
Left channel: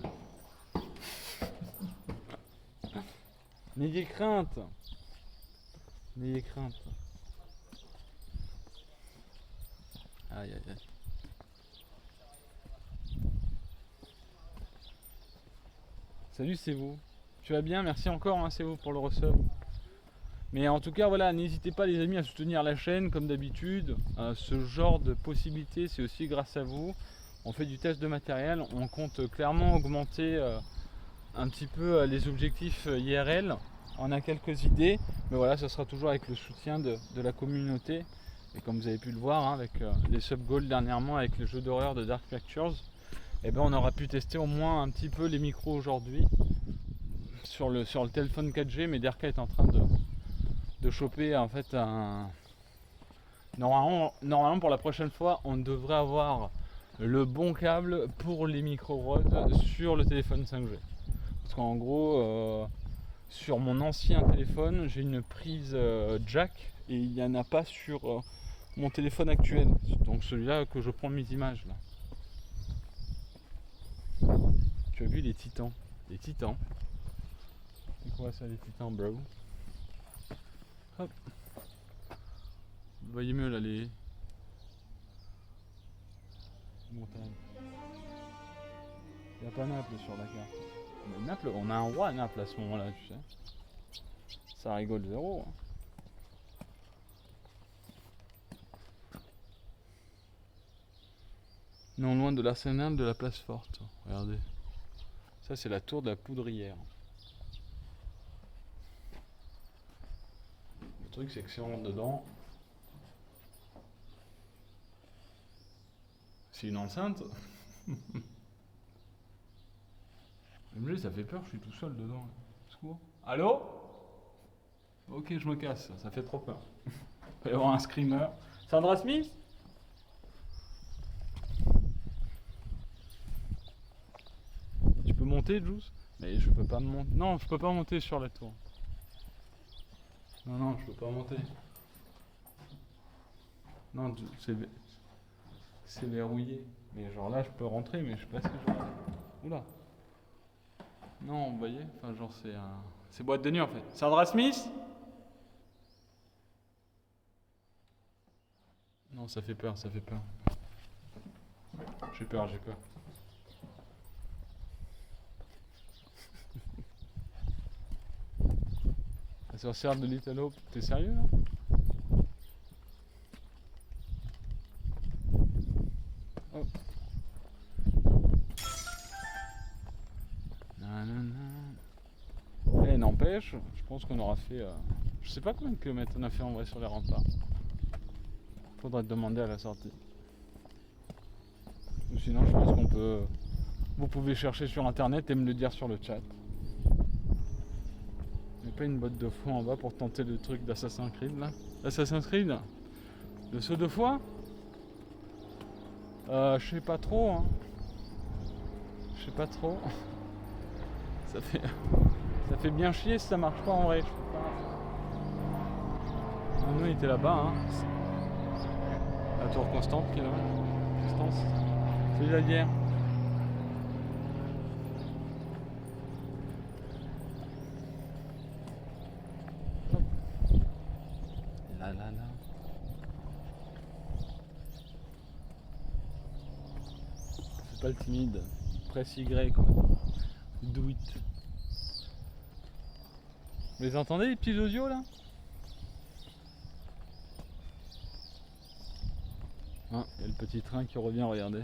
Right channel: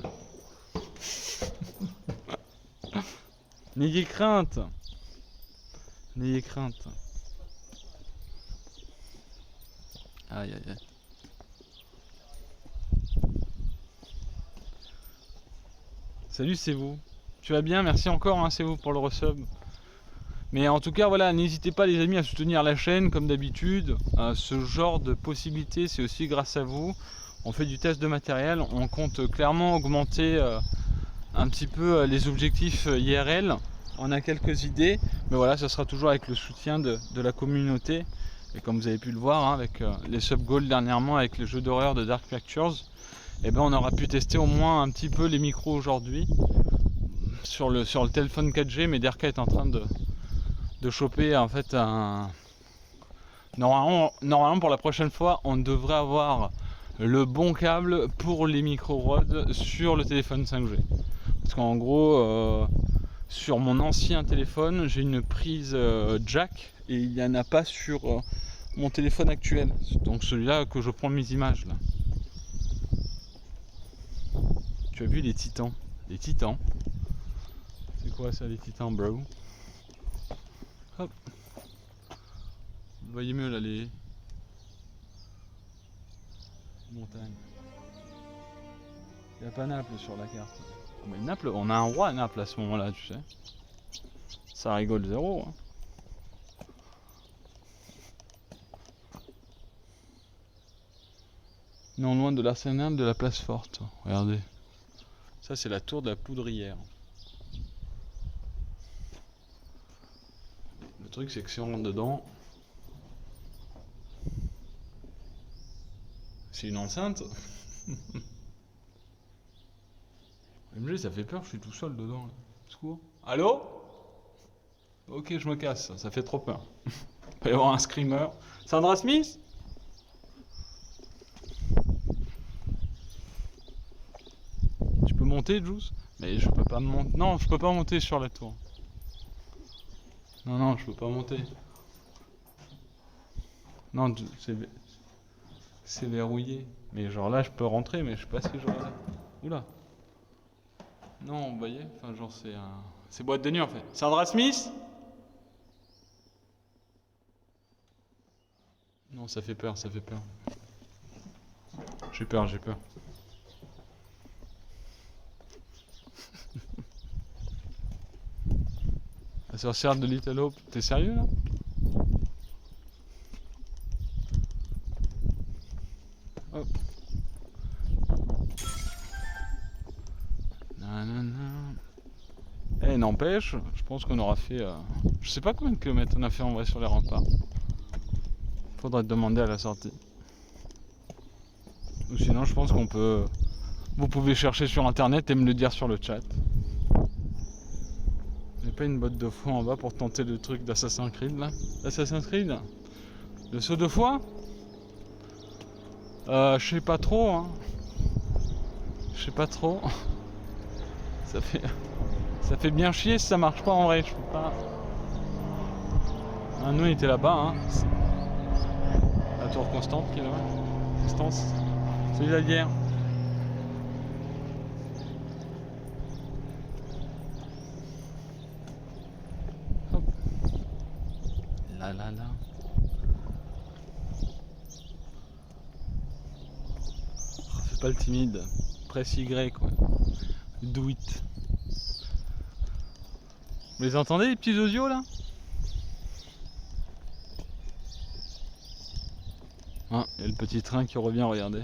N'ayez crainte. N'ayez crainte. Aïe aïe aïe. Salut, c'est vous. Tu vas bien? Merci encore, hein, c'est vous pour le resub. Mais en tout cas, voilà, n'hésitez pas les amis à soutenir la chaîne comme d'habitude. Ce genre de possibilités, c'est aussi grâce à vous. On fait du test de matériel, on compte clairement augmenter un petit peu les objectifs IRL. On a quelques idées, mais voilà, ça sera toujours avec le soutien de la communauté. Et comme vous avez pu le voir, hein, avec les sub goals dernièrement, avec les jeux d'horreur de Dark Pictures, eh ben, on aura pu tester au moins un petit peu les micros aujourd'hui sur le téléphone 4G, mais DRK est en train de choper en fait un... Normalement pour la prochaine fois, on devrait avoir le bon câble pour les micros Rode sur le téléphone 5G. Parce qu'en gros, sur mon ancien téléphone, j'ai une prise jack et il n'y en a pas sur mon téléphone actuel. Donc celui-là que je prends mes images là. Tu as vu les titans? Les titans? C'est quoi ça, les titans, bro? Hop. Vous voyez mieux là les montagnes. Il n'y a pas Naples sur la carte. Mais Naples, on a un roi à Naples à ce moment-là, tu sais. Ça rigole zéro. Hein. Non loin de l'arsenal de la place forte. Regardez. Ça c'est la tour de la Poudrière. Le truc c'est que si on rentre dedans, c'est une enceinte. MG ça fait peur, je suis tout seul dedans. Là. Secours. Allô? Ok, je me casse, ça fait trop peur. Il va y avoir un screamer. Sandra Smith? Tu peux monter, Juice? Mais je peux pas monter. Non, je peux pas monter sur la tour. Non, je peux pas monter. Non, c'est verrouillé. Mais genre là, je peux rentrer, mais je sais pas si je vais. Oula. Non, vous voyez? Enfin, genre, c'est boîte de nuit en fait. Sandra Smith? Non, ça fait peur, ça fait peur. J'ai peur. La sorcière de Little Hope, t'es sérieux là? Hop. Eh, n'empêche, je pense qu'on aura fait... je sais pas combien de kilomètres on a fait en vrai sur les remparts. Faudrait te demander à la sortie. Ou sinon, je pense qu'on peut... Vous pouvez chercher sur internet et me le dire sur le chat. Il n'y a pas une botte de foie en bas pour tenter le truc d'Assassin's Creed là? Assassin's Creed? Le saut de foie? Je sais pas trop hein. Je sais pas trop. Ça fait bien chier si ça marche pas en vrai, je peux pas. Ah, nous on était là-bas, hein. La tour constante qui est là-bas. Distance. Salut la bière. Hop. Là là là. Fais pas le timide. Presse Y quoi. Do it. Vous les entendez les petits osios là? Ah, il y a le petit train qui revient, regardez.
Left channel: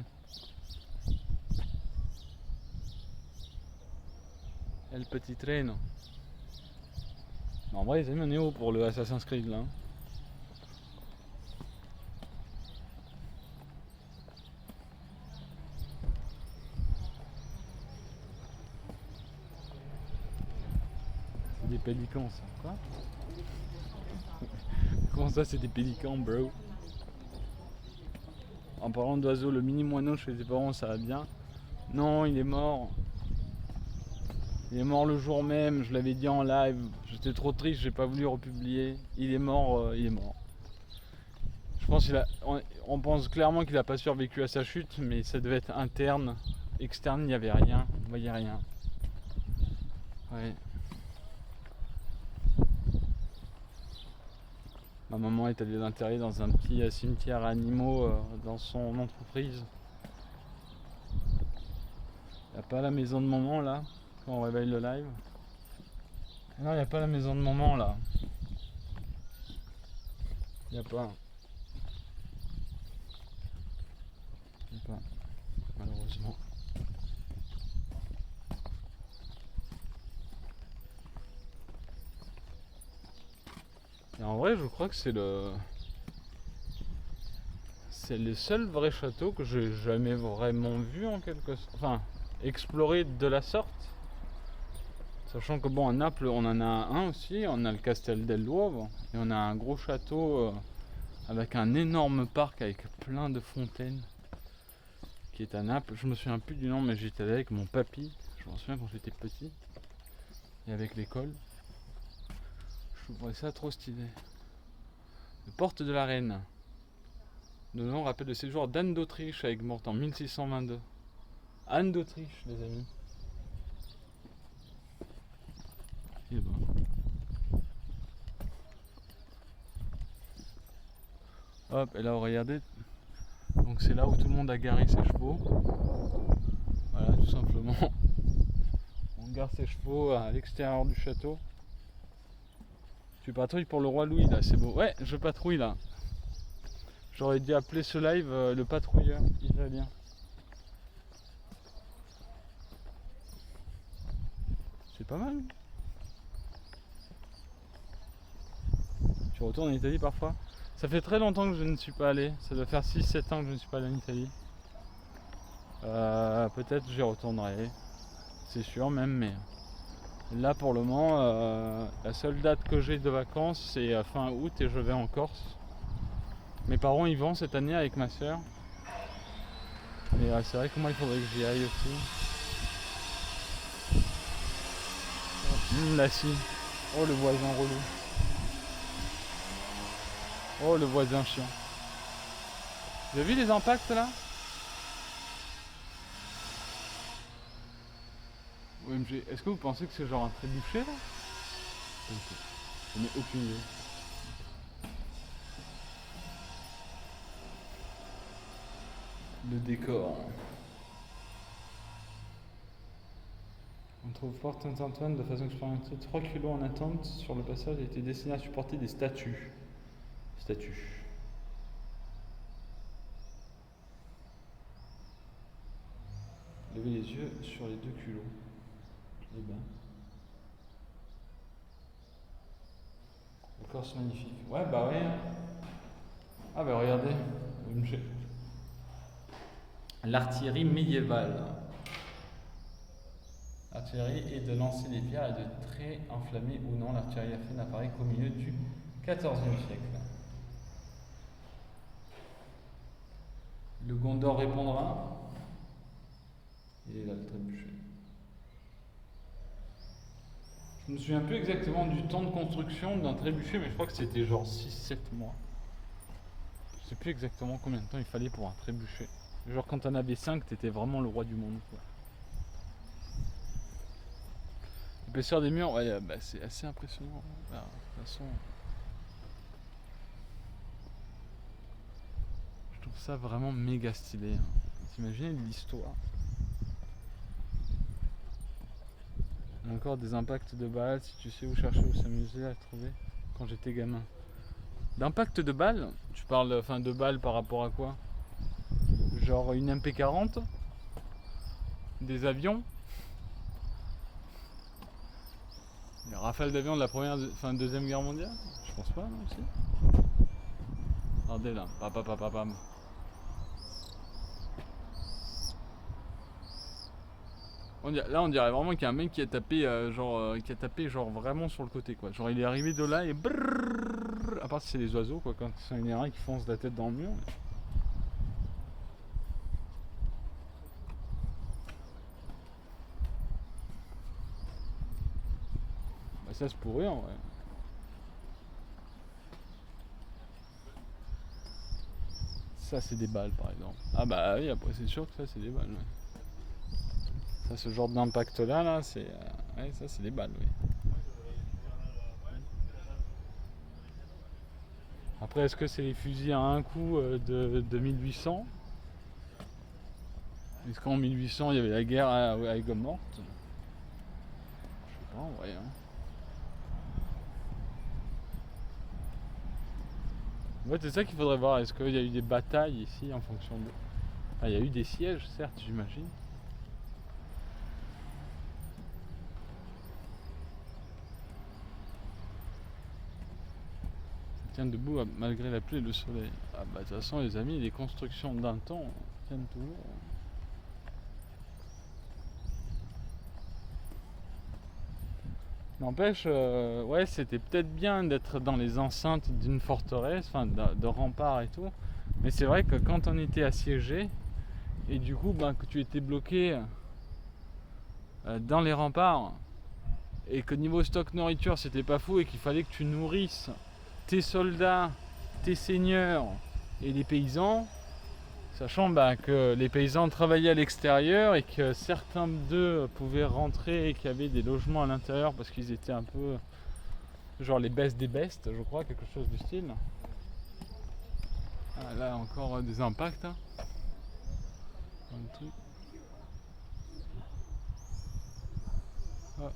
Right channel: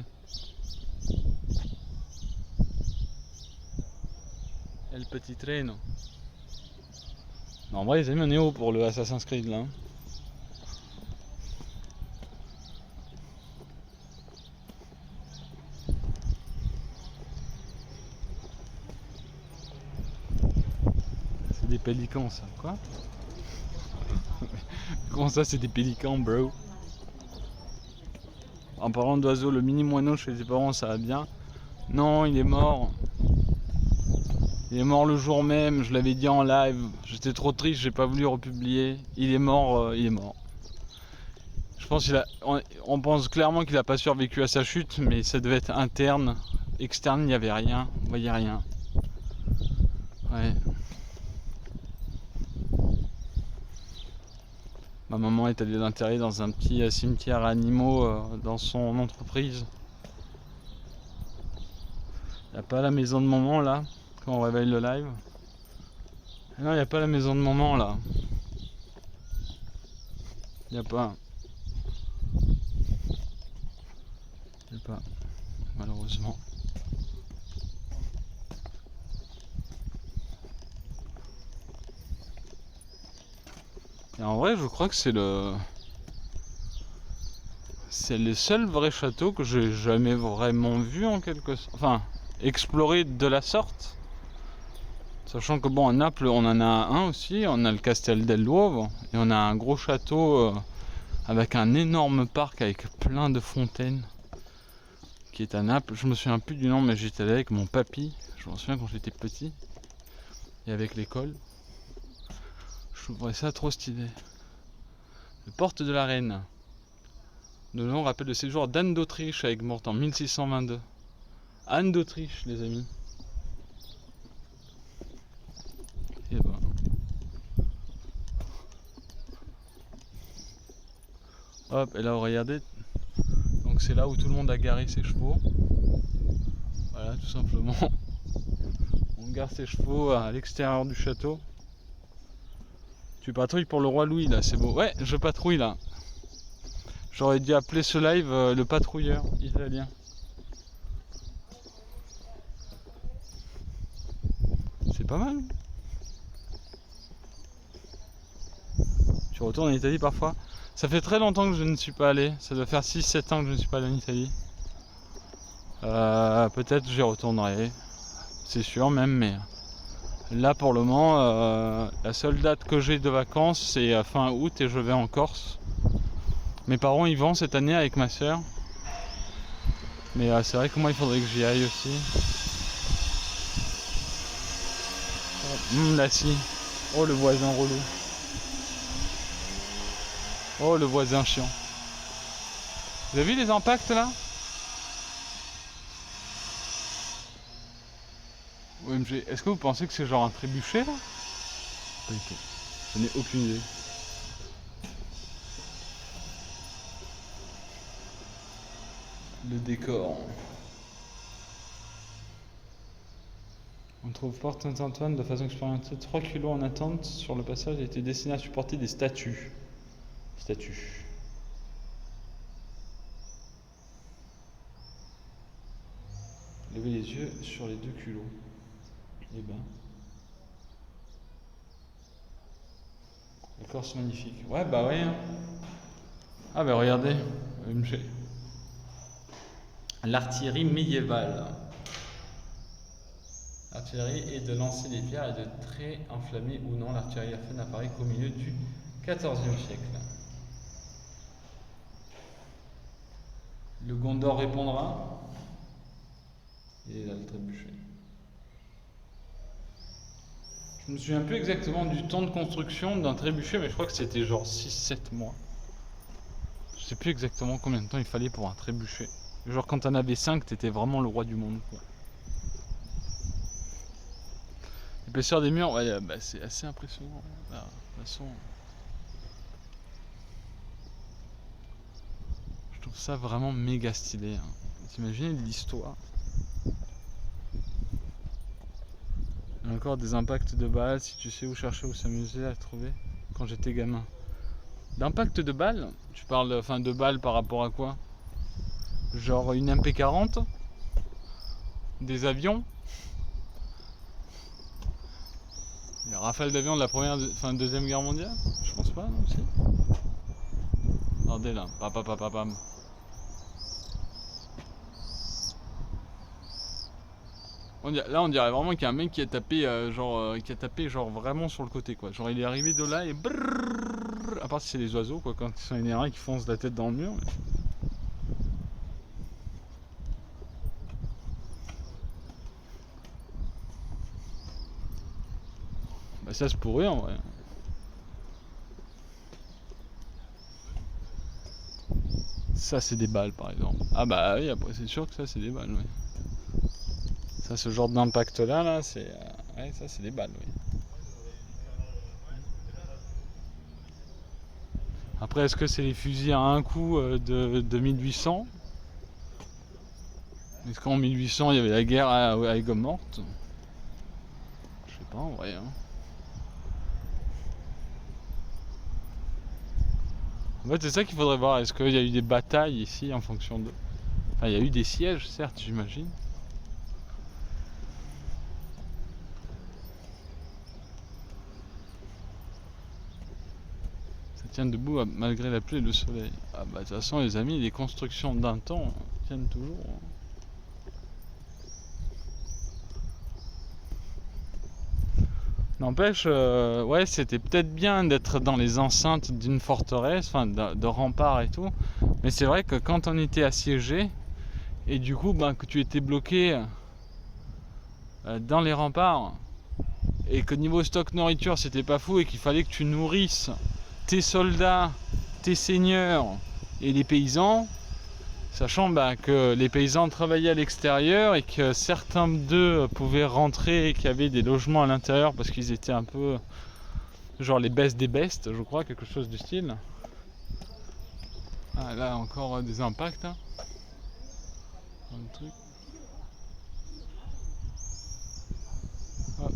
Et le petit train. Non, en vrai les amis on est haut pour le Assassin's Creed là. C'est des pélicans ça, quoi? Comment ça c'est des pélicans bro? En parlant d'oiseaux, le mini moineau chez les parents ça va bien. Non il est mort. Il est mort le jour même, je l'avais dit en live, j'étais trop triste, j'ai pas voulu republier. Il est mort, il est mort. Je pense on pense clairement qu'il a pas survécu à sa chute, mais ça devait être interne. Externe, il n'y avait rien, on voyait rien. Ouais. Ma maman est allée l'enterrer dans un petit cimetière animaux dans son entreprise. Il n'y a pas la maison de maman là, quand on réveille le live. Non, il n'y a pas la maison de maman là. Il n'y a pas. Il n'y a pas, malheureusement. Et en vrai, je crois que c'est le seul vrai château que j'ai jamais vraiment vu en quelque sorte. Enfin, exploré de la sorte. Sachant que bon, à Naples, on en a un aussi, on a le Castel del Duomo, et on a un gros château avec un énorme parc avec plein de fontaines qui est à Naples. Je me souviens plus du nom, mais j'étais allé avec mon papy, je m'en souviens quand j'étais petit, et avec l'école. Je trouvais ça trop stylé. Le Porte de la Reine. De nom rappelle le séjour d'Anne d'Autriche avec morte en 1622. Anne d'Autriche, les amis. Et ben. Hop, et là, regardez. Donc c'est là où tout le monde a garé ses chevaux. Voilà, tout simplement. On gare ses chevaux à l'extérieur du château. Tu patrouilles pour le roi Louis là, c'est beau. Ouais, je patrouille là. J'aurais dû appeler ce live le patrouilleur italien. C'est pas mal. Tu retournes en Italie parfois? Ça fait très longtemps que je ne suis pas allé. Ça doit faire 6-7 ans que je ne suis pas allé en Italie. Peut-être j'y retournerai. C'est sûr même, mais là pour le moment, la seule date que j'ai de vacances c'est fin août et je vais en Corse. Mes parents y vont cette année avec ma soeur. Mais c'est vrai que moi il faudrait que j'y aille aussi. Là si. Oh le voisin relou. Oh le voisin chiant. Vous avez vu les impacts là? OMG, est-ce que vous pensez que c'est genre un trébuchet là? Ok. Je n'ai aucune idée. Le décor. On trouve Porte Saint-Antoine de façon expérimentée. 3 kilos en attente sur le passage a été destiné à supporter des statues. Levez les yeux sur les 2 kilos. Eh ben. La Corse magnifique. Ouais, bah ouais. Ah bah regardez. L'artillerie médiévale. L'artillerie est de lancer des pierres et de traits enflammés ou non. L'artillerie à feu n'apparaît qu'au milieu du XIVe siècle. Le Gondor répondra. Et là le trébuchet. Je me souviens plus exactement du temps de construction d'un trébuchet, mais je crois que c'était genre 6-7 mois. Je sais plus exactement combien de temps il fallait pour un trébuchet. Genre quand t'en avais 5, t'étais vraiment le roi du monde, quoi. L'épaisseur des murs, ouais, bah, c'est assez impressionnant. Là, de toute façon, je trouve ça vraiment méga stylé. Hein. T'imagines l'histoire. Il y a encore des impacts de balles, si tu sais où chercher, où s'amuser à trouver, quand j'étais gamin. D'impact de balles, tu parles enfin, de balles par rapport à quoi? Genre une MP40? Des avions? Les rafales d'avions de la première, enfin deuxième guerre mondiale? Je pense pas, non aussi. Regardez là, pam. Là on dirait vraiment qu'il y a un mec qui a tapé genre vraiment sur le côté quoi. Genre il est arrivé de là et brrrr, à part si c'est les oiseaux quoi, quand ils sont énervés qui foncent la tête dans le mur. Mais... Bah ça se pourrait en vrai. Ça c'est des balles par exemple. Ah bah oui après c'est sûr que ça c'est des balles oui. Ça ce genre d'impact là c'est. Ouais ça c'est des balles oui. Après est-ce que c'est les fusils à un coup de 1800? Est-ce qu'en 1800 il y avait la guerre à Aigues-Mortes? Je sais pas en vrai hein. En fait, c'est ça qu'il faudrait voir. Est-ce qu'il y a eu des batailles ici en fonction de... Enfin, il y a eu des sièges, certes, j'imagine. Ça tient debout malgré la pluie et le soleil. Ah bah de toute façon, les amis, les constructions d'un temps tiennent toujours. N'empêche, ouais, c'était peut-être bien d'être dans les enceintes d'une forteresse, enfin de remparts et tout. Mais c'est vrai que quand on était assiégé, et du coup, ben, que tu étais bloqué dans les remparts, et que niveau stock nourriture c'était pas fou, et qu'il fallait que tu nourrisses tes soldats, tes seigneurs et les paysans, sachant bah, que les paysans travaillaient à l'extérieur et que certains d'eux pouvaient rentrer et qu'il y avait des logements à l'intérieur parce qu'ils étaient un peu genre les bestes des bestes, je crois, quelque chose du style. Ah, là encore des impacts hein. Dans le truc. Ah.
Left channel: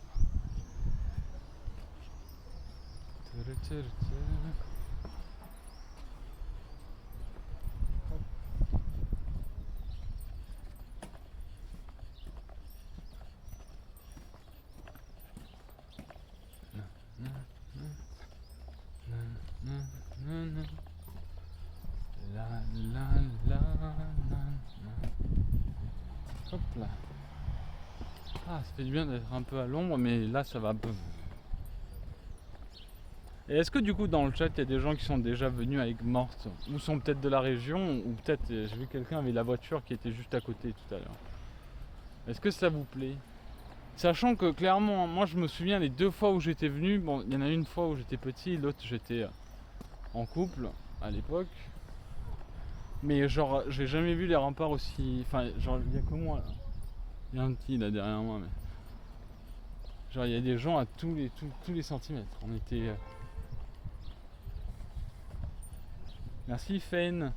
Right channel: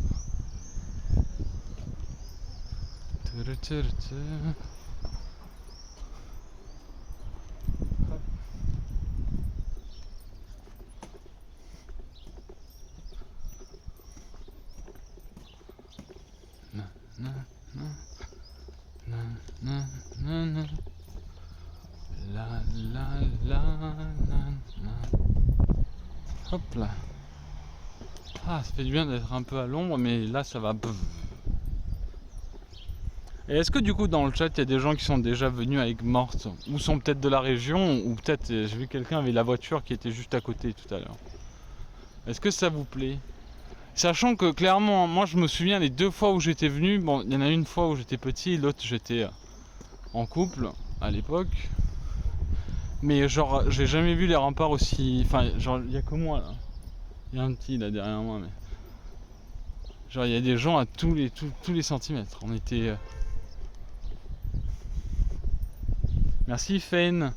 Hop là. Ah, ça fait du bien d'être un peu à l'ombre, mais là ça va. Et est-ce que du coup dans le chat il y a des gens qui sont déjà venus à Aigues-Mortes ou sont peut-être de la région ou peut-être j'ai vu quelqu'un avait la voiture qui était juste à côté tout à l'heure. Est-ce que ça vous plaît? Sachant que clairement moi je me souviens les 2 fois où j'étais venu, bon il y en a une fois où j'étais petit, l'autre j'étais en couple à l'époque. Mais genre j'ai jamais vu les remparts aussi. Enfin genre il y a que moi là. Il y a un petit là derrière moi mais. Genre il y a des gens à tous les centimètres. On était. Merci Fane.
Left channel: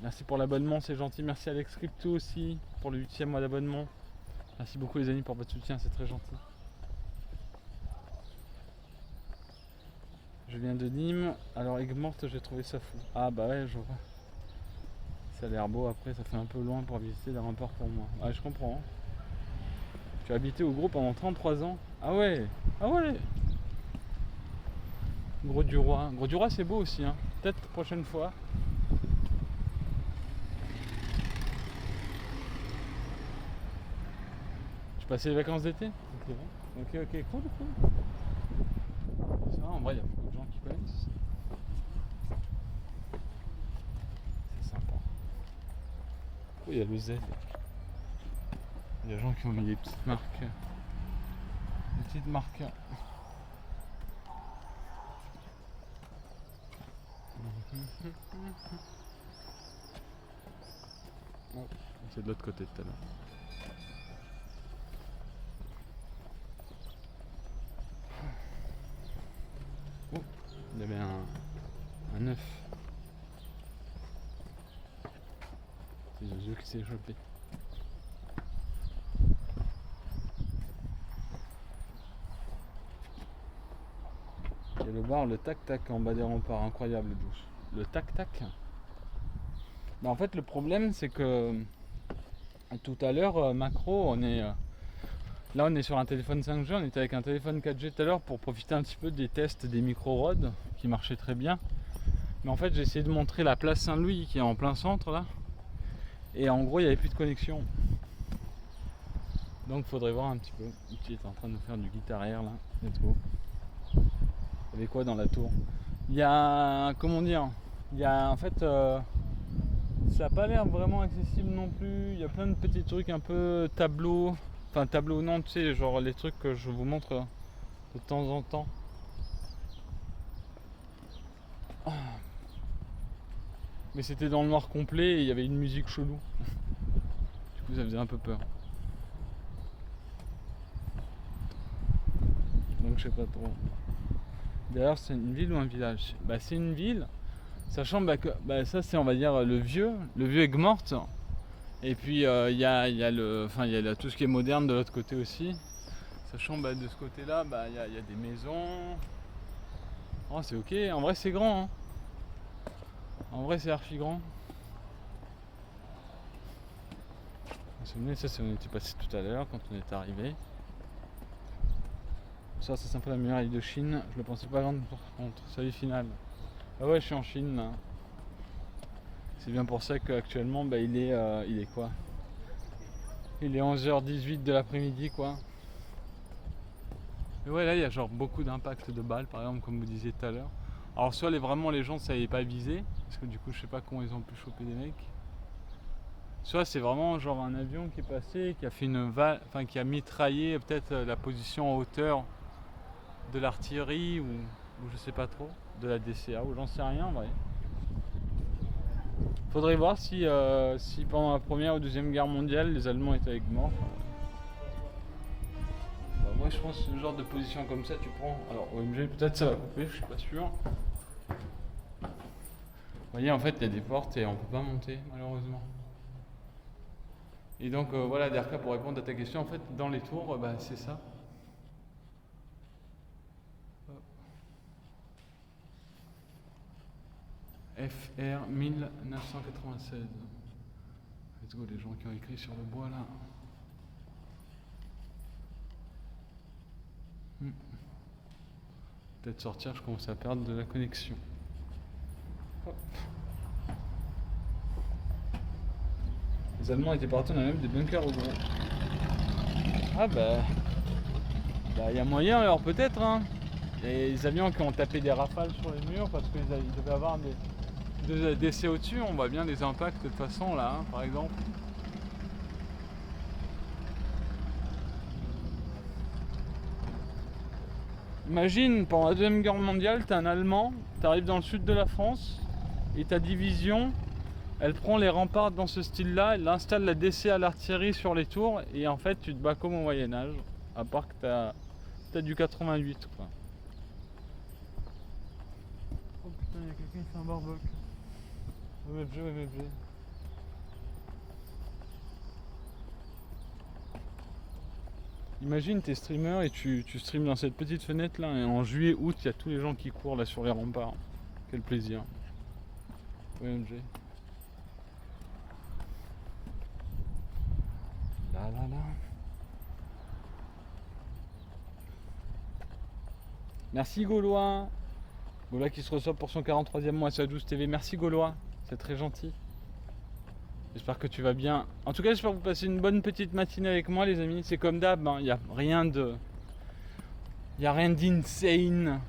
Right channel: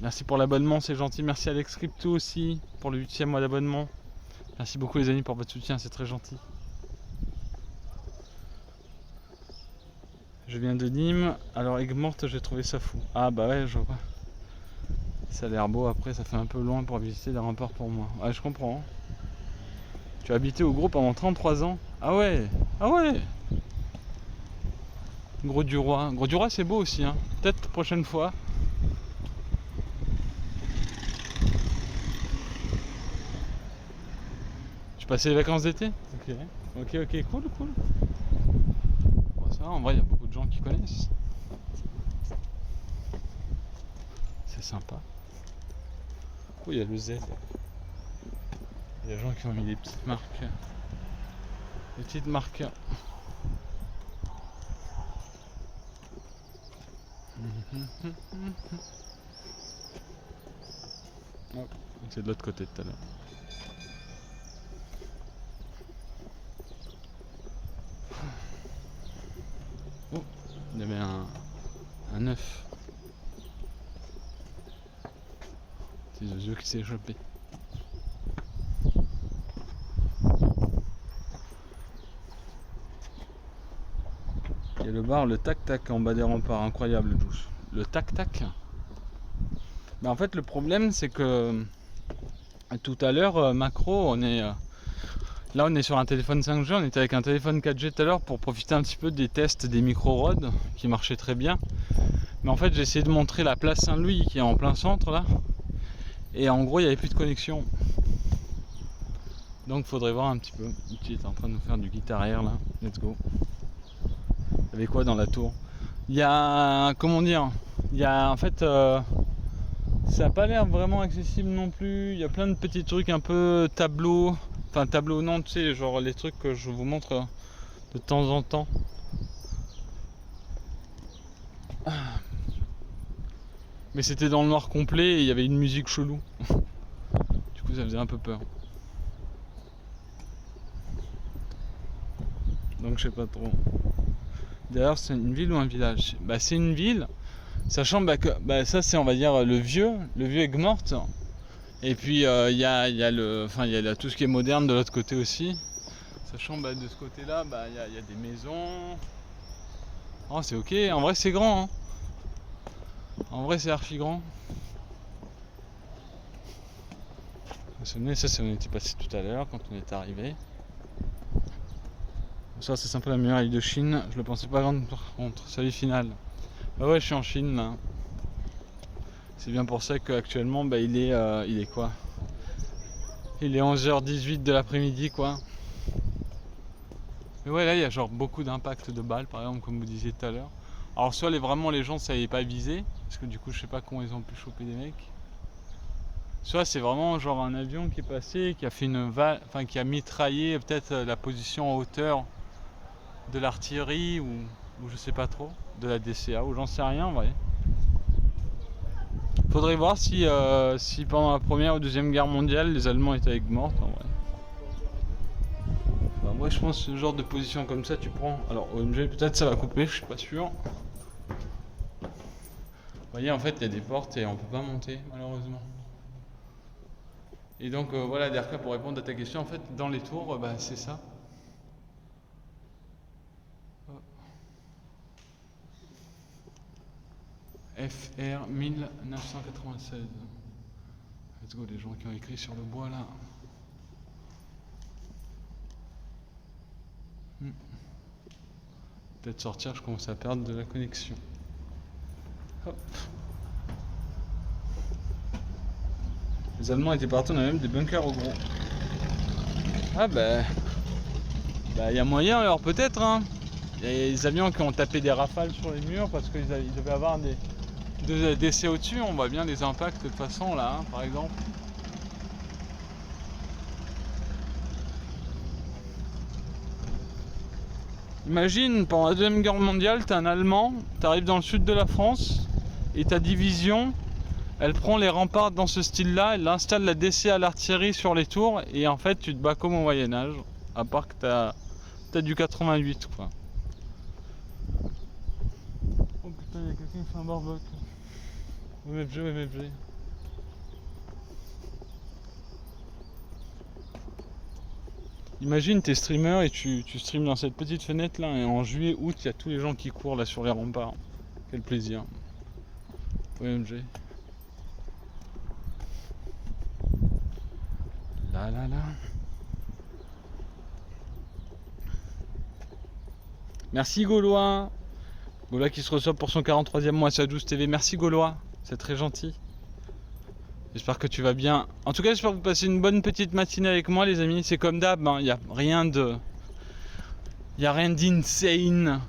Merci pour l'abonnement, c'est gentil. Merci Alex Crypto aussi pour le 8e mois d'abonnement. Merci beaucoup les amis pour votre soutien, c'est très gentil. Je viens de Nîmes. Alors Aigues-Mortes, j'ai trouvé ça fou. Ah bah ouais, je vois. Ça a l'air beau, après ça fait un peu loin pour visiter les remparts pour moi. Ouais, je comprends. Tu as habité au gros pendant 33 ans. Ah ouais. Ah ouais. Grau-du-Roi. Grau-du-Roi c'est beau aussi hein. Peut-être prochaine fois. Je passais les vacances d'été. Ok, cool. Ça va, en vrai il y a beaucoup de gens qui connaissent. C'est sympa. Oh, il y a le Z. Il y a des gens qui ont mis des petites marques. Petite marque. Oh, c'est de l'autre côté tout à l'heure. Oh, il y avait un œuf. C'est le œuf qui s'est échappé. Il y a le bar, le tac-tac en bas des remparts, incroyable douce. Le tac-tac. Mais en fait le problème c'est que tout à l'heure macro on est là on est sur un téléphone 5G, on était avec un téléphone 4G tout à l'heure pour profiter un petit peu des tests des micro-rods qui marchaient très bien. Mais en fait j'ai essayé de montrer la place Saint-Louis qui est en plein centre là. Et en gros il n'y avait plus de connexion. Donc faudrait voir un petit peu. Tu es en train de nous faire du guitare air là. Let's go. Il y avait quoi dans la tour? Il y a, comment dire, il y a en fait ça n'a pas l'air vraiment accessible non plus. Il y a plein de petits trucs un peu tableaux. Enfin tableaux non, tu sais, genre les trucs que je vous montre de temps en temps. Mais c'était dans le noir complet et il y avait une musique chelou. Du coup ça faisait un peu peur. Donc je sais pas trop. D'ailleurs c'est une ville ou un village? Bah c'est une ville. Sachant que ça c'est on va dire le vieux Aigues-Mortes. Et puis il y a tout ce qui est moderne de l'autre côté aussi. Sachant de ce côté là il y a des maisons. Oh c'est ok, en vrai c'est grand hein. En vrai c'est archi grand. Ça c'est on était passé tout à l'heure quand on est arrivé. Ça c'est sympa la muraille de Chine, je le pensais pas grande par contre, salut final. Ah ouais je suis en Chine là. C'est bien pour ça qu'actuellement il est quoi? Il est 11h18 de l'après-midi quoi. Et ouais là il y a genre beaucoup d'impact de balles par exemple comme vous disiez tout à l'heure. Alors soit vraiment les gens ne savaient pas viser, parce que du coup je sais pas comment ils ont pu choper des mecs. Soit c'est vraiment genre un avion qui est passé, qui a fait qui a mitraillé peut-être la position en hauteur de l'artillerie ou je sais pas trop, de la DCA ou j'en sais rien en vrai. Faudrait voir si pendant la première ou deuxième guerre mondiale les Allemands étaient avec morts en vrai. Moi je pense que ce genre de position comme ça tu prends. Alors OMG peut-être ça va couper, je suis pas sûr. Vous voyez en fait il y a des portes et on peut pas monter malheureusement. Et donc voilà Derka pour répondre à ta question en fait dans les tours c'est ça. FR 1996. Let's go les gens qui ont écrit sur le bois là. Peut-être sortir, je commence à perdre de la connexion. Hop. Les Allemands étaient partis, on a même des bunkers au gros. Ah il y a moyen alors peut-être hein. Il y a des avions qui ont tapé des rafales sur les murs parce qu'ils devaient avoir des décès au-dessus, on voit bien les impacts de toute façon là hein, par exemple. Imagine, pendant la deuxième guerre mondiale, t'es un Allemand, t'arrives dans le sud de la France et ta division, elle prend les remparts dans ce style-là, elle installe la DC à l'artillerie sur les tours et en fait tu te bats comme au Moyen-Âge, à part que t'as du 88 quoi. Oh putain, il y a quelqu'un qui fait un barbec. MFG. Imagine t'es streamer et tu streames dans cette petite fenêtre là et en juillet, août, il y a tous les gens qui courent là sur les remparts. Quel plaisir. OMG. Là. Merci Gaulois. Gaulois qui se reçoit pour son 43e mois sur 12 TV. Merci Gaulois, c'est très gentil. J'espère que tu vas bien. En tout cas, j'espère que vous passez une bonne petite matinée avec moi, les amis. C'est comme d'hab, il n'y a rien d'insane.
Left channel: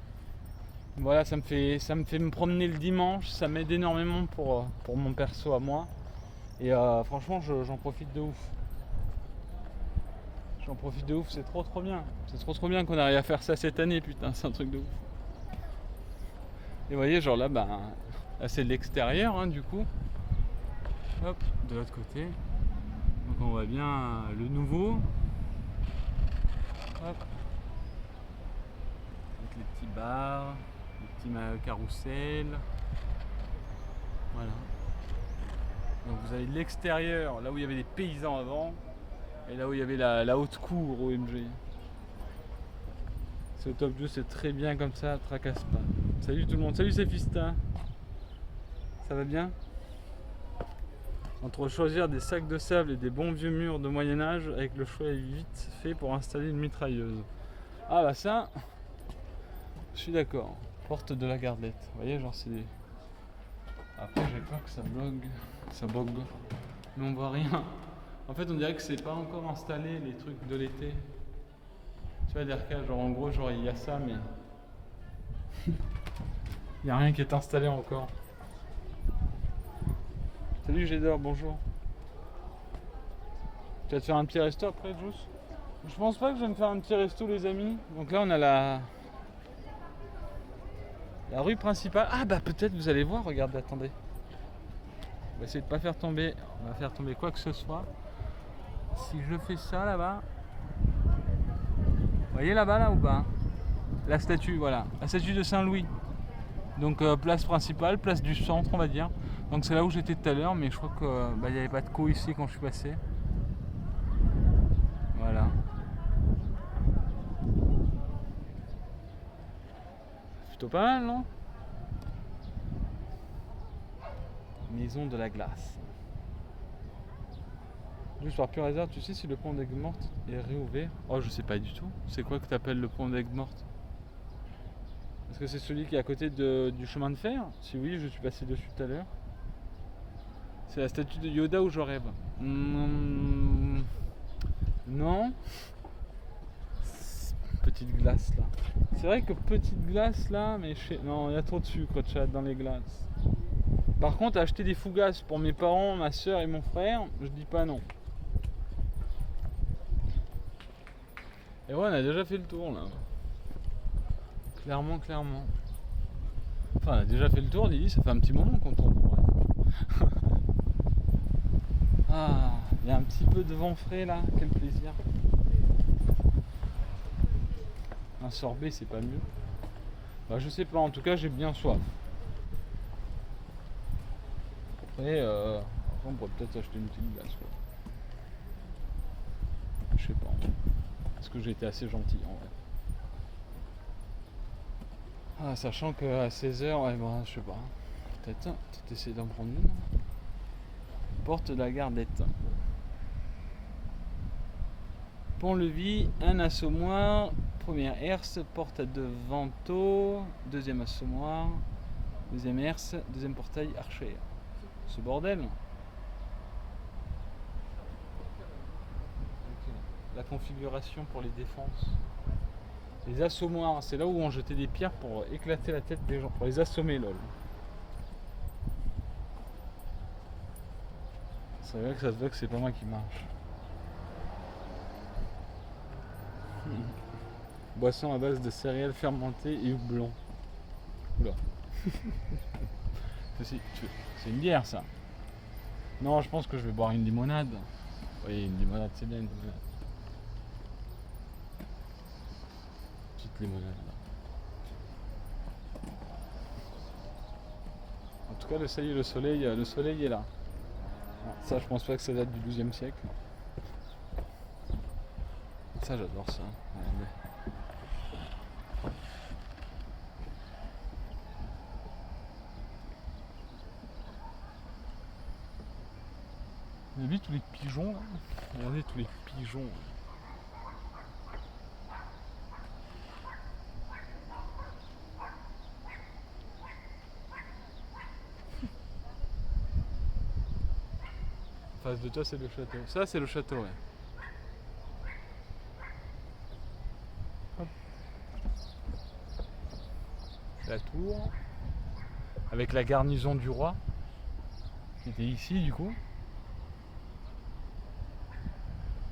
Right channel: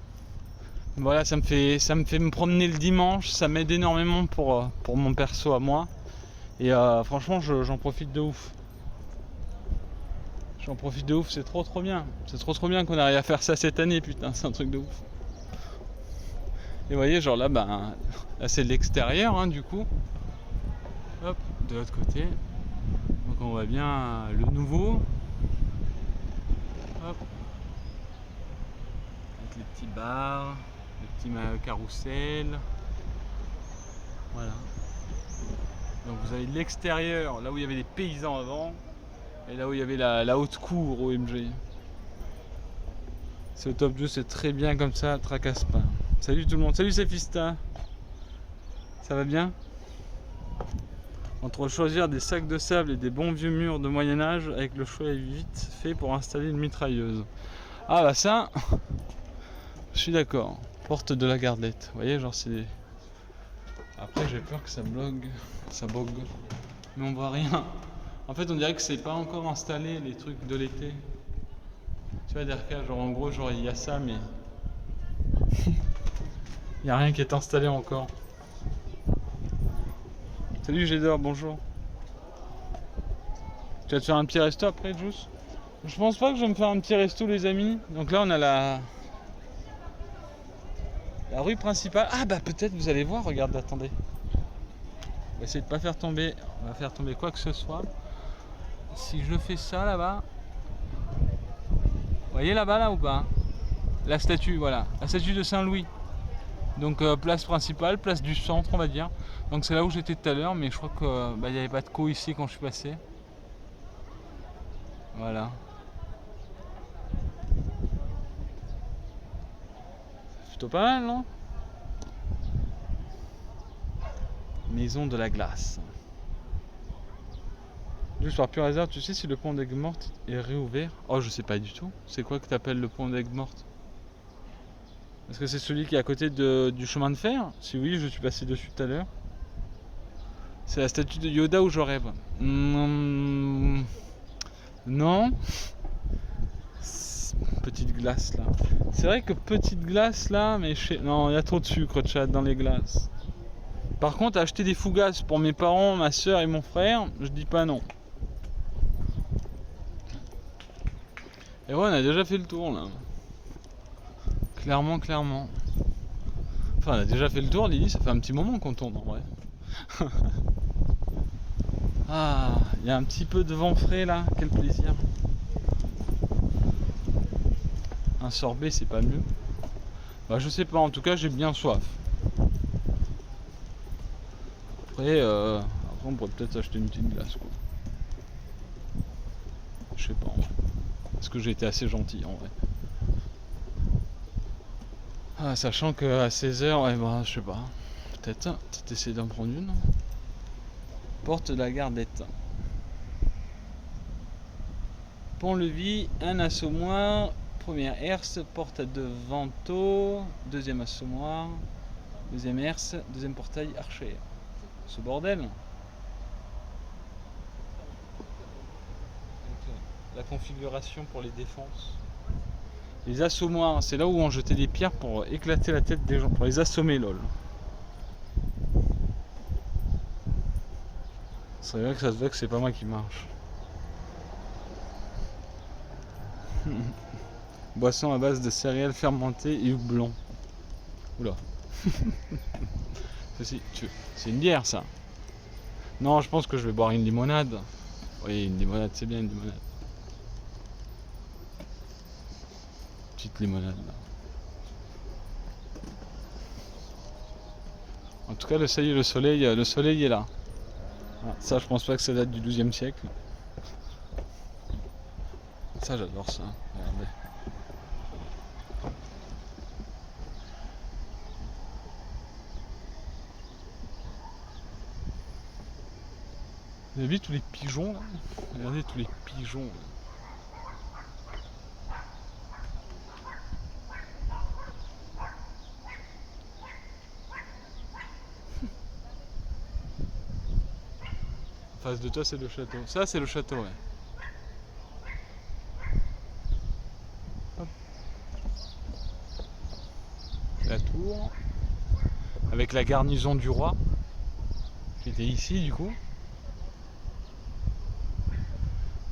Voilà, ça me fait me promener le dimanche. Ça m'aide énormément pour mon perso à moi. Et franchement, j'en profite de ouf. J'en profite de ouf, c'est trop bien. C'est trop bien qu'on arrive à faire ça cette année, putain, c'est un truc de ouf. Et vous voyez, genre là, bah, là c'est l'extérieur, hein, du coup. Hop, de l'autre côté. Donc on voit bien le nouveau. Hop. Avec les petits bars, les petits carrousels. Voilà. Donc vous avez l'extérieur, là où il y avait les paysans avant, et là où il y avait la haute cour OMG. C'est au top 2, c'est très bien comme ça, tracasse pas. Salut tout le monde, salut Sephista. Ça va bien? Entre choisir des sacs de sable et des bons vieux murs de Moyen-Âge, avec le choix est vite fait pour installer une mitrailleuse. Ah bah ça, je suis d'accord. Porte de la Gardelette. Vous voyez, genre c'est... Après j'ai peur que ça blogue. Ça bogue. Mais on voit rien. En fait on dirait que c'est pas encore installé les trucs de l'été. Tu vois Derka, genre en gros genre il y a ça mais... il n'y a rien qui est installé encore. Salut Gédor, bonjour. Tu vas te faire un petit resto après, Juice? Je pense pas que je vais me faire un petit resto, les amis. Donc là, on a la rue principale. Ah bah peut-être, vous allez voir, regardez, attendez. On va essayer de pas faire tomber, on va faire tomber quoi que ce soit. Si je fais ça là-bas, vous voyez là-bas là ou pas? La statue, voilà, la statue de Saint-Louis. Donc place principale, place du centre on va dire. Donc c'est là où j'étais tout à l'heure, mais je crois que il n'y avait pas de co ici quand je suis passé. Voilà. Plutôt pas mal, non? Maison de la glace. Juste par pur hasard, tu sais si le pont d'Aigues-Mortes est réouvert? Oh, je sais pas du tout. C'est quoi que t'appelles le pont d'Aigues-Mortes? Est-ce que c'est celui qui est à côté du chemin de fer? Si oui, je suis passé dessus tout à l'heure. C'est la statue de Yoda où je rêve. Non. Petite glace là. C'est vrai que petite glace là, mais non, il y a trop de sucre, chat, dans les glaces. Par contre, acheter des fougasses pour mes parents, ma soeur et mon frère, je dis pas non. Et ouais, on a déjà fait le tour là. Clairement. Enfin, on a déjà fait le tour, Lily, ça fait un petit moment qu'on tourne en vrai. Ah, il y a un petit peu de vent frais là, quel plaisir. Un sorbet, c'est pas mieux. Bah, je sais pas, en tout cas, j'ai bien soif. Après, on pourrait peut-être acheter une petite glace quoi. Je sais pas. Est-ce que j'ai été assez gentil en vrai? Ah, sachant qu'à 16h, ouais, bah, je sais pas. Peut-être essayer d'en prendre une. Porte de la Gardelette. Pont-Levis, un assommoir. Première herse, porte à deux vantaux. Deuxième assommoir. Deuxième herse, deuxième portail archère. Ce bordel. Avec la configuration pour les défenses. Les assommoirs, c'est là où on jetait des pierres pour éclater la tête des gens, pour les assommer, lol. C'est vrai que ça se voit que c'est pas moi qui marche. Boisson à base de céréales fermentées et houblon. Oula. C'est une bière ça. Non, je pense que je vais boire une limonade. Oui, une limonade, c'est bien une limonade. Petite limonade là. En tout cas, le soleil est là. Ça, je pense pas que ça date du XIIe siècle. Ça, j'adore ça. Regardez. Vous avez vu tous les pigeons là? Regardez tous les pigeons. Là. En face de toi, c'est le château. Ça, c'est le château, ouais. Hop. La tour. Avec la garnison du roi. Qui était ici, du coup.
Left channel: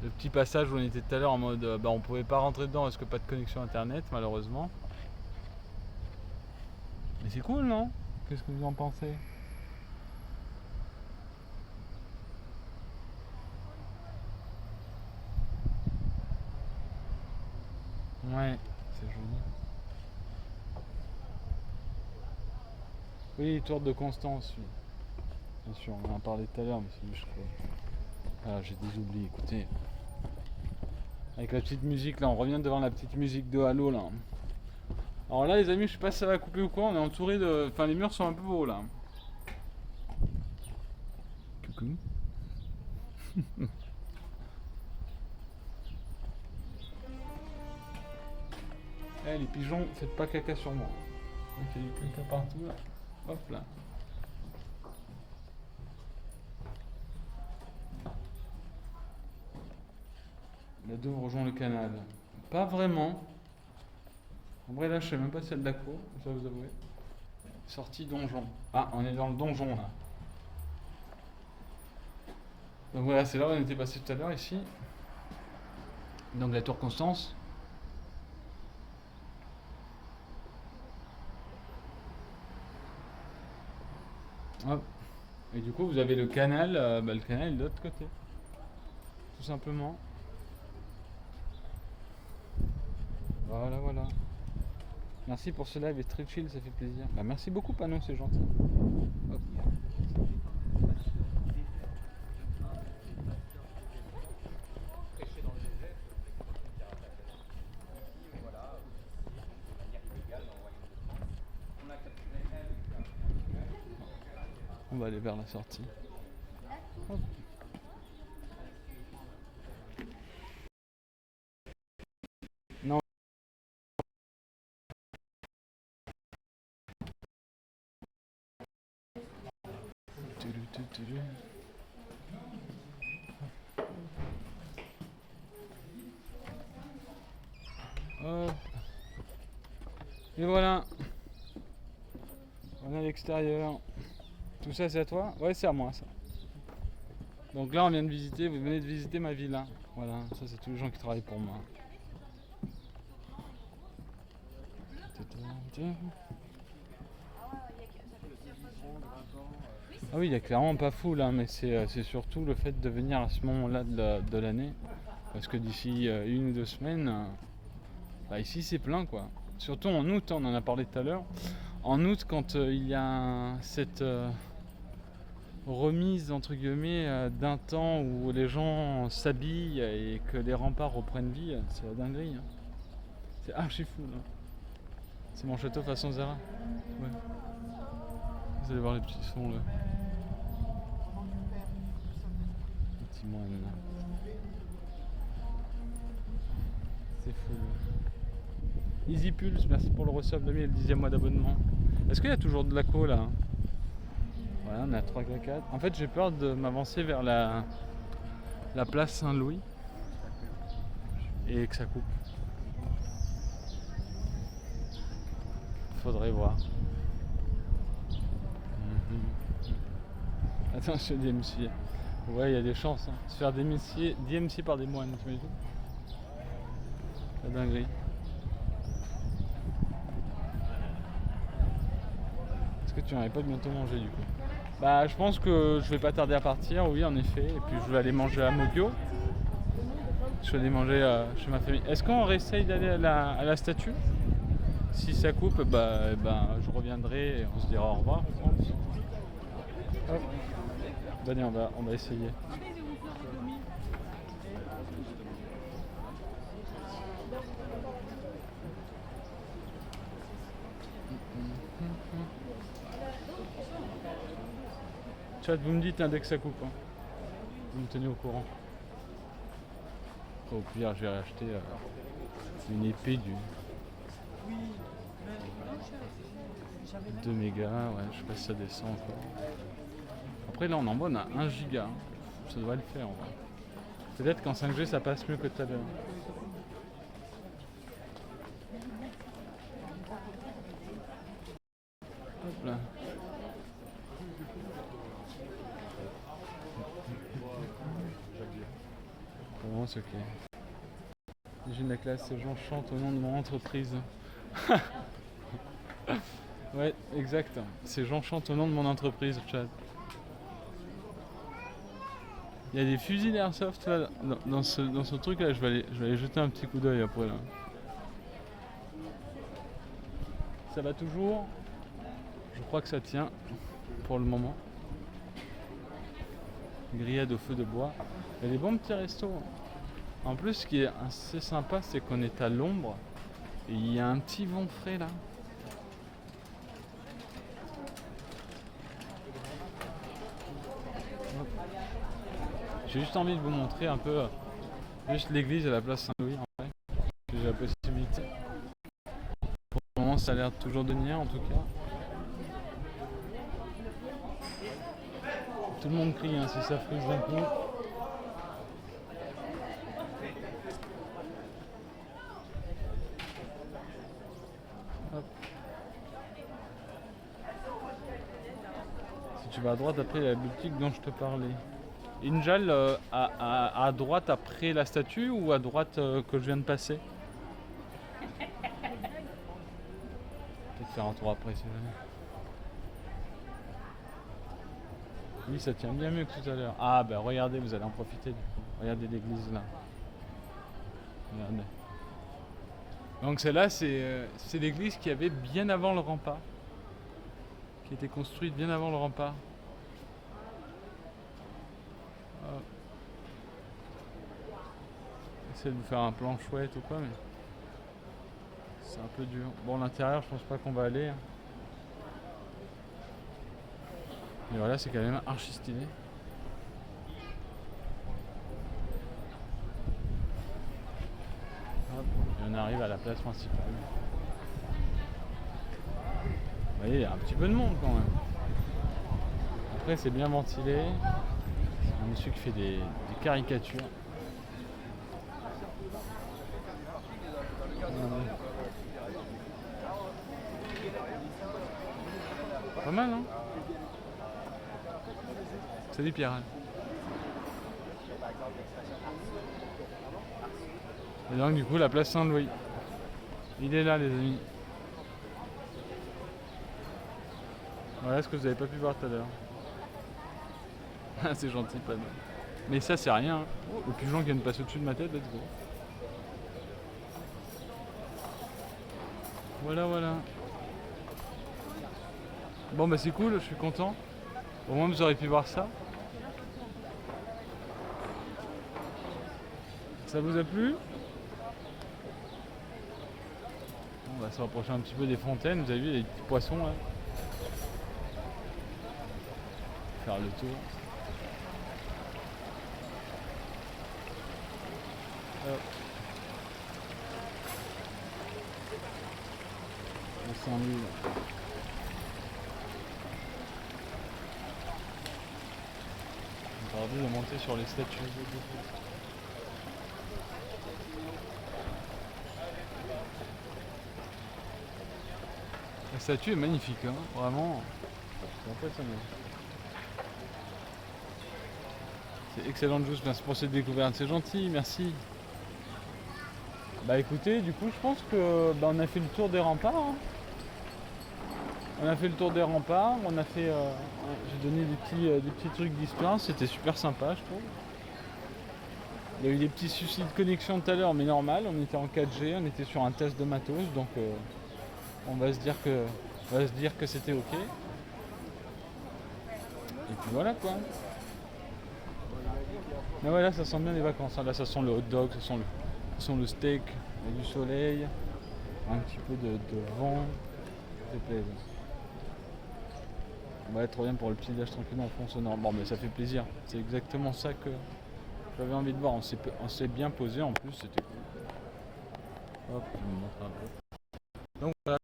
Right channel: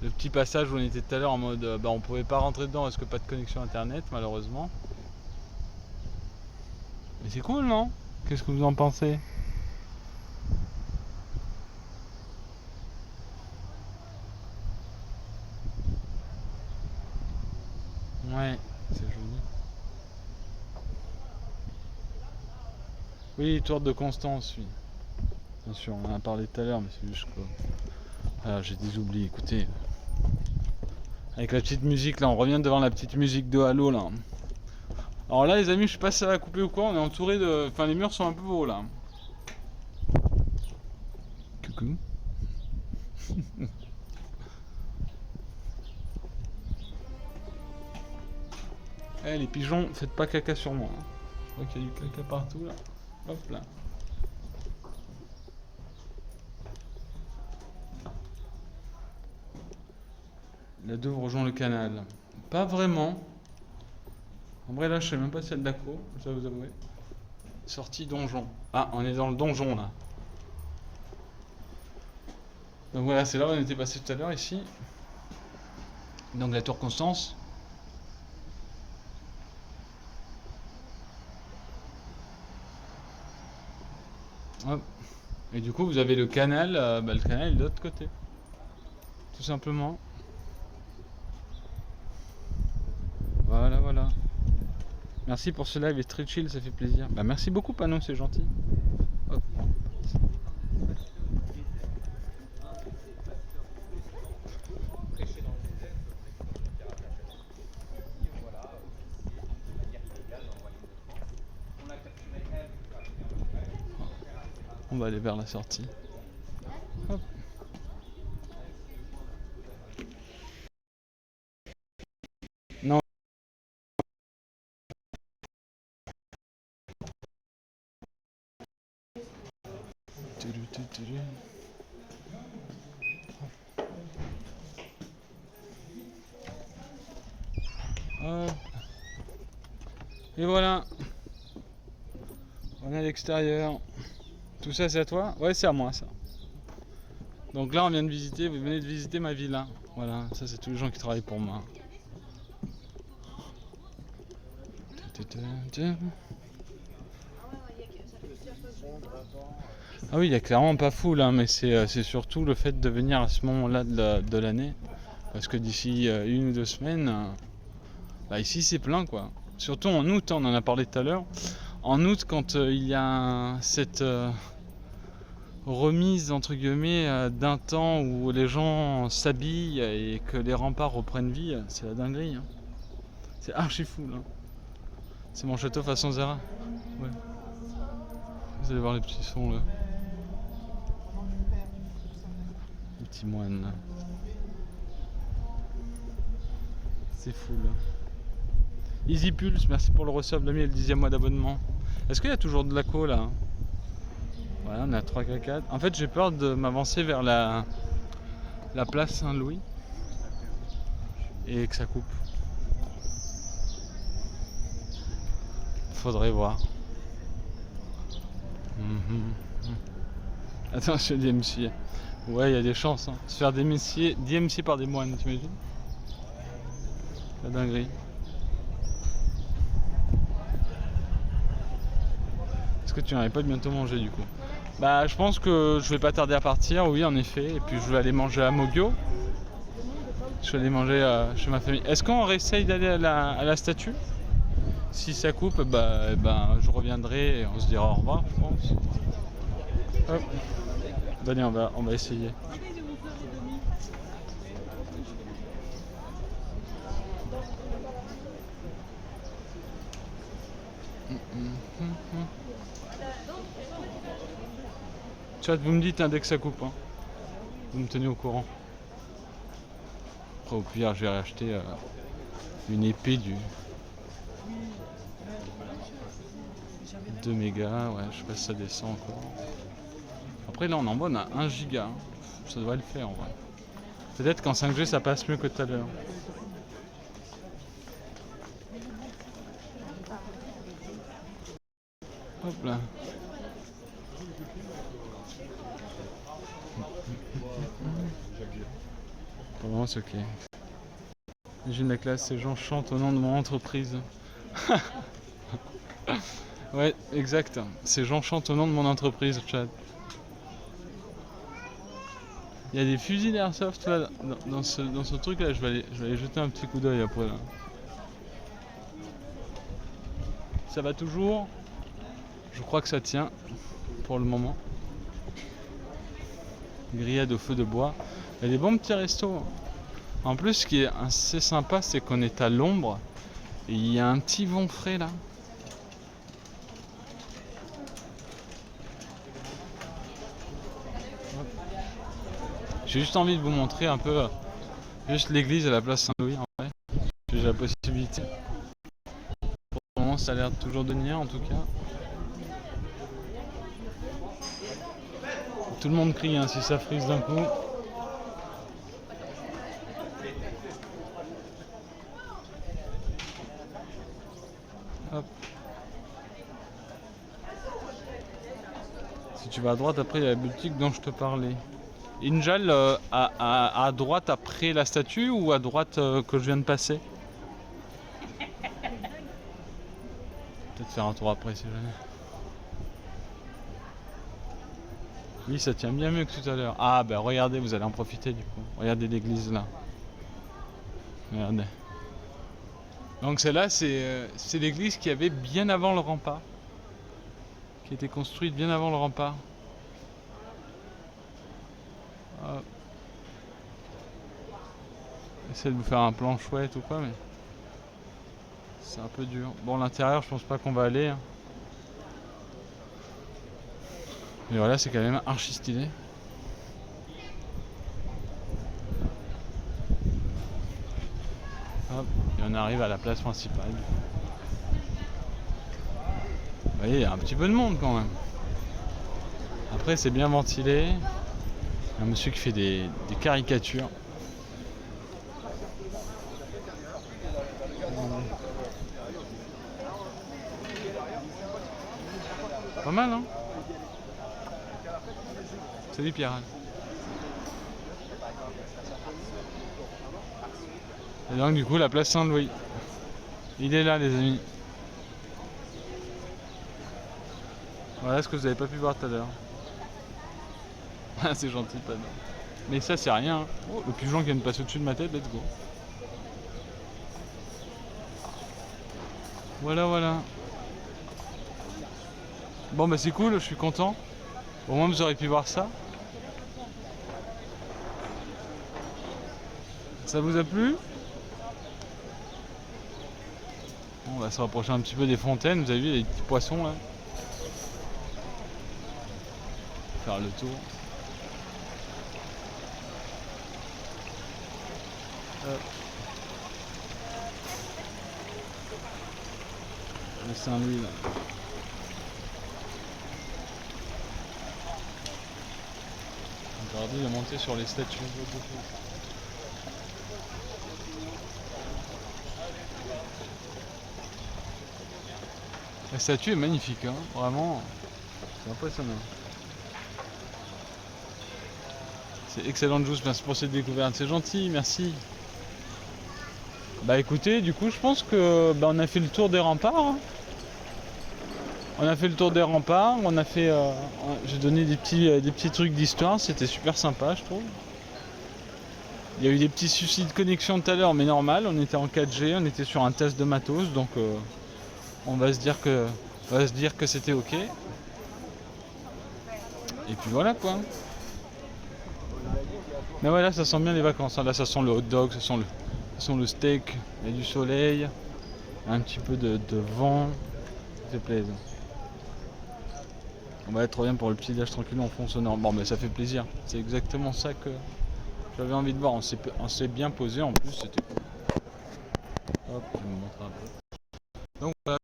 Le petit passage où on était tout à l'heure en mode bah, on pouvait pas rentrer dedans parce que pas de connexion internet malheureusement. Mais c'est cool non? Qu'est-ce que vous en pensez? Ouais, c'est joli. Oui, Tour de Constance, oui. Bien sûr, on en a parlé tout à l'heure, mais c'est juste quoi. Ah, j'ai des oublis, écoutez. Avec la petite musique là, on revient devant la petite musique de Halo là. Alors là les amis, je sais pas si ça va couper ou quoi, on est entouré de. Enfin les murs sont un peu hauts là. Coucou. Eh les pigeons, faites pas caca sur moi. Ok, il y a du caca partout là. Hop là. La Douve rejoint le canal. Pas vraiment. En vrai là je sais même pas si c'est de l'accro, je dois vous avouer. Sortie donjon. Ah, on est dans le donjon là. Donc voilà, c'est là où on était passé tout à l'heure ici. Donc la tour Constance. Hop. Et du coup vous avez le canal, le canal est de l'autre côté. Tout simplement. Voilà, voilà. Merci pour ce live et très chill, ça fait plaisir. Bah merci beaucoup Panon, c'est gentil. Hop. On va aller vers la sortie. Hop. Non. Hop. Et voilà. On est à l'extérieur. Tout ça c'est à toi? Ouais, c'est à moi ça. Donc là on vient de visiter, vous venez de visiter ma villa. Voilà, ça c'est tous les gens qui travaillent pour moi. Ah oui, il y a clairement pas fou là, mais c'est surtout le fait de venir à ce moment-là de l'année. Parce que d'ici 1 ou 2 semaines, bah ici c'est plein quoi. Surtout en août, on en a parlé tout à l'heure. En août, quand il y a cette remise entre guillemets d'un temps où les gens s'habillent et que les remparts reprennent vie, c'est la dinguerie. Hein. C'est archi fou là. C'est mon château façon Zara. Ouais. Vous allez voir les petits sons là. Les petits moines là. C'est fou là. Easy Pulse, merci pour le resub, l'ami et le 10e mois d'abonnement. Est-ce qu'il y a toujours de l'aco là? Ouais, on est à 3K4. En fait, j'ai peur de m'avancer vers la place Saint-Louis et que ça coupe. Faudrait voir. Attends, je fais DMC. Ouais, il y a des chances. Hein. Se faire DMC par des moines, t'imagines? La dinguerie. Est-ce que tu n'aurais pas bientôt mangé du coup? Bah, je pense que je vais pas tarder à partir, oui, en effet. Et puis je vais aller manger à Mogyo. Je vais aller manger chez ma famille. Est-ce qu'on réessaye d'aller à la statue? Si ça coupe, bah, je reviendrai et on se dira au revoir, je pense. Hop. Allez, on va essayer. Chat, vous me dites dès que ça coupe. Hein. Vous me tenez au courant. Après, au pire, je vais racheter une épée du 2 mégas. Ouais, je sais pas si ça descend encore. Après, là, on en bonne à 1 giga. Ça devrait le faire en vrai. Peut-être qu'en 5G, ça passe mieux que tout à l'heure. Hop là. Pour le moment, c'est ok. Imagine la classe, ces gens chantent au nom de mon entreprise. Ouais, exact. Ces gens chantent au nom de mon entreprise, chat. Il y a des fusils d'airsoft là, dans ce truc là, je vais aller jeter un petit coup d'œil après là. Ça va toujours? Je crois que ça tient pour le moment. Grillade au feu de bois. Il y a des bons petits restos. En plus, ce qui est assez sympa, c'est qu'on est à l'ombre. Et il y a un petit vent frais là. Hop. J'ai juste envie de vous montrer un peu juste l'église à la place Saint-Louis en vrai. J'ai la possibilité. Pour le moment, ça a l'air toujours de tenir en tout cas. Tout le monde crie hein, si ça frise d'un coup. Hop. Si tu vas à droite, après il y a la boutique dont je te parlais. Injal, à droite après la statue ou à droite que je viens de passer? Peut-être faire un tour après si jamais. Oui, ça tient bien mieux que tout à l'heure. Ah ben regardez, vous allez en profiter du coup. Regardez l'église là. Regardez. Donc celle-là, c'est l'église qui avait bien avant le rempart. Qui était construite bien avant le rempart. Hop. Essaye de vous faire un plan chouette ou quoi, mais c'est un peu dur. Bon, l'intérieur, je pense pas qu'on va aller. Hein. Mais voilà, c'est quand même archi stylé. Hop, et on arrive à la place principale. Vous voyez, il y a un petit peu de monde quand même. Après, c'est bien ventilé. Un monsieur qui fait des caricatures. Pas mal, hein? Salut Pierre. Et donc du coup la place Saint-Louis. Il est là les amis. Voilà ce que vous n'avez pas pu voir tout à l'heure. Ah c'est gentil le panneau. Mais ça c'est rien. Hein. Oh, le pigeon qui vient de passer au-dessus de ma tête, let's go. Voilà voilà. Bon bah c'est cool, je suis content. Au moins vous aurez pu voir ça. Ça vous a plu? On va se rapprocher un petit peu des fontaines, vous avez vu les petits poissons là. Faire le tour. Hop. Le Saint-Louis là. Aujourd'hui de monter sur les statues. La statue est magnifique, hein. Vraiment, c'est impressionnant. C'est excellent Juice, merci pour cette découverte, c'est gentil, merci. Bah écoutez, du coup je pense que on a fait le tour des remparts. Hein. On a fait le tour des remparts, on a fait. J'ai donné des petits trucs d'histoire, c'était super sympa je trouve. Il y a eu des petits soucis de connexion tout à l'heure, mais normal, on était en 4G, on était sur un test de matos, donc on va se dire que c'était ok. Et puis voilà quoi. Mais voilà, ça sent bien les vacances. Là, ça sent le hot dog, ça sent le steak, il y a du soleil, un petit peu de vent. Ça fait plaisir. On va être trop bien pour le petit déj tranquille en fond sonore. Bon, mais ça fait plaisir. C'est exactement ça que j'avais envie de voir. On s'est bien posé en plus, c'était cool. Hop, je vais vous montrer un peu. Donc voilà.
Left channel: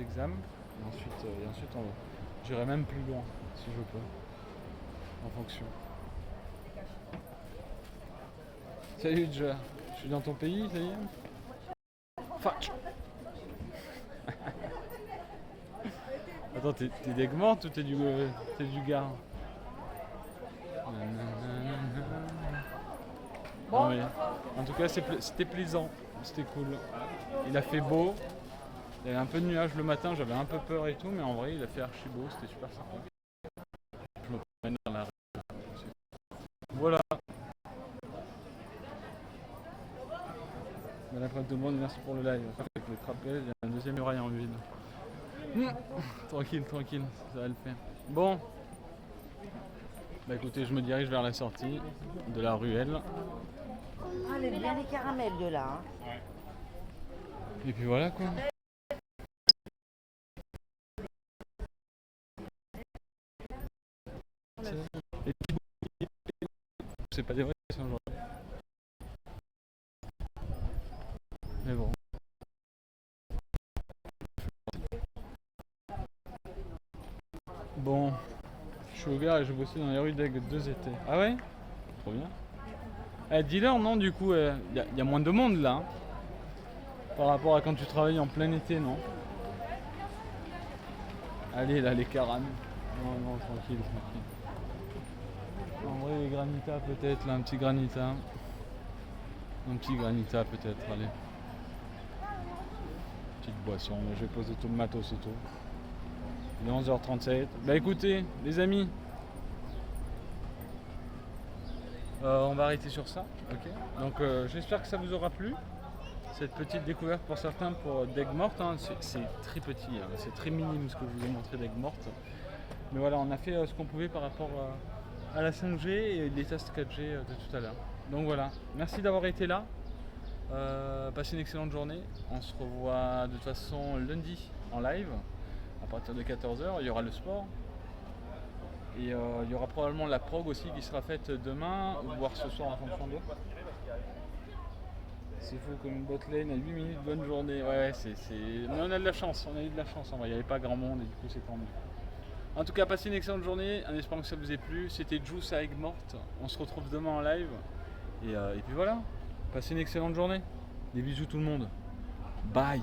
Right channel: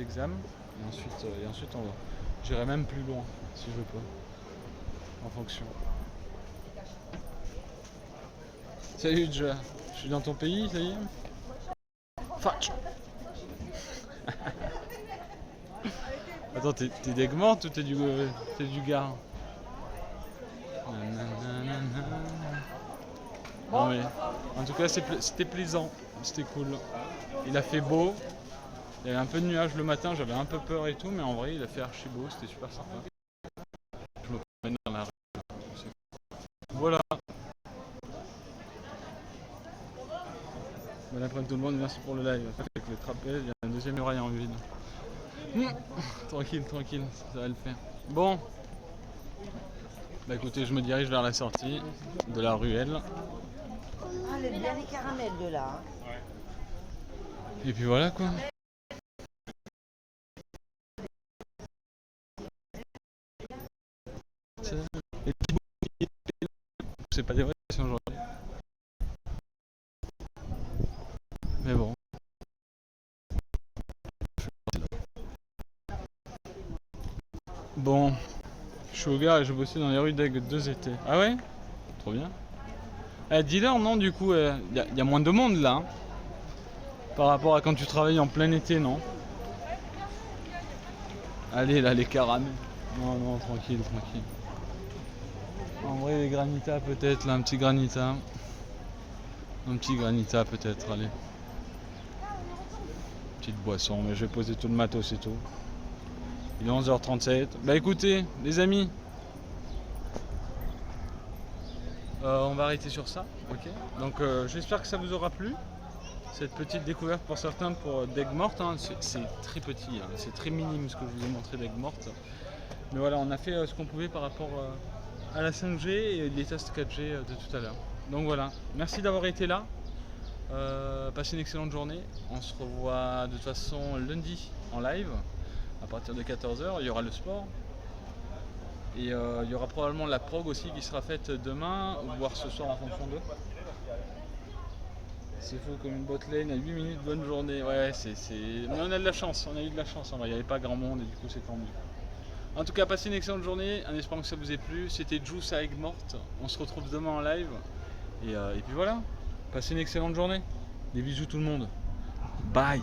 Examens et ensuite on va. J'irai même plus loin si je peux en fonction. Salut Joe, je suis dans ton pays, ça y est. Fuck. Attends, t'es d'Aigues Mortes ou t'es du Gard? Non mais, en tout cas c'était plaisant, c'était cool. Il a fait beau, il y avait un peu de nuages le matin, j'avais un peu peur et tout, mais en vrai il a fait archi beau, c'était super sympa. Je me promène dans la rue. Voilà. Bon après-midi tout le monde, merci pour le live. Avec les trapèzes, il y a un deuxième muraille en vide. Tranquille, tranquille, ça va le faire. Bon. Bah écoutez, je me dirige vers la sortie de la ruelle. Ah, elle est bien les caramels de là. Hein. Et puis voilà quoi. Et puis, c'est pas des vraies questions aujourd'hui. Mais bon. Bon, je suis au gars et je bossais dans les rues d'Aigues 2 étés. Ah ouais? Trop bien. Dis-leur, non, du coup, y a moins de monde là. Hein, par rapport à quand tu travailles en plein été, non? Allez, là, les caramels. Non, non, tranquille, tranquille. En vrai, les granitas peut-être, là, un petit granita. Un petit granita peut-être, allez. Petite boisson, mais je vais poser tout le matos et tout. Il est 11h37. Bah écoutez, les amis. On va arrêter sur ça, ok. Donc j'espère que ça vous aura plu. Cette petite découverte pour certains pour d'Aigues Mortes, hein. C'est très petit, hein. C'est très minime ce que je vous ai montré d'Aigues Mortes. Mais voilà, on a fait ce qu'on pouvait par rapport à la 5G et les tests 4G de tout à l'heure. Donc voilà, merci d'avoir été là. Passez une excellente journée. On se revoit de toute façon lundi en live à partir de 14h. Il y aura le sport. Et il y aura probablement la prog aussi qui sera faite demain ou voire ce soir en fonction d'eux. C'est fou comme une botlane à 8 minutes, bonne journée. Ouais, mais on a de la chance, on a eu de la chance. Il n'y avait pas grand monde et du coup c'est tendu. En tout cas, passez une excellente journée en espérant que ça vous ait plu. C'était Juice à Aigues Mortes. On se retrouve demain en live. Et puis voilà, passez une excellente journée. Des bisous tout le monde. Bye.